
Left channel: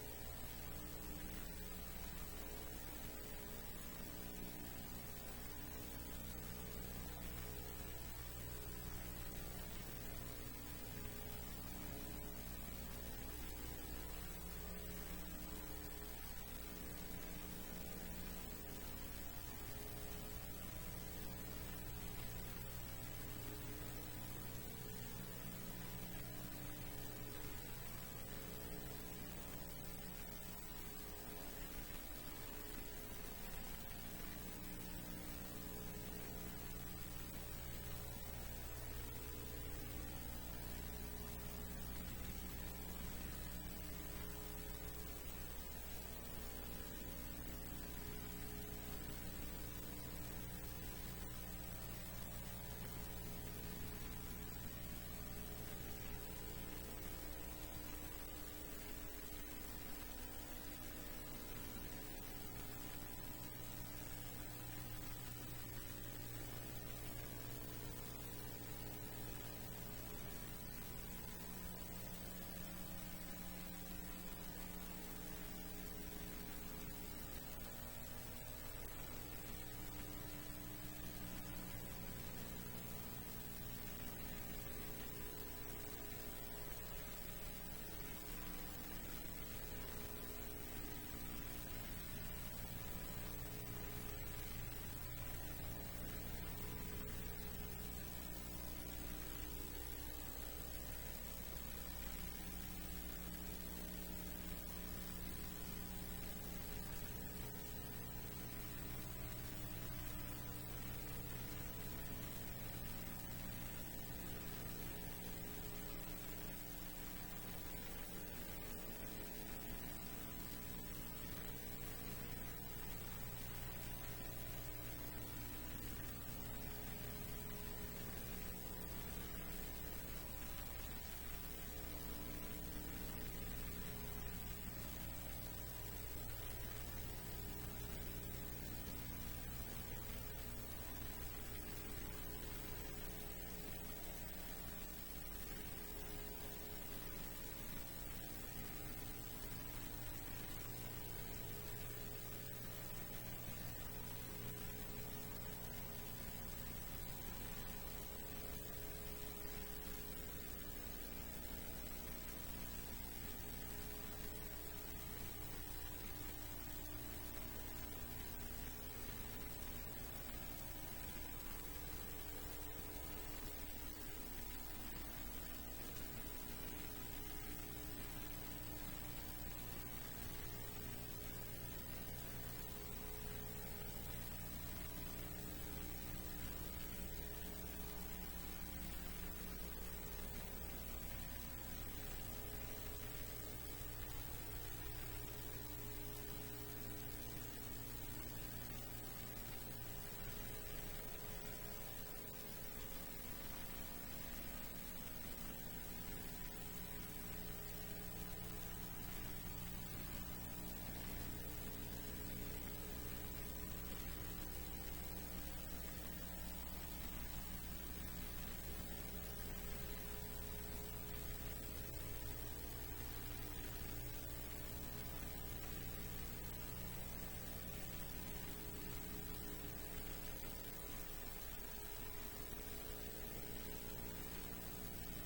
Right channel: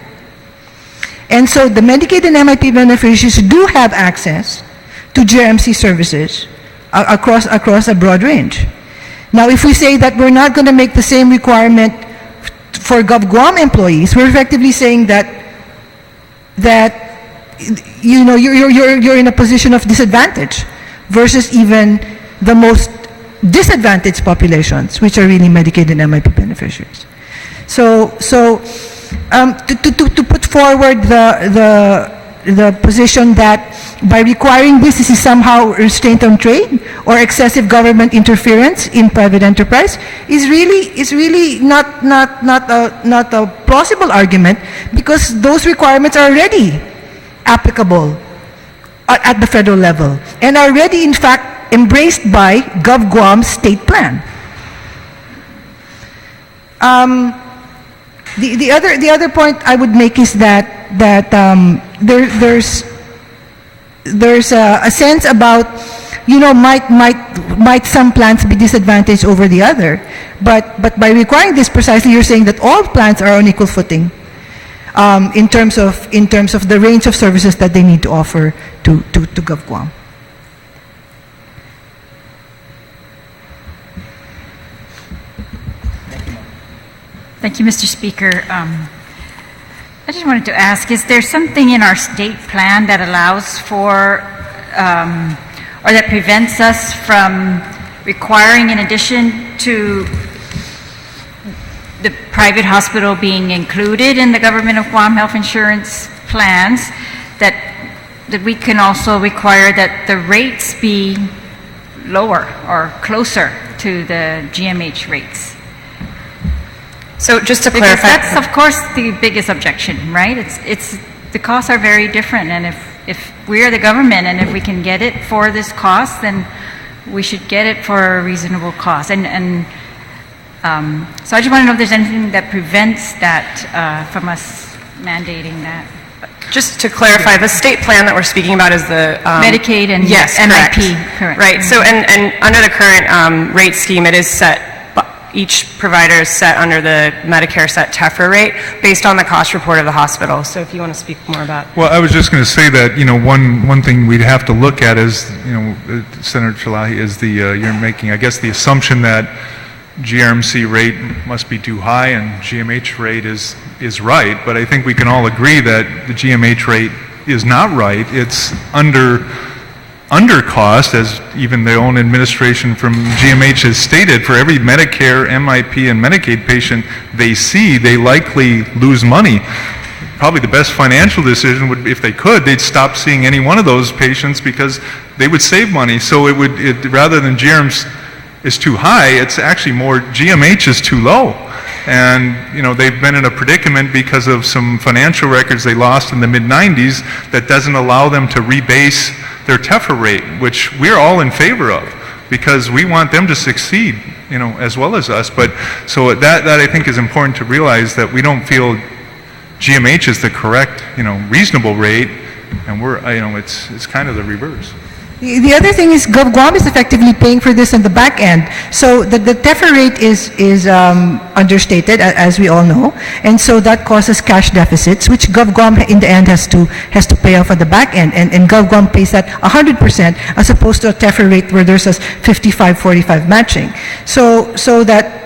And so the Medicaid and MIP beneficiaries do have access to GMC services across a broad range. Now, if we say that we're not going to make the same requirement for GovGuam employees, we're effectively saying that you're in a position of disadvantage versus even the most disadvantaged populations, which are really Medicaid and MIP beneficiaries. So to put forward the position that by requiring this is somehow restraint on trade or excessive government interference in private enterprise is really not a plausible argument, because those requirements are already applicable at the federal level and are already in fact embraced by GovGuam's state plan. The other point I would make is that there's a sense about, might some plans be disadvantaged over the other, but by requiring this precisely, you're saying that all plans are on equal footing in terms of the range of services that they need to offer to GovGuam. Thank you, Mr. Speaker. I just wanted to ask, is there something in our state plan that allows for, or that prevents us from requiring, in addition to the private hospital being included in the Government of Guam health insurance plans, that we can also require that the rates be lower or closer to the GMH rates? So just to Because clarify. that's, of course, the biggest objection, right? It's the costs are very different, and if we are the government and if we can get it for this cost, then we should get it for a reasonable cost. And so I just want to know if there's anything that prevents that from us mandating that. Just to clarify, the state plan that we're speaking about is the Medicaid and yes, MIP, correct. Right. So, and under the current rate scheme, it is set. Each provider is set under the Medicare set TEFRA rate based on the cost report of the hospital. So, if you want to speak more about. Well, I was just going to say that, one thing we'd have to look at is, Senator Chalahi, is you're making, I guess, the assumption that GRMC rate must be too high and GMH rate is right, but I think we can all agree that the GMH rate is not right. It's under cost, as even their own administration from GMH has stated. For every Medicare, MIP, and Medicaid patient they see, they likely lose money. Probably the best financial decision would be, if they could, they'd stop seeing any one of those patients because they would save money. So rather than GRM's is too high, it's actually more GMH is too low. And, they've been in a predicament because of some financial records they lost in the mid-90s that doesn't allow them to rebase their TEFRA rate, which we're all in favor of because we want them to succeed, as well as us. But so that I think is important to realize, that we don't feel GMH is the correct, reasonable rate, and we're, it's kind of the reverse. The other thing is Guam is effectively paying for this on the back end. So the TEFRA rate is understated, as we all know, and so that causes cash deficits, which Guam in the end has to pay off at the back end, and Guam pays that 100% as opposed to a TEFRA rate where there's a 55-45 matching. So that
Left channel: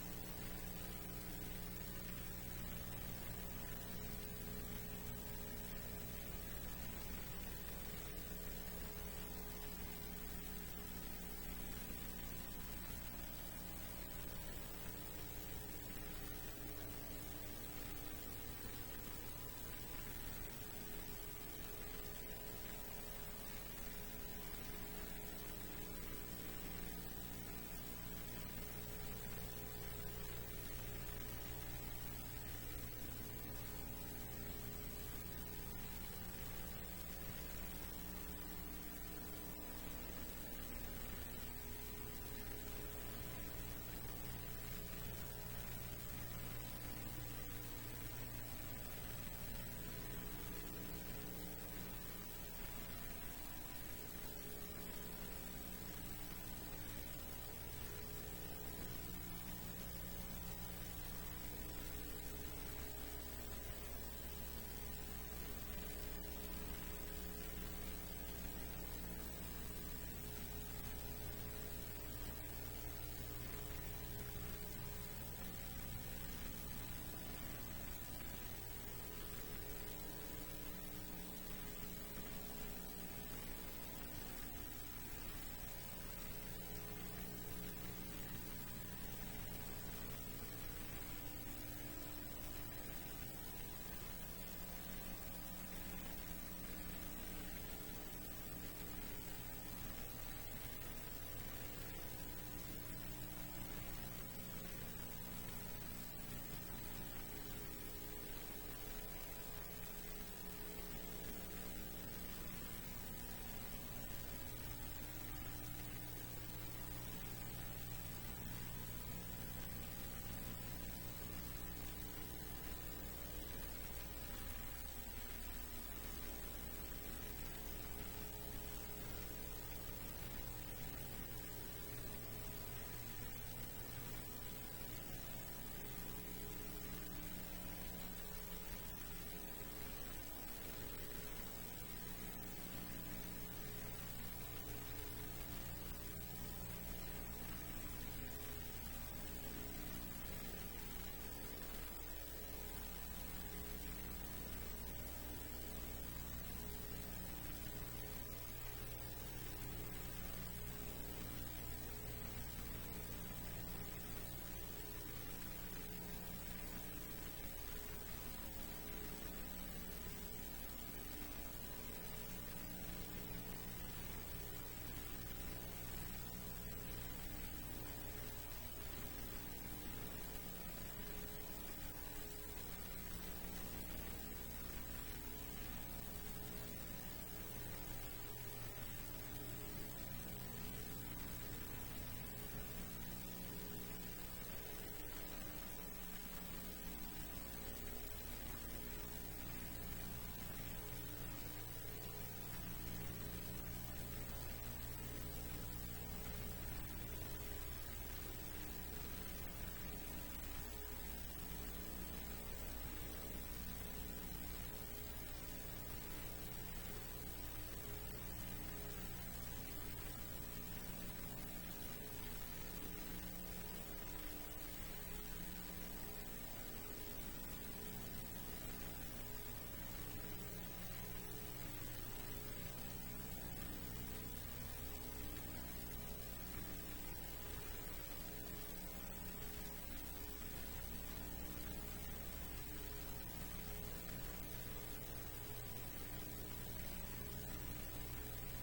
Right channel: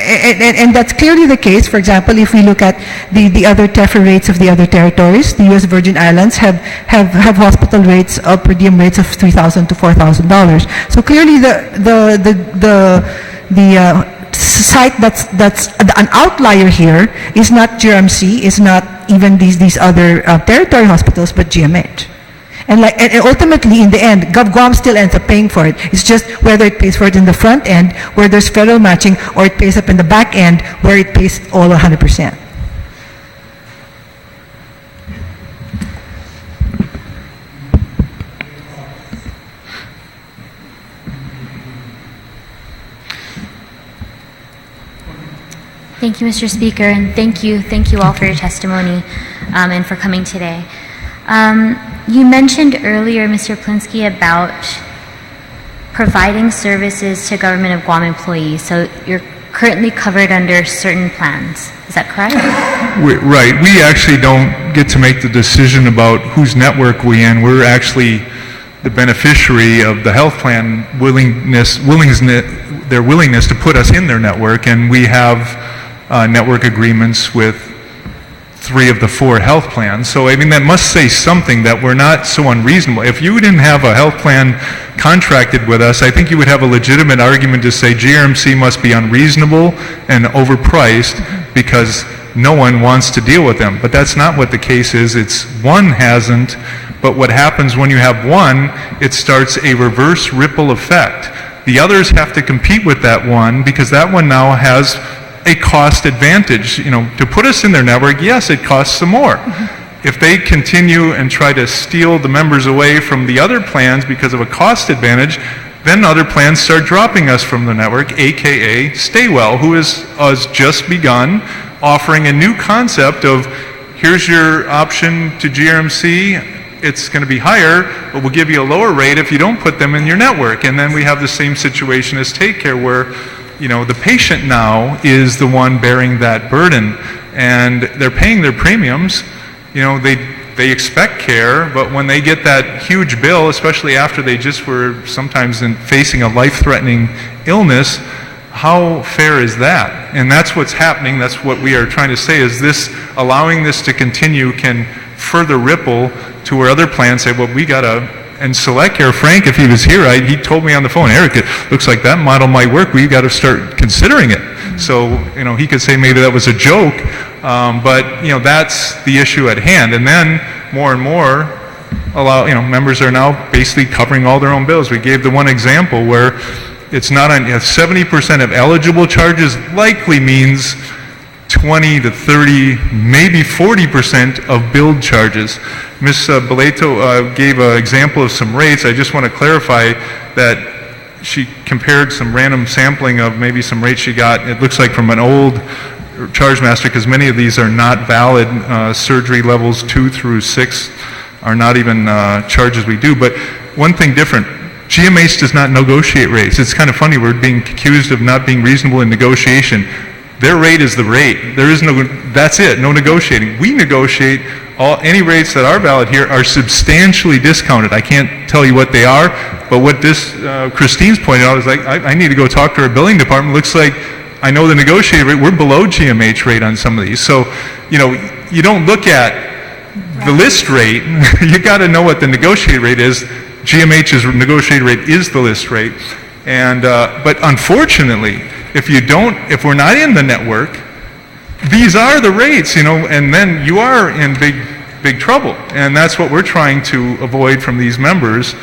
and that's clearly the case. For example, if we look at the other TEFRA rates of the other territories, the U.S. Virgin Islands have hospital rates, per diem rates of $3,000 to $4,000. So clearly the site that's an outlier here is not GRMC, is not even these other territory hospitals, but GMH. And ultimately, in the end, Guam still ends up paying for it. It's just whether it pays for it in the front end, where there's federal matching, or it pays up in the back end, where it pays all 100%. Thank you, Mr. Speaker, and thank you all for your testimony and for coming today. You mentioned earlier, Mr. Plinsky, about providing services to Government of Guam employees. So you're currently covered under certain plans. Is that correct? Right. We actually don't get to make the decision about whose network we're in. We're actually the beneficiary of the health plan their willingness to put us in their network, and we have network agreements with 3 of the 4 health plans. So, that must say something, that we're not so unreasonable. If you didn't have a health plan contracted with us, I think you would have a legitimate argument to say GRMC must be unreasonable and overpriced because no one wants to deal with them. But that's not what the case is. It's one hasn't, but what happens when you have one, it starts a reverse ripple effect. The others have to compete with that one because that one now has a cost advantage. To put us in their network, yes, it costs some more. If they continue and try to steal the members away from the other plans because of a cost advantage, then other plans start dropping us from the network, aka Staywell, who has just begun offering a new concept of, here's your option to GRMC, it's going to be higher, but we'll give you a lower rate if you don't put them in your network. And then we have the same situation as Take Care, where the patient now is the one bearing that burden, and they're paying their premiums. They expect care, but when they get that huge bill, especially after they just were sometimes facing a life-threatening illness, how fair is that? And that's what's happening. That's what we are trying to say, is this, allowing this to continue can further ripple to where other plans say, well, we got to, and Select Care, Frank, if he was here, he told me on the phone, Eric, it looks like that model might work. We got to start considering it. So, he could say maybe that was a joke, but, that's the issue at hand. And then more and more, members are now basically covering all their own bills. We gave the one example where it's not on 70% of eligible charges likely means 20 to 30, maybe 40% of billed charges. Ms. Boleto gave an example of some rates. I just want to clarify that she compared some random sampling of maybe some rates she got, it looks like from an old charge master, because many of these are not valid. Surgery levels 2 through 6 are not even charges we do. But one thing different, GMH does not negotiate rates. It's kind of funny, we're being accused of not being reasonable in negotiation. Their rate is the rate. There is no, that's it, no negotiating. We negotiate. Any rates that are valid here are substantially discounted. I can't tell you what they are, but what this Christine's pointed out is like, I need to go talk to our billing department. Looks like I know the negotiated rate. We're below GMH rate on some of these. So, you don't look at the list rate. You got to know what the negotiated rate is. GMH's negotiated rate is the list rate, and but unfortunately, if we're not in the network, these are the rates, and then you are in big trouble. And that's what we're trying to avoid from these members,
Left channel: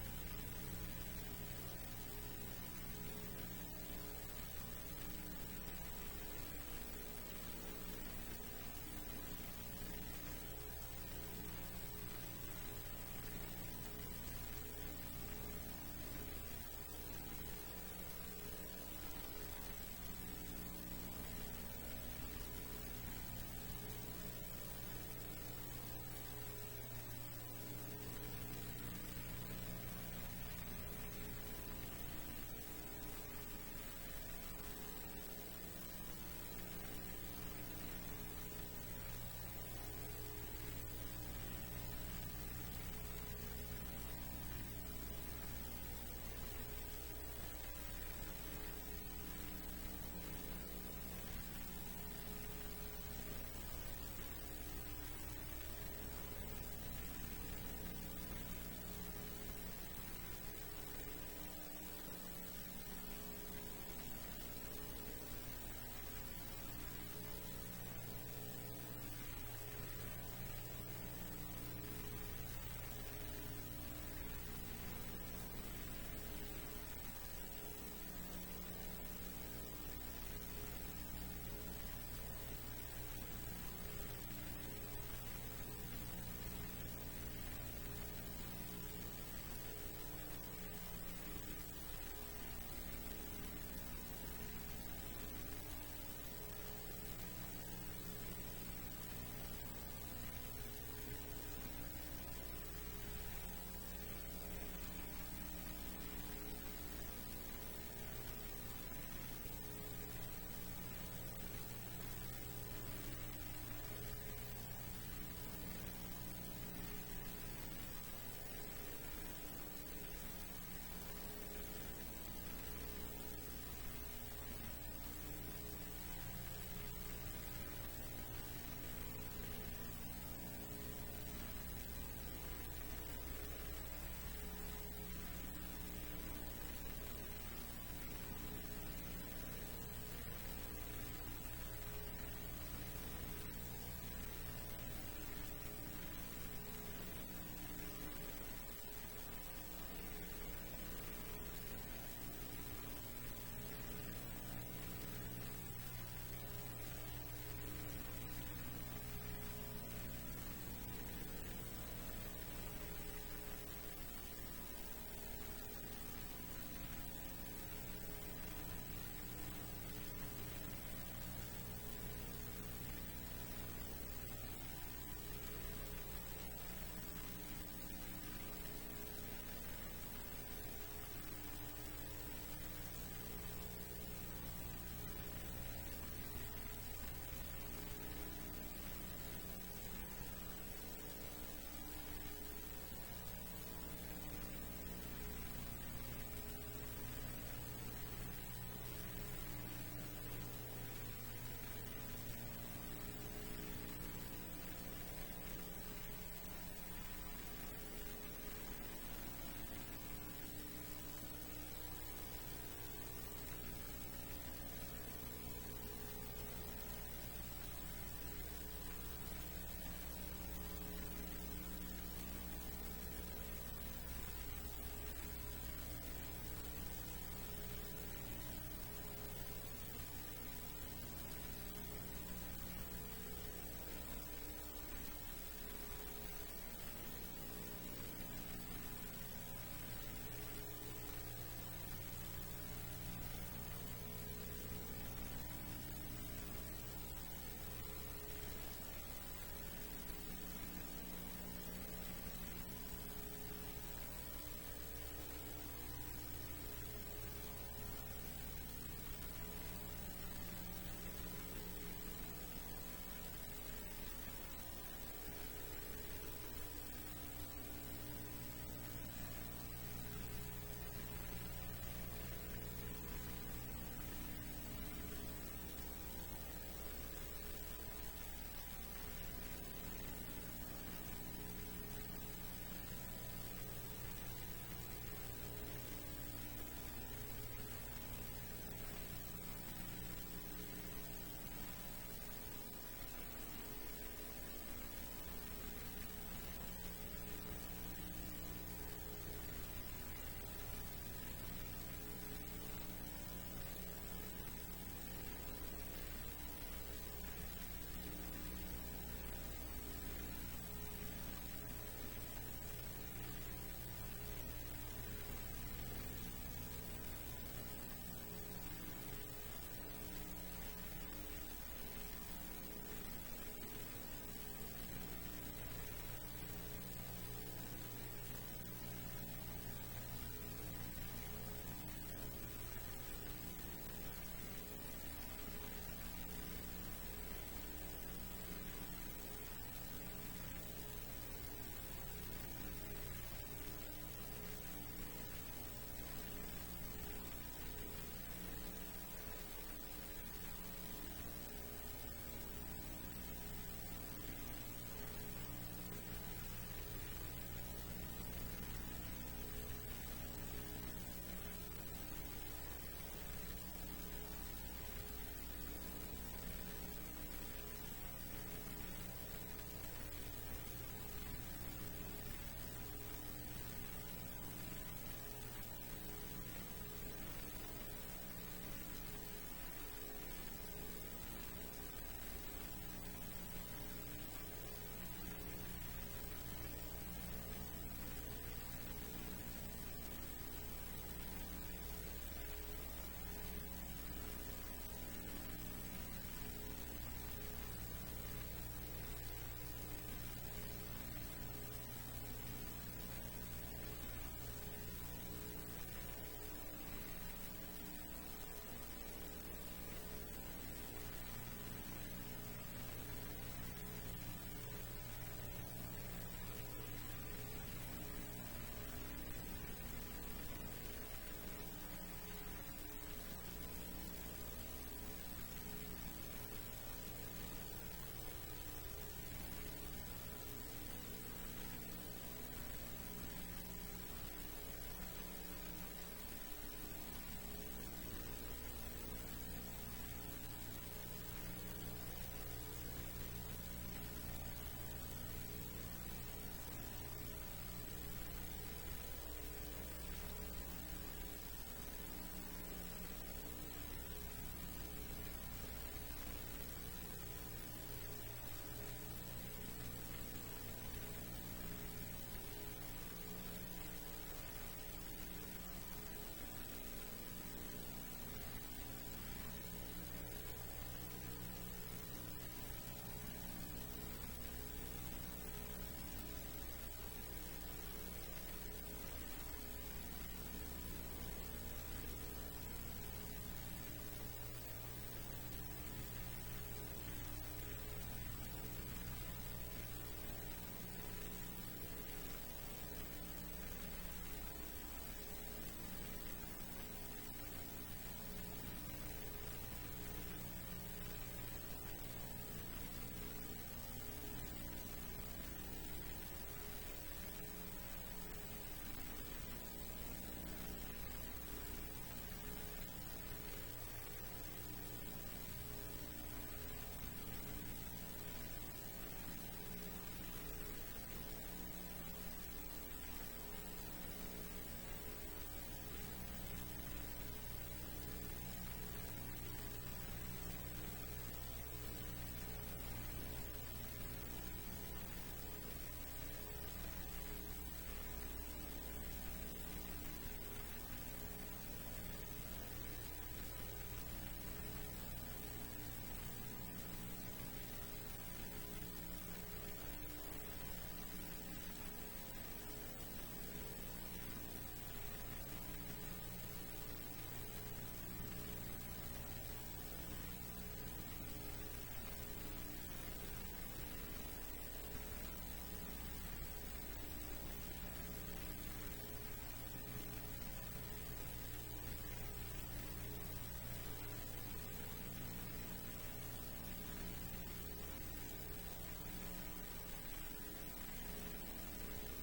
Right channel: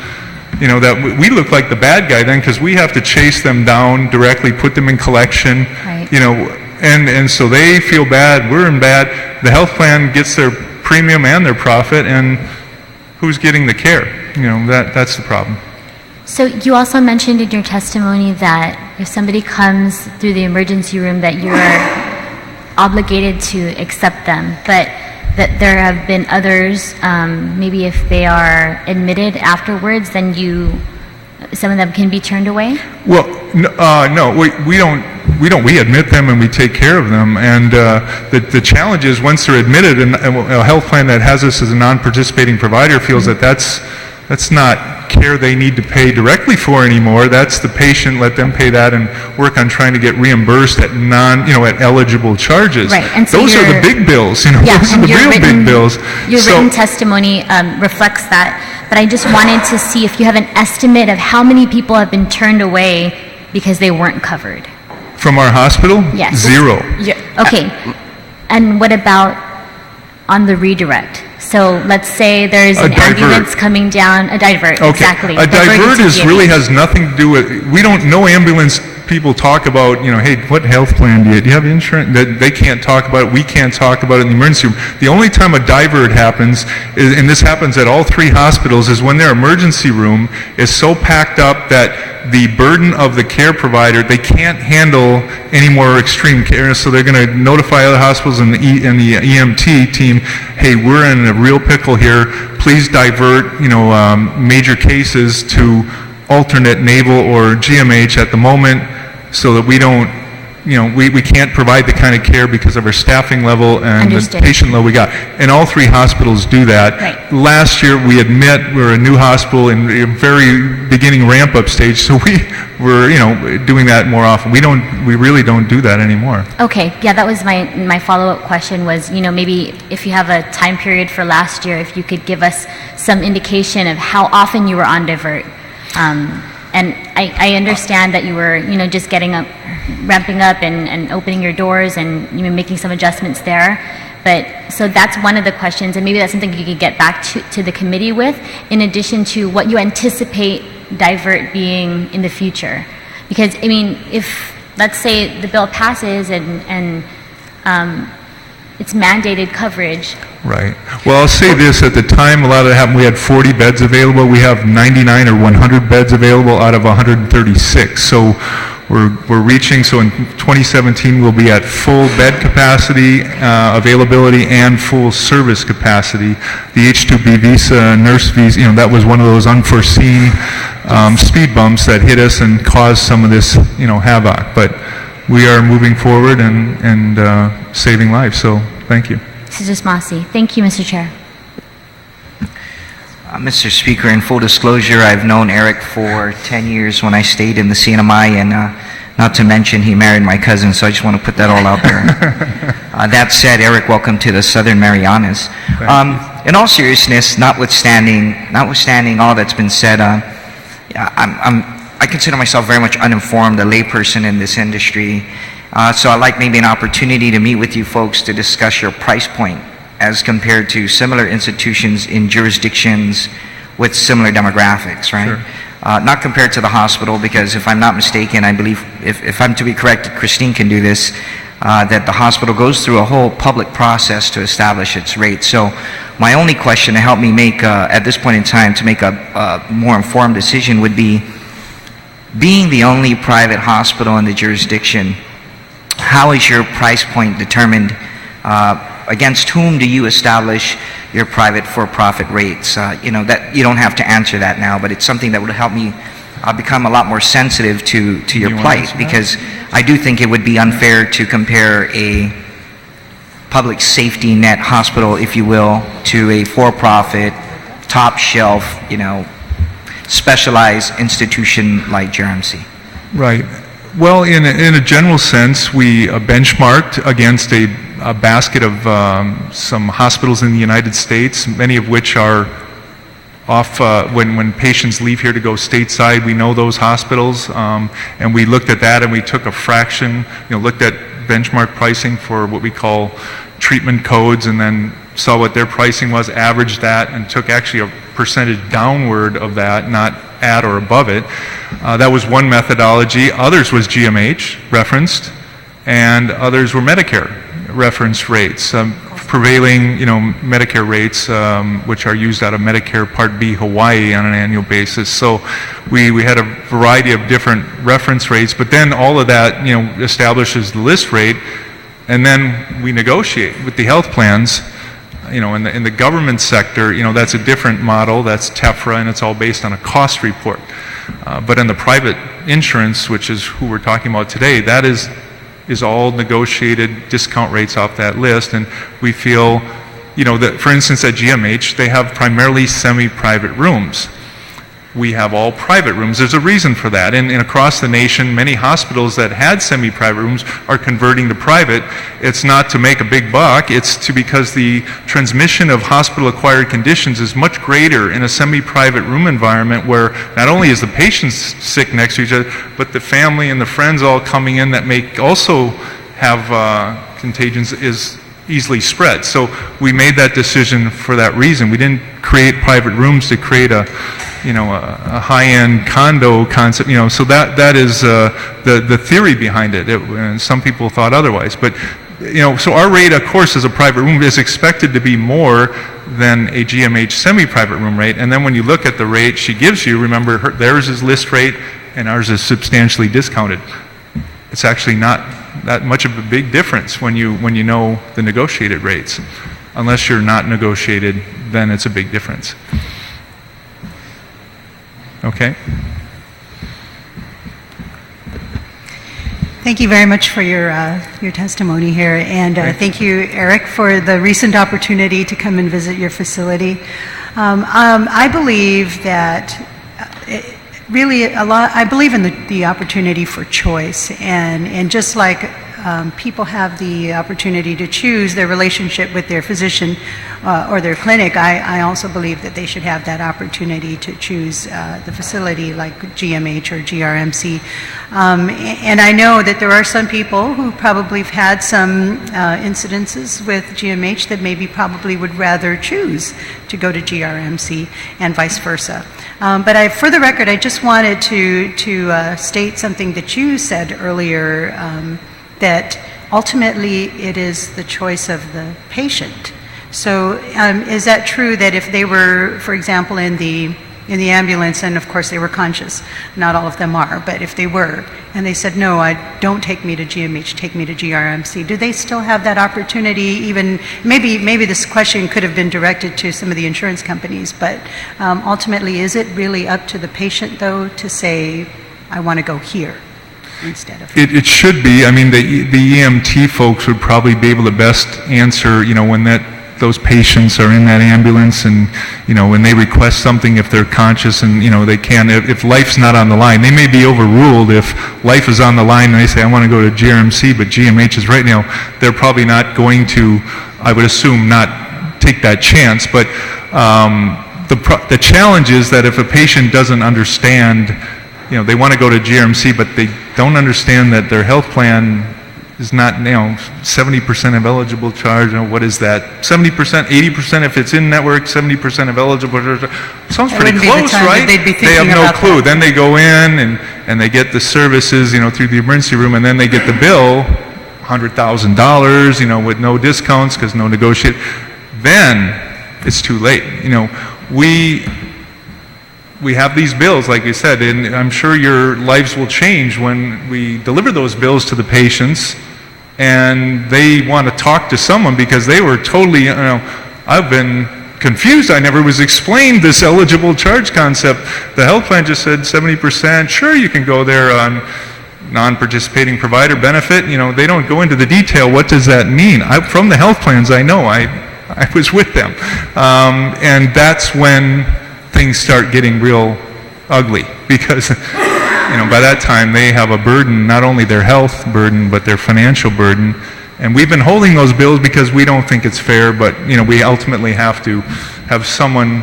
that we look like the bad guy then, because we have to chase them down directly, put them in collection, Right. And so they feel bad, we're in bad. The health plan gets their premium and their profit, and who's getting the care? That's the problem. So you also mentioned in your testimony that if somebody comes through the emergency room that you're obligated to accept them, but that there have been others, maybe if they are admitted afterwards, then some of them can be turned away? Well, no, we don't. We admit them and we take care of them. And the challenge is once they're admitted, and a health plan that has us as a non-participating provider feels that that's not care they need to pay directly for anymore. That's the patient. Let them pay that and work on trying to get reimbursed at at eligible charges. Right. And so those are the big bills. Yeah, those are the real big bills. Your written testimony reflects that. But I just wanted to see if you have an estimate of how many people have been turned away because they weren't covered. From our hospital? Yes. 0. Yeah. Okay. And what about on the redirect? So let's say there's an ambulance coming down, a divert, okay. Exactly. A divert really has nothing to do with, we don't know ambulance people talk about, hey, what health plan do you have insurance? They can't talk about it, we can't talk about it in the emergency room. The only time a divert happens, and this happens at all 3 hospitals, is when their emergency room is so packed up that the burden of the care provider, they can't handle any more extreme care, so they're going to notify other hospitals and the EMT team, hey, we're in a real pickle here, please divert, major cases to alternate naval or GMH at the moment, so that we don't, we can't provide the kind of care because of our staffing level and Understood. the patient level we got. And all 3 hospitals do that. Right. Last year, we admit we're a new hospital in the very beginning ramp-up stage, so we're doing that more often. We really don't do that anymore. Okay, yeah, that was my follow-up question was, maybe if you have a time period for last year, if you could give us some indication of how often you were on divert. And I understand that you were, just ramping up and opening your doors and making some adjustments there. But so that's one of the questions, and maybe that's something you could get back to the committee with, in addition to what you anticipate divert being in the future. Because, if, let's say, the bill passes and it's mandated coverage. Right. Well, I'll say this. At the time a lot of that happened, we had 40 beds available. We have 99 or 100 beds available out of 136. So we're reaching, so in 2017 we'll be at full bed capacity, availability, and full service capacity. The H-2B visa, nurse visa, that was one of those unforeseen speed bumps that hit us and caused some of this, havoc. But we are moving forward and saving lives, so thank you. Mrs. Masi. Thank you, Mr. Chair. Mr. Speaker, in full disclosure, I've known Eric for 10 years when I stayed in the CNMI, and Not to mention he married my cousin, so I just want to put that all out there. That said, Eric, welcome to the Southern Marianas. In all seriousness, notwithstanding all that's been said, I consider myself very much uninformed, a layperson in this industry. So I'd like maybe an opportunity to meet with you folks to discuss your price point as compared to similar institutions in jurisdictions with similar demographics, right? Sure. Not compared to the hospital, because if I'm not mistaken, I believe, if I'm to be corrected, Christine can do this, that the hospital goes through a whole public process to establish its rates. So my only question to help me make, at this point in time, to make a more informed decision would be, being the only private hospital in the jurisdiction, how is your price point determined? Against whom do you establish your private for-profit rates? That you don't have to answer that now, but it's something that would help me become a lot more sensitive to your plight, because I do think it would be unfair to compare a public safety net hospital, if you will, to a for-profit, top-shelf, specialized institution like JRMC. Right. Well, in a general sense, we benchmarked against a basket of some hospitals in the United States, many of which are off when patients leave here to go stateside. We know those hospitals, and we looked at that and we took a fraction, looked at benchmark pricing for what we call treatment codes, and then saw what their pricing was, averaged that, and took actually a percentage downward of that, not at or above it. That was one methodology. Others was GMH referenced, and others were Medicare reference rates, prevailing Medicare rates, which are used out of Medicare Part B Hawaii on an annual basis. So we had a variety of different reference rates, but then all of that establishes the list rate, and then we negotiate with the health plans. In the government sector, that's a different model. That's TEFRA, and it's all based on a cost report. But in the private insurance, which is who we're talking about today, that is all negotiated discount rates off that list. And we feel, that for instance at GMH, they have primarily semi-private rooms. We have all private rooms. There's a reason for that. And across the nation, many hospitals that had semi-private rooms are converting to private. It's not to make a big buck. It's because the transmission of hospital-acquired conditions is much greater in a semi-private room environment, where not only is the patient sick next to each other, but the family and the friends all coming in that may also have contagions is easily spread. So we made that decision for that reason. We didn't create private rooms to create a high-end condo concept, so that is the theory behind it. And some people thought otherwise, but so our rate, of course, as a private room is expected to be more than a GMH semi-private room rate. And then when you look at the rate she gives you, remember theirs is list rate and ours is substantially discounted. It's actually not that much of a big difference when you know the negotiated rates. Unless you're not negotiated, then it's a big difference. Okay. Thank you very much for your testimony here, and thank you, Eric, for the recent opportunity to come and visit your facility. I believe that I believe in the opportunity for choice, and just like people have the opportunity to choose their relationship with their physician or their clinic, I also believe that they should have that opportunity to choose the facility like GMH or GRMC. And I know that there are some people who probably have had some incidences with GMH that maybe probably would rather choose to go to GRMC and vice versa. But for the record, I just wanted to state something that you said earlier, that ultimately it is the choice of the patient. So is that true that if they were, for example, in the ambulance, and of course they were conscious, not all of them are, but if they were, and they said, no, don't take me to GMH, take me to GRMC, do they still have that opportunity? Even maybe this question could have been directed to some of the insurance companies, but ultimately, is it really up to the patient, though, to say, I want to go here instead of... It should be. I mean, the EMT folks would probably be able to best answer, when that those patients are in that ambulance, and when they request something, if they're conscious and they can, if life's not on the line, they may be overruled. If life is on the line and they say, I want to go to GRMC, but GMH is right now, they're probably not going to, I would assume, not take that chance. But the challenge is that if a patient doesn't understand, they want to go to GRMC, but they don't understand that their health plan is not, 70% of eligible charge. What is that? 70%, 80% if it's in network, 70% of eligible charge. Sounds pretty close, right? They have no clue. Then they go in and they get the services, through the emergency room, and then they get the bill, $100,000, with no discounts because no negotiate. Then it's too late. We have these bills, like you said, and I'm sure your lives will change when we deliver those bills to the patients and they want to talk to someone because they were totally, I've been confused. I never was explained this eligible charge concept. The health plan just said 70%. Sure, you can go there on non-participating provider benefit. They don't go into the detail. What does that mean? From the health plans, I know. I was with them. And that's when things start getting real ugly because by that time they have a burden, not only their health burden but their financial burden, and we've been holding those bills because we don't think it's fair, but we ultimately have to have someone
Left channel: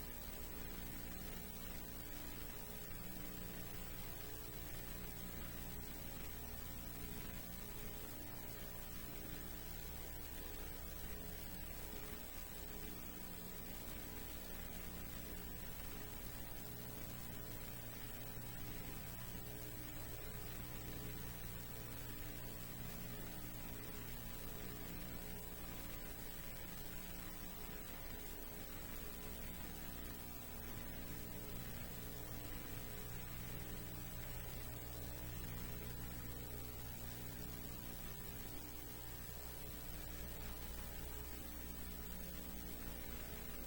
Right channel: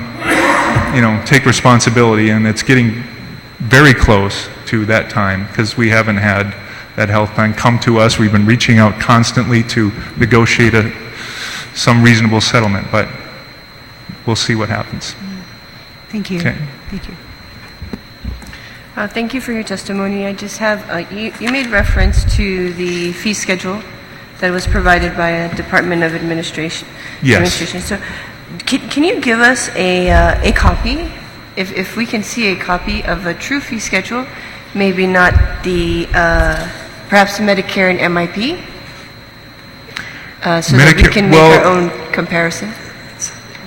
take responsibility, and it's getting very close to that time because we haven't had that health plan come to us. We've been reaching out constantly to negotiate some reasonable settlement, but we'll see what happens. Thank you. Okay. Thank you. Thank you for your testimony. I just have, you made reference to the fee schedule that was provided by a Department of Administration. Yes. So can you give us a copy, if we can see a copy of a true fee schedule, maybe not the, perhaps Medicare and MIP, so that we can make our own comparison?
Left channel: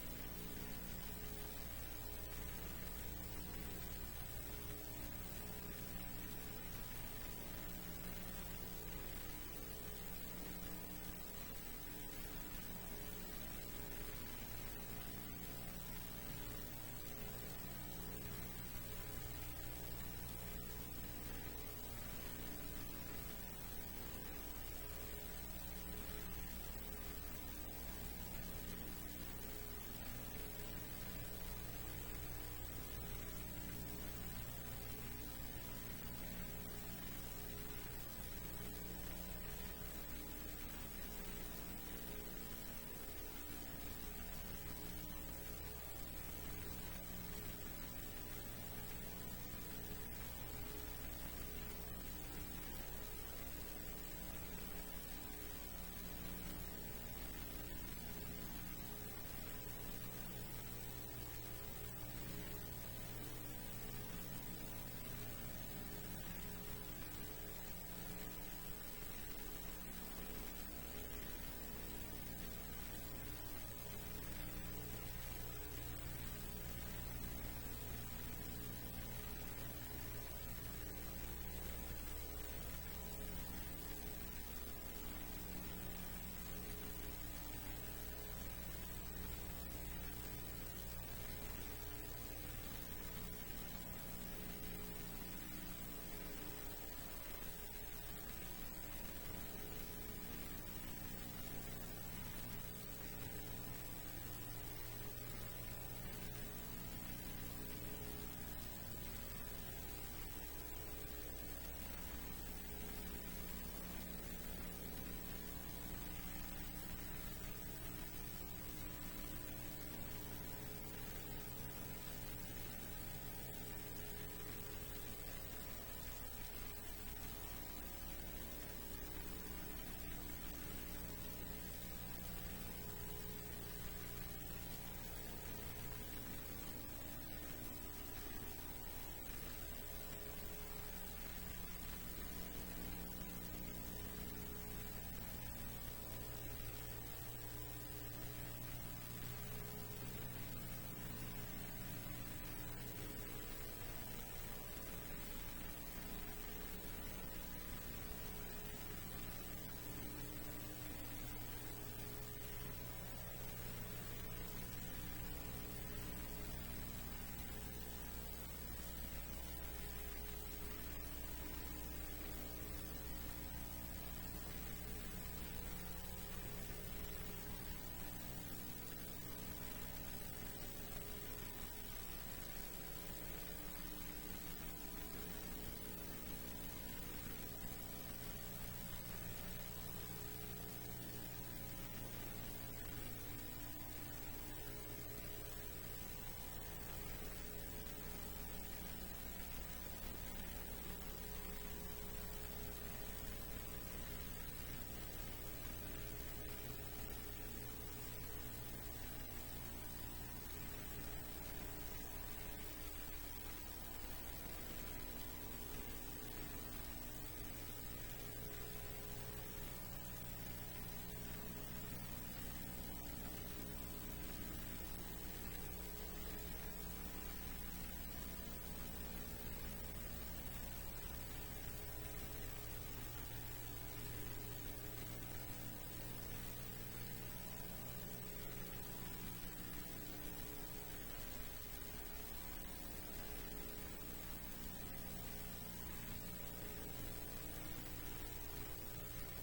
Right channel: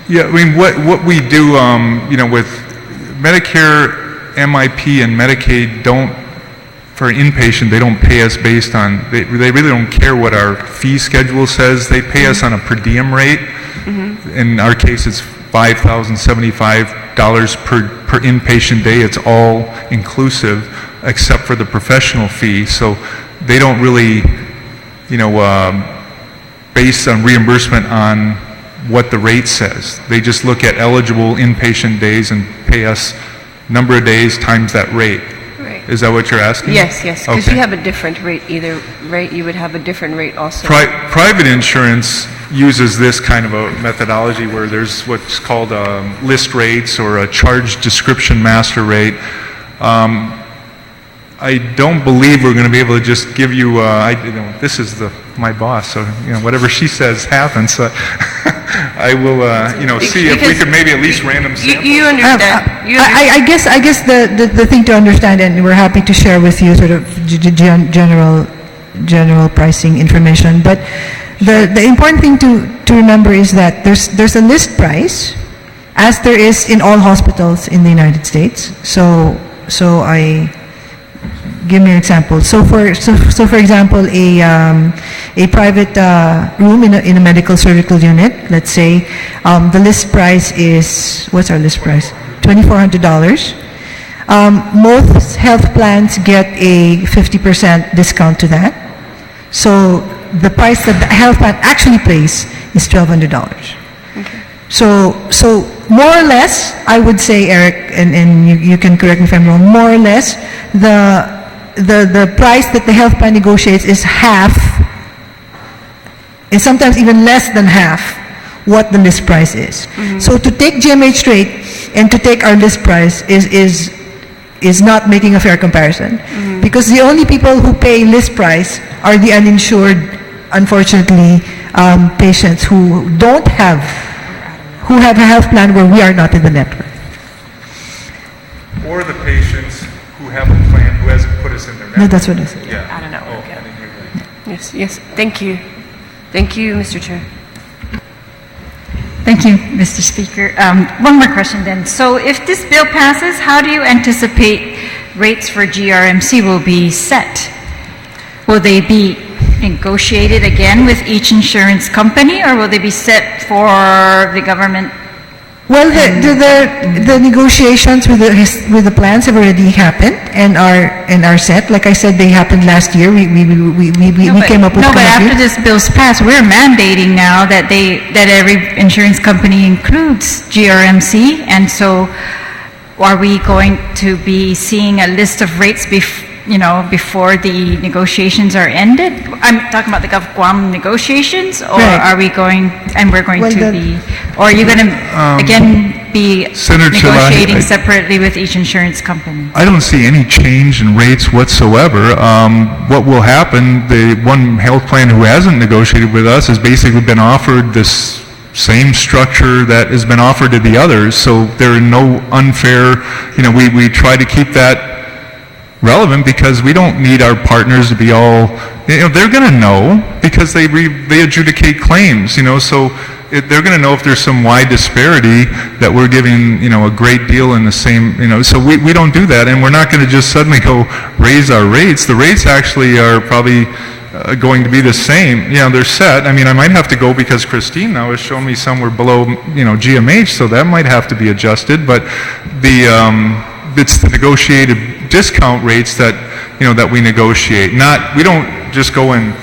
Yeah, what we do, with Medicare, MIP, and Medicaid for inpatient, they don't pay us based on, they really don't care what our fee schedule says. They pay us on a per diem rate. In our case, it's $5,075 per inpatient day. It's all inclusive except for the professional fee. So they don't really, based on reimbursement on what the rate says. They just look at eligible inpatient days and pay us number of days times that rate. Right. Is that what you're asking? Yes, because Okay. you have a different rate either, right? You would have a different rate also. Private insurance uses this kind of a methodology where there's what's called list rates or a charge description master rate. I don't believe we're going to be able to just give you, this is my boss, so whatever she says happens. I will, see if we could maybe at least random sample. You understand? I guess the thing to understand, and we're happy to share with you sort of general pricing information, but the important thing to remember is that there's a list price, as there is in all hospitals in the United States. So give me an example. So for example, a private room in a medical surgical unit, let's say, the list price is, what's our list price? $2,400. Most health plans get a 50% discount to that. So the price that the health plan actually pays is $1,200. Okay. So more or less, I would say, Eric, and you can correct me if I'm wrong, more or less, the price that the health plan negotiates is half, and sometimes even less than half, what the list price is. So to take GMH rate and to take our list price is not making a fair comparison, because the only people who pay list price are the uninsured, unfortunately, patients who have a health plan where we are not in the network. Or the patients who have a plan who hasn't put us in their network. No, that's what I said. Yeah. I don't know. Yes. Thank you. Thank you, Mr. Chair. Thank you, Mr. Speaker. One more question then. So if this bill passes, how do you anticipate rates for GRMC will be set? Will they be, negotiated again with each insurance company, or will they be set for the government? Well, the negotiations with the plans have already happened and are set. Like I said, they happened last year. We came up with. No, but after committee. this bill's passed, we're mandating now that every insurance company includes GRMC, and so are we going to be seeing a list of rates before the negotiations are ended? I'm talking about the Guam negotiations, or Right. are we going, and we're going Well, to the- be, or are you going to, again, be Senator negotiating Chalahi, separately with each insurance company? I don't see any change in rates whatsoever. What will happen, the one health plan who hasn't negotiated with us has basically been offered this same structure that has been offered to the others, so there are no unfair, we try to keep that relevant because we don't need our partners to be all, they're going to know because they adjudicate claims, so they're going to know if there's some wide disparity that we're giving, a great deal in the same, so we don't do that, and we're not going to just suddenly go raise our rates. The rates actually are probably going to be the same. They're set. I mean, I might have to go because Christine now has shown me somewhere below, GMH, so that might have to be adjusted, but it's the negotiated discount rates that, that we negotiate. We don't just go and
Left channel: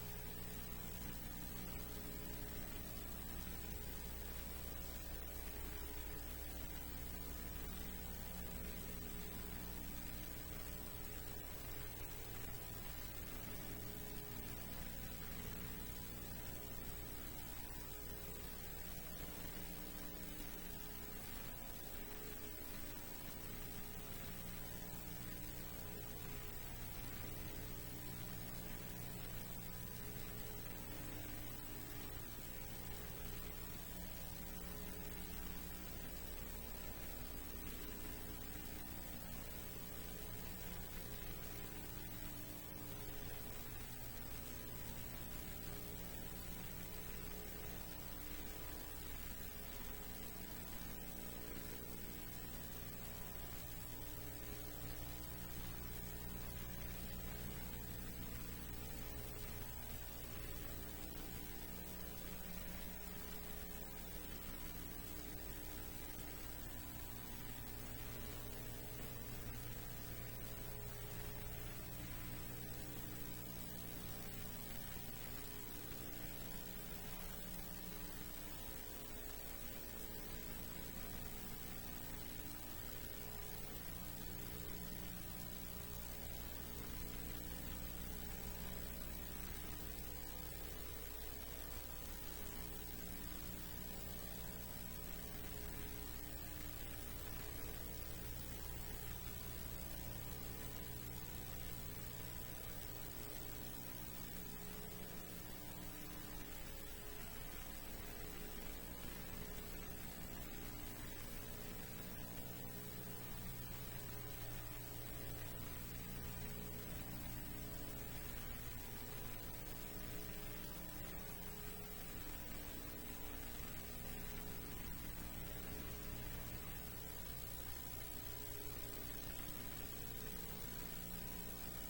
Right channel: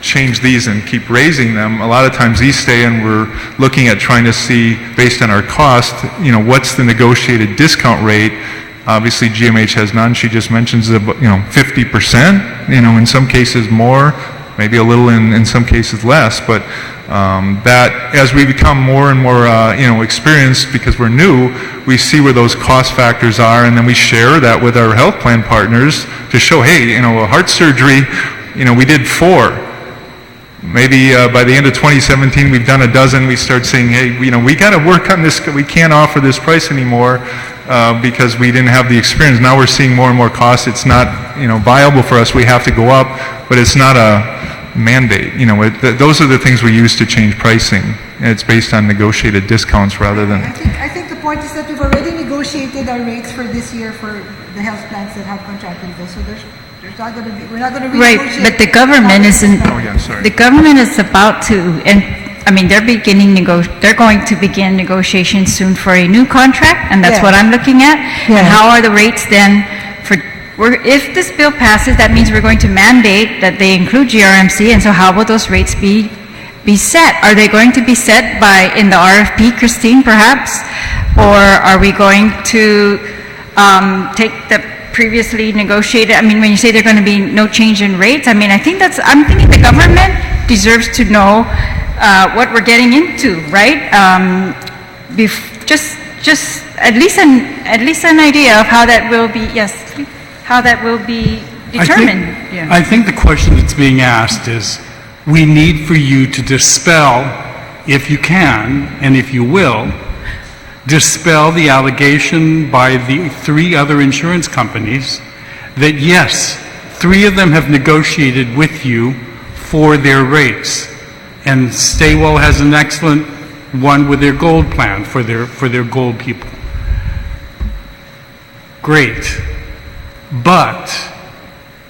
change these and keep raising them. A lot of times these stay, and we're looking at trying to see, based on our cost, what's the negotiated discount rate. Obviously GMH has none. She just mentions, 50%, in some cases more, maybe a little in some cases less, but that as we become more and more experienced, because we're new, we see where those cost factors are, and then we share that with our health plan partners to show, hey, a heart surgery, we did 4. Maybe by the end of 2017 we've done a dozen. We start saying, hey, we got to work on this. We can't offer this price anymore because we didn't have the experience. Now we're seeing more and more costs. It's not viable for us. We have to go up, but it's not a mandate. Those are the things we use to change pricing. It's based on negotiated discounts rather than. I think the point is that we've already negotiated our rates for this year for the health plans that have contracted with us. So there's not going to be. We're not going to Right, renegotiate. but the government isn't. Oh yeah, sorry. The government is about to, and I mean, they're going to begin negotiations soon for a new contract, and that's Yeah. what I'm looking at. Yeah. And how are the rates then if this bill passes, that means we're going to mandate that they include GRMC, and so how will those rates be set? Are they going to be set in the RFP, Christine, perhaps? Or are we going to take the previously negotiated, I mean, when you say there's going to be no change in rates, I mean, I'm thinking the government deserves to know what we're getting into, right? Just at least an idea of how that will be, how that will be determined. I think the question that's being asked is, we need for you to dispel, if you can, and if you will, dispel the allegation by the 3 other insurance companies that yes, 3 of them have negotiated with you for their rates, and Staywell has an excellent one with their gold plan for their gold people. Great. But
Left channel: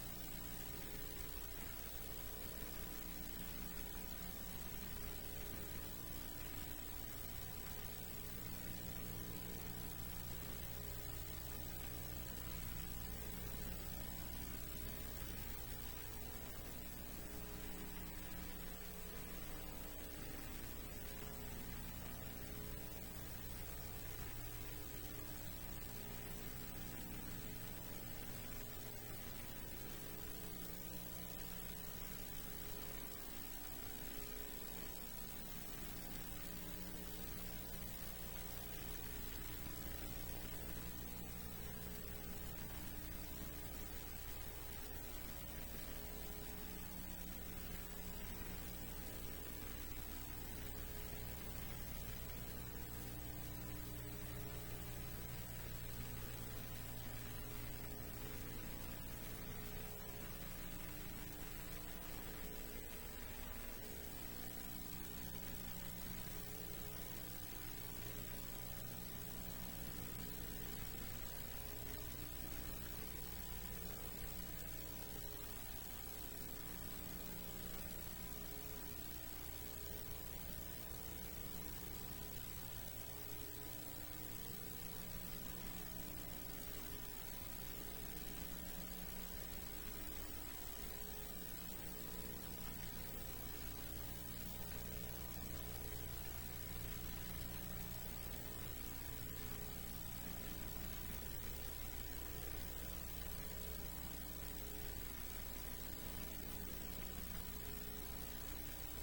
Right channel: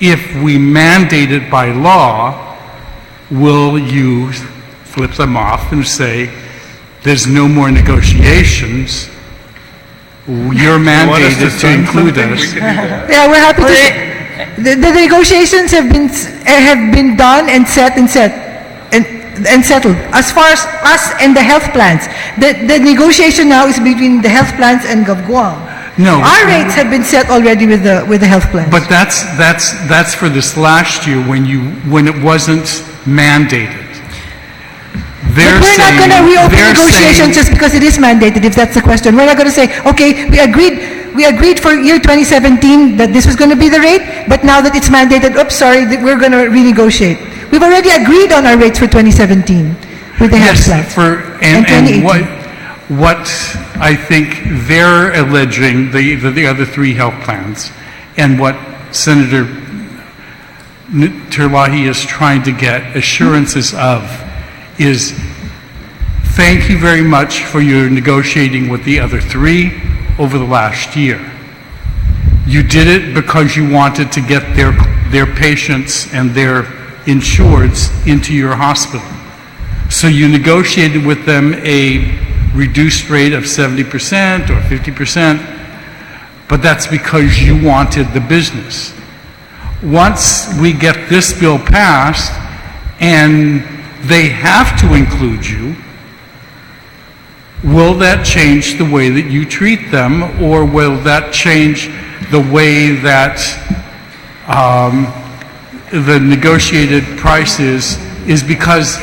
if we mandate it by law, will you flip them off and say, there's no more negotiations, you're mandated to include us? Yeah, we're happy to. The negotiations have been done and set and settled. As far as us and the health plans, the negotiation now is between the health plans and Guam. No. Our rates have been set already with the health plans. But that's for this last year when it wasn't mandated. But we're not going to reopen negotiations just because it is mandated, if that's the question. We're not going to say, okay, we agreed for year 2017 that this was going to be the rate, but now that it's mandated, oops, sorry, we're going to renegotiate. We've already agreed on our rates for 2017 with the health plans. And what I think they're alleging, the other 3 health plans, and what Senator Terlahi is trying to get assurances of, is thank you very much for your negotiating with the other 3 over the last year. You did it because you wanted to get their patients and their insureds into your hospital. So you negotiated with them a reduced rate of 70% or 50%, but that's because you wanted the business. Once we get this bill passed and they have to include you, will that change the way that you treat them, or will that change the way that the negotiated price is because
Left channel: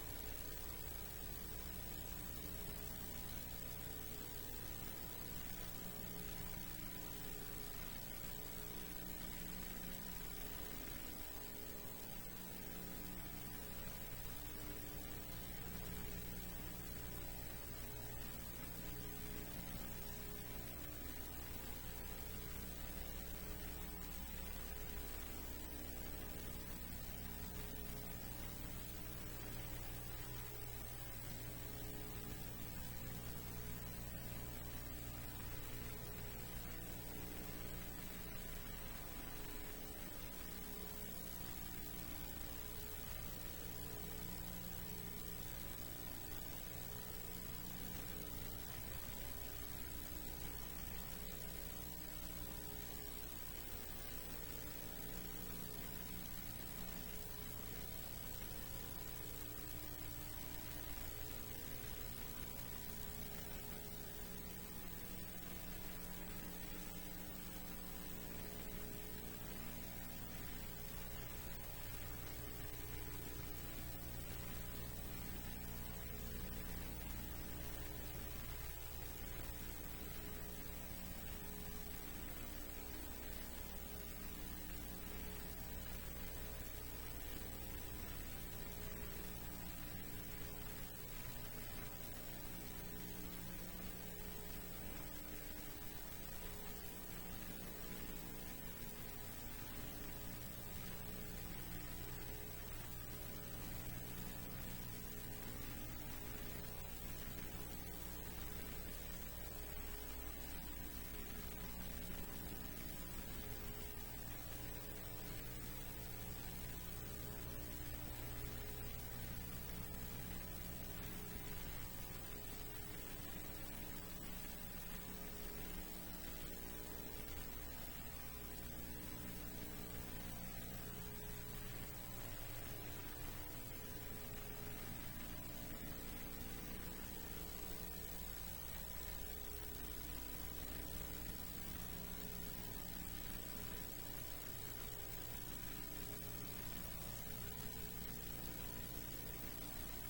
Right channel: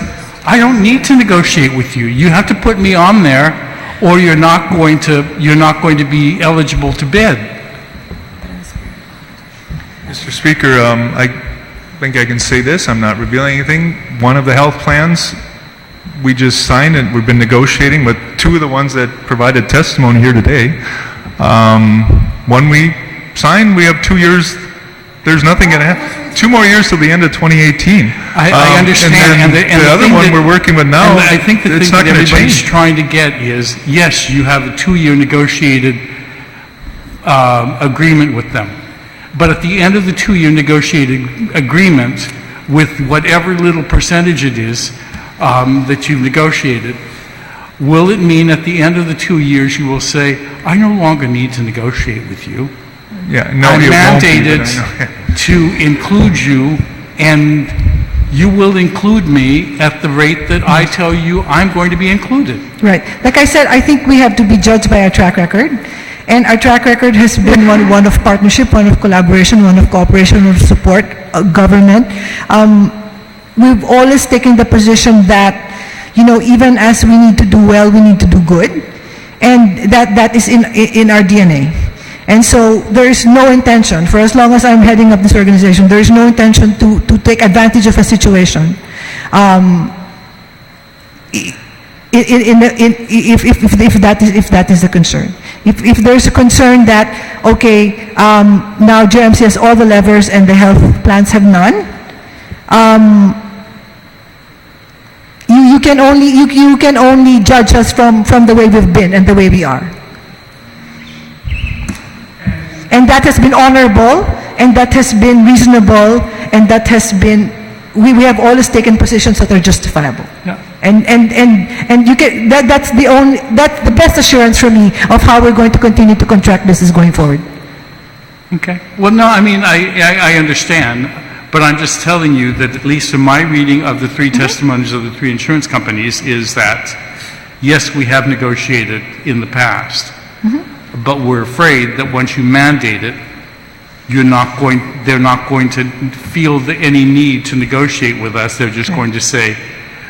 I don't need to negotiate with you. You have to put me on there, or you're not going to be eligible to bid. Mr. Speaker, I think I can say this. I'm not revealing anything. One of the health plans we just signed, and we've been negotiating with two of the ones that provided testimony here today. When we sign, we have 2 years. There's nothing going to happen. 2 more years till the end of 2018. I understand. And the other one we're working with now, I think the it's thing not that going to everybody's change. trying to get is, yes, you have a 2-year negotiated agreement with them. But at the end of the 2-year negotiated agreement, with whatever little percentage it is that you've negotiated, will it mean at the end of the 2 years you will say, I no longer need to negotiate with you? Yeah, no, I'm it won't be, mandated but I know. to include you, and you will include me at the rate that I tell you I'm going to be included. Right. Like I said, I think we have to be judged by our track record. And our track record has been one of partnership, one of collaboration, one of cooperation, one of support, government. We've always taken the position that, even as we need to do well, we need to do good. And that is in our DNA. And so there is no intention, for as long as I'm heading up this organization, there is no intention to take advantage of a situation. If that is the concern. If there's a concern that, okay, now JMC has all the levers and the health plans have none, you can only judge us from the way we've been and the way we are. And that has been honorable, and that has been reasonable, and that has been, we have always taken positions that are justifiable. Yeah. And you can, that's the best assurance for me of how we're going to continue to contract business going forward. Okay. Well, no, I mean, I understand, but I'm just telling you that at least in my reading of the 3 testimonies of the 3 insurance companies is that, yes, we have negotiated in the past, but we're afraid that once you mandate it, they're not going to feel any need to negotiate with us. They're just going to say,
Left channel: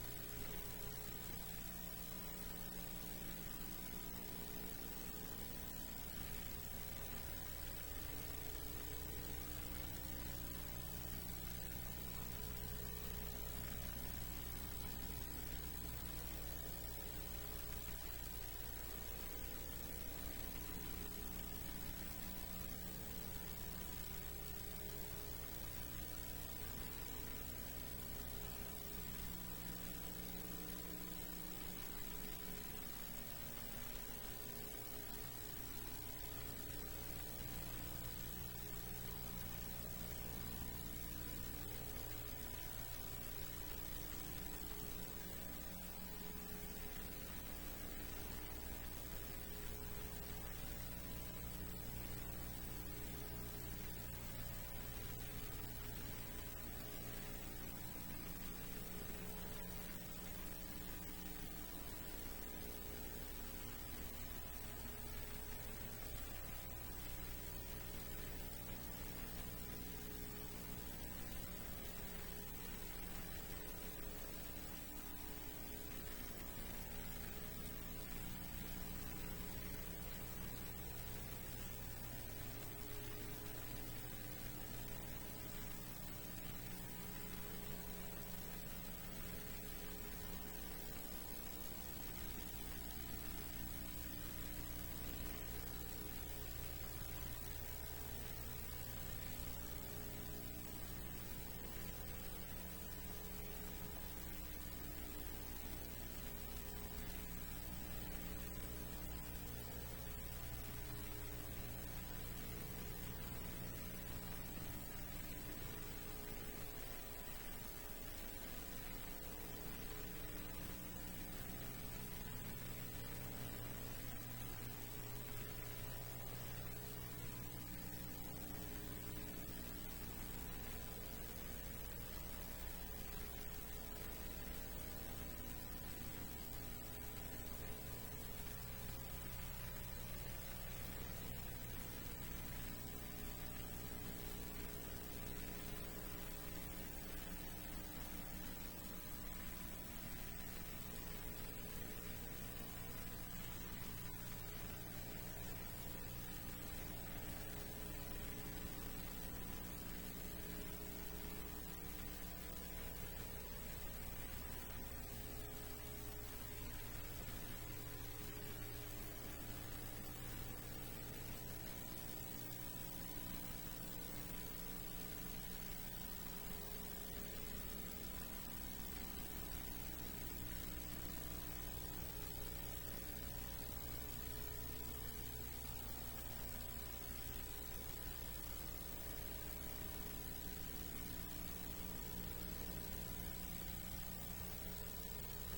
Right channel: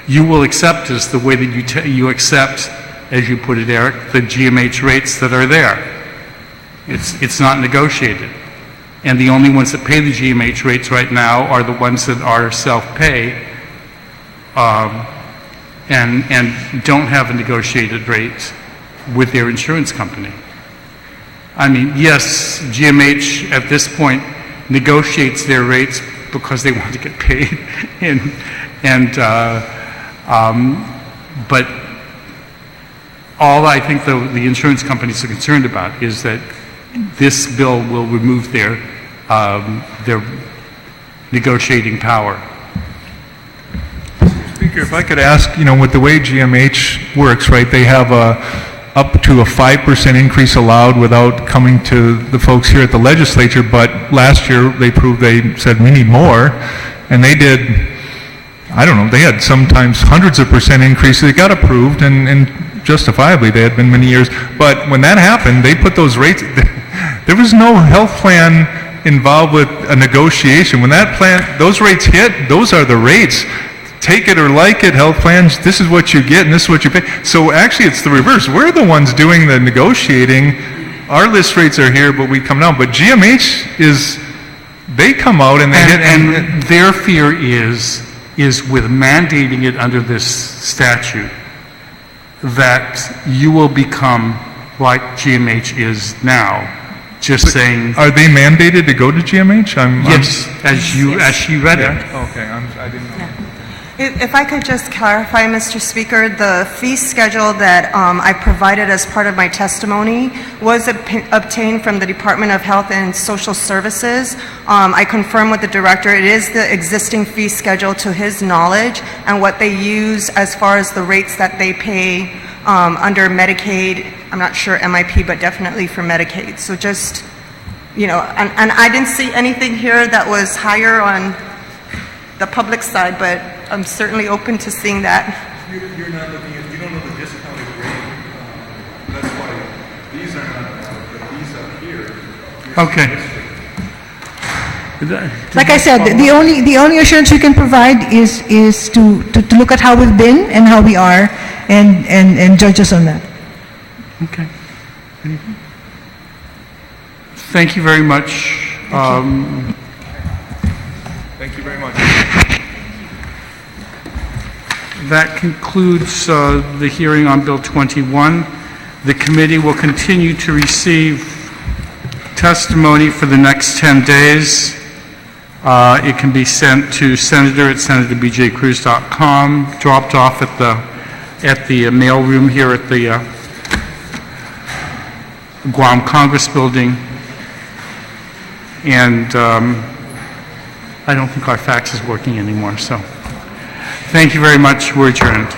you will accept us the way that you accept, as you put it, Eric, the GMH rates that are there. It's not negotiated. And the only ones that pay the GMH rates right now are the ones that are self-pay and don't have a negotiated rate with their insurance company. I mean, yes, GMH at this point negotiates their rates because they want to get paid, but all I think the insurance companies are concerned about is that this bill will remove their negotiating power. Speaker, if I could ask, with the way GMH works, right, they have up to a 5% increase allowed without coming to the folks here at the legislature, but last year they said we need more, and they did, I don't know, they had sometimes hundreds of percent increases. They got approved, and justifiably, they had been many years, but when that happened, they put those rates, there was no health plan involved with a negotiation. When those rates hit, those are the rates. Take it or like it, health plans, this is what you get and this is what you pay. So actually it's the reverse. We're the ones doing the negotiating. Our list rates are here, but we come down. But GMH they come out and they hit. And their fear is with mandating it under this statute that you will become like GMH is now. Just saying. Are they mandated to go to GMH? Yes, as she read it. Okay, I didn't know. If I could just clarify, Mr. Speaker, the fee schedule that I provided as part of my testimony was obtained from the Department of Health and Social Services. I confirmed with the director it is the existing fee schedule to his knowledge and what they use as far as the rates that they pay under Medicaid. I'm not sure MIP, but definitely for Medicaid. So just, you know, and I didn't see anything here that was higher on the public side, but I'm certainly open to seeing that. You're not looking at, you don't know the discounted rate. That's why these are not valid, but these up here. Okay. Like I said, the only assurance we can provide is to look at how we've been and how we are, and judge us on that. Okay. Anything? Thank you very much. Thank you very much. That concludes the hearing on Bill 21. The committee will continue to receive testimony for the next 10 days. It can be sent to senator@senatorbjcruz.com, dropped off at the mail room here at the Guam Congress Building, and I don't think our fax is working anymore, so thank you very much. We're adjourned.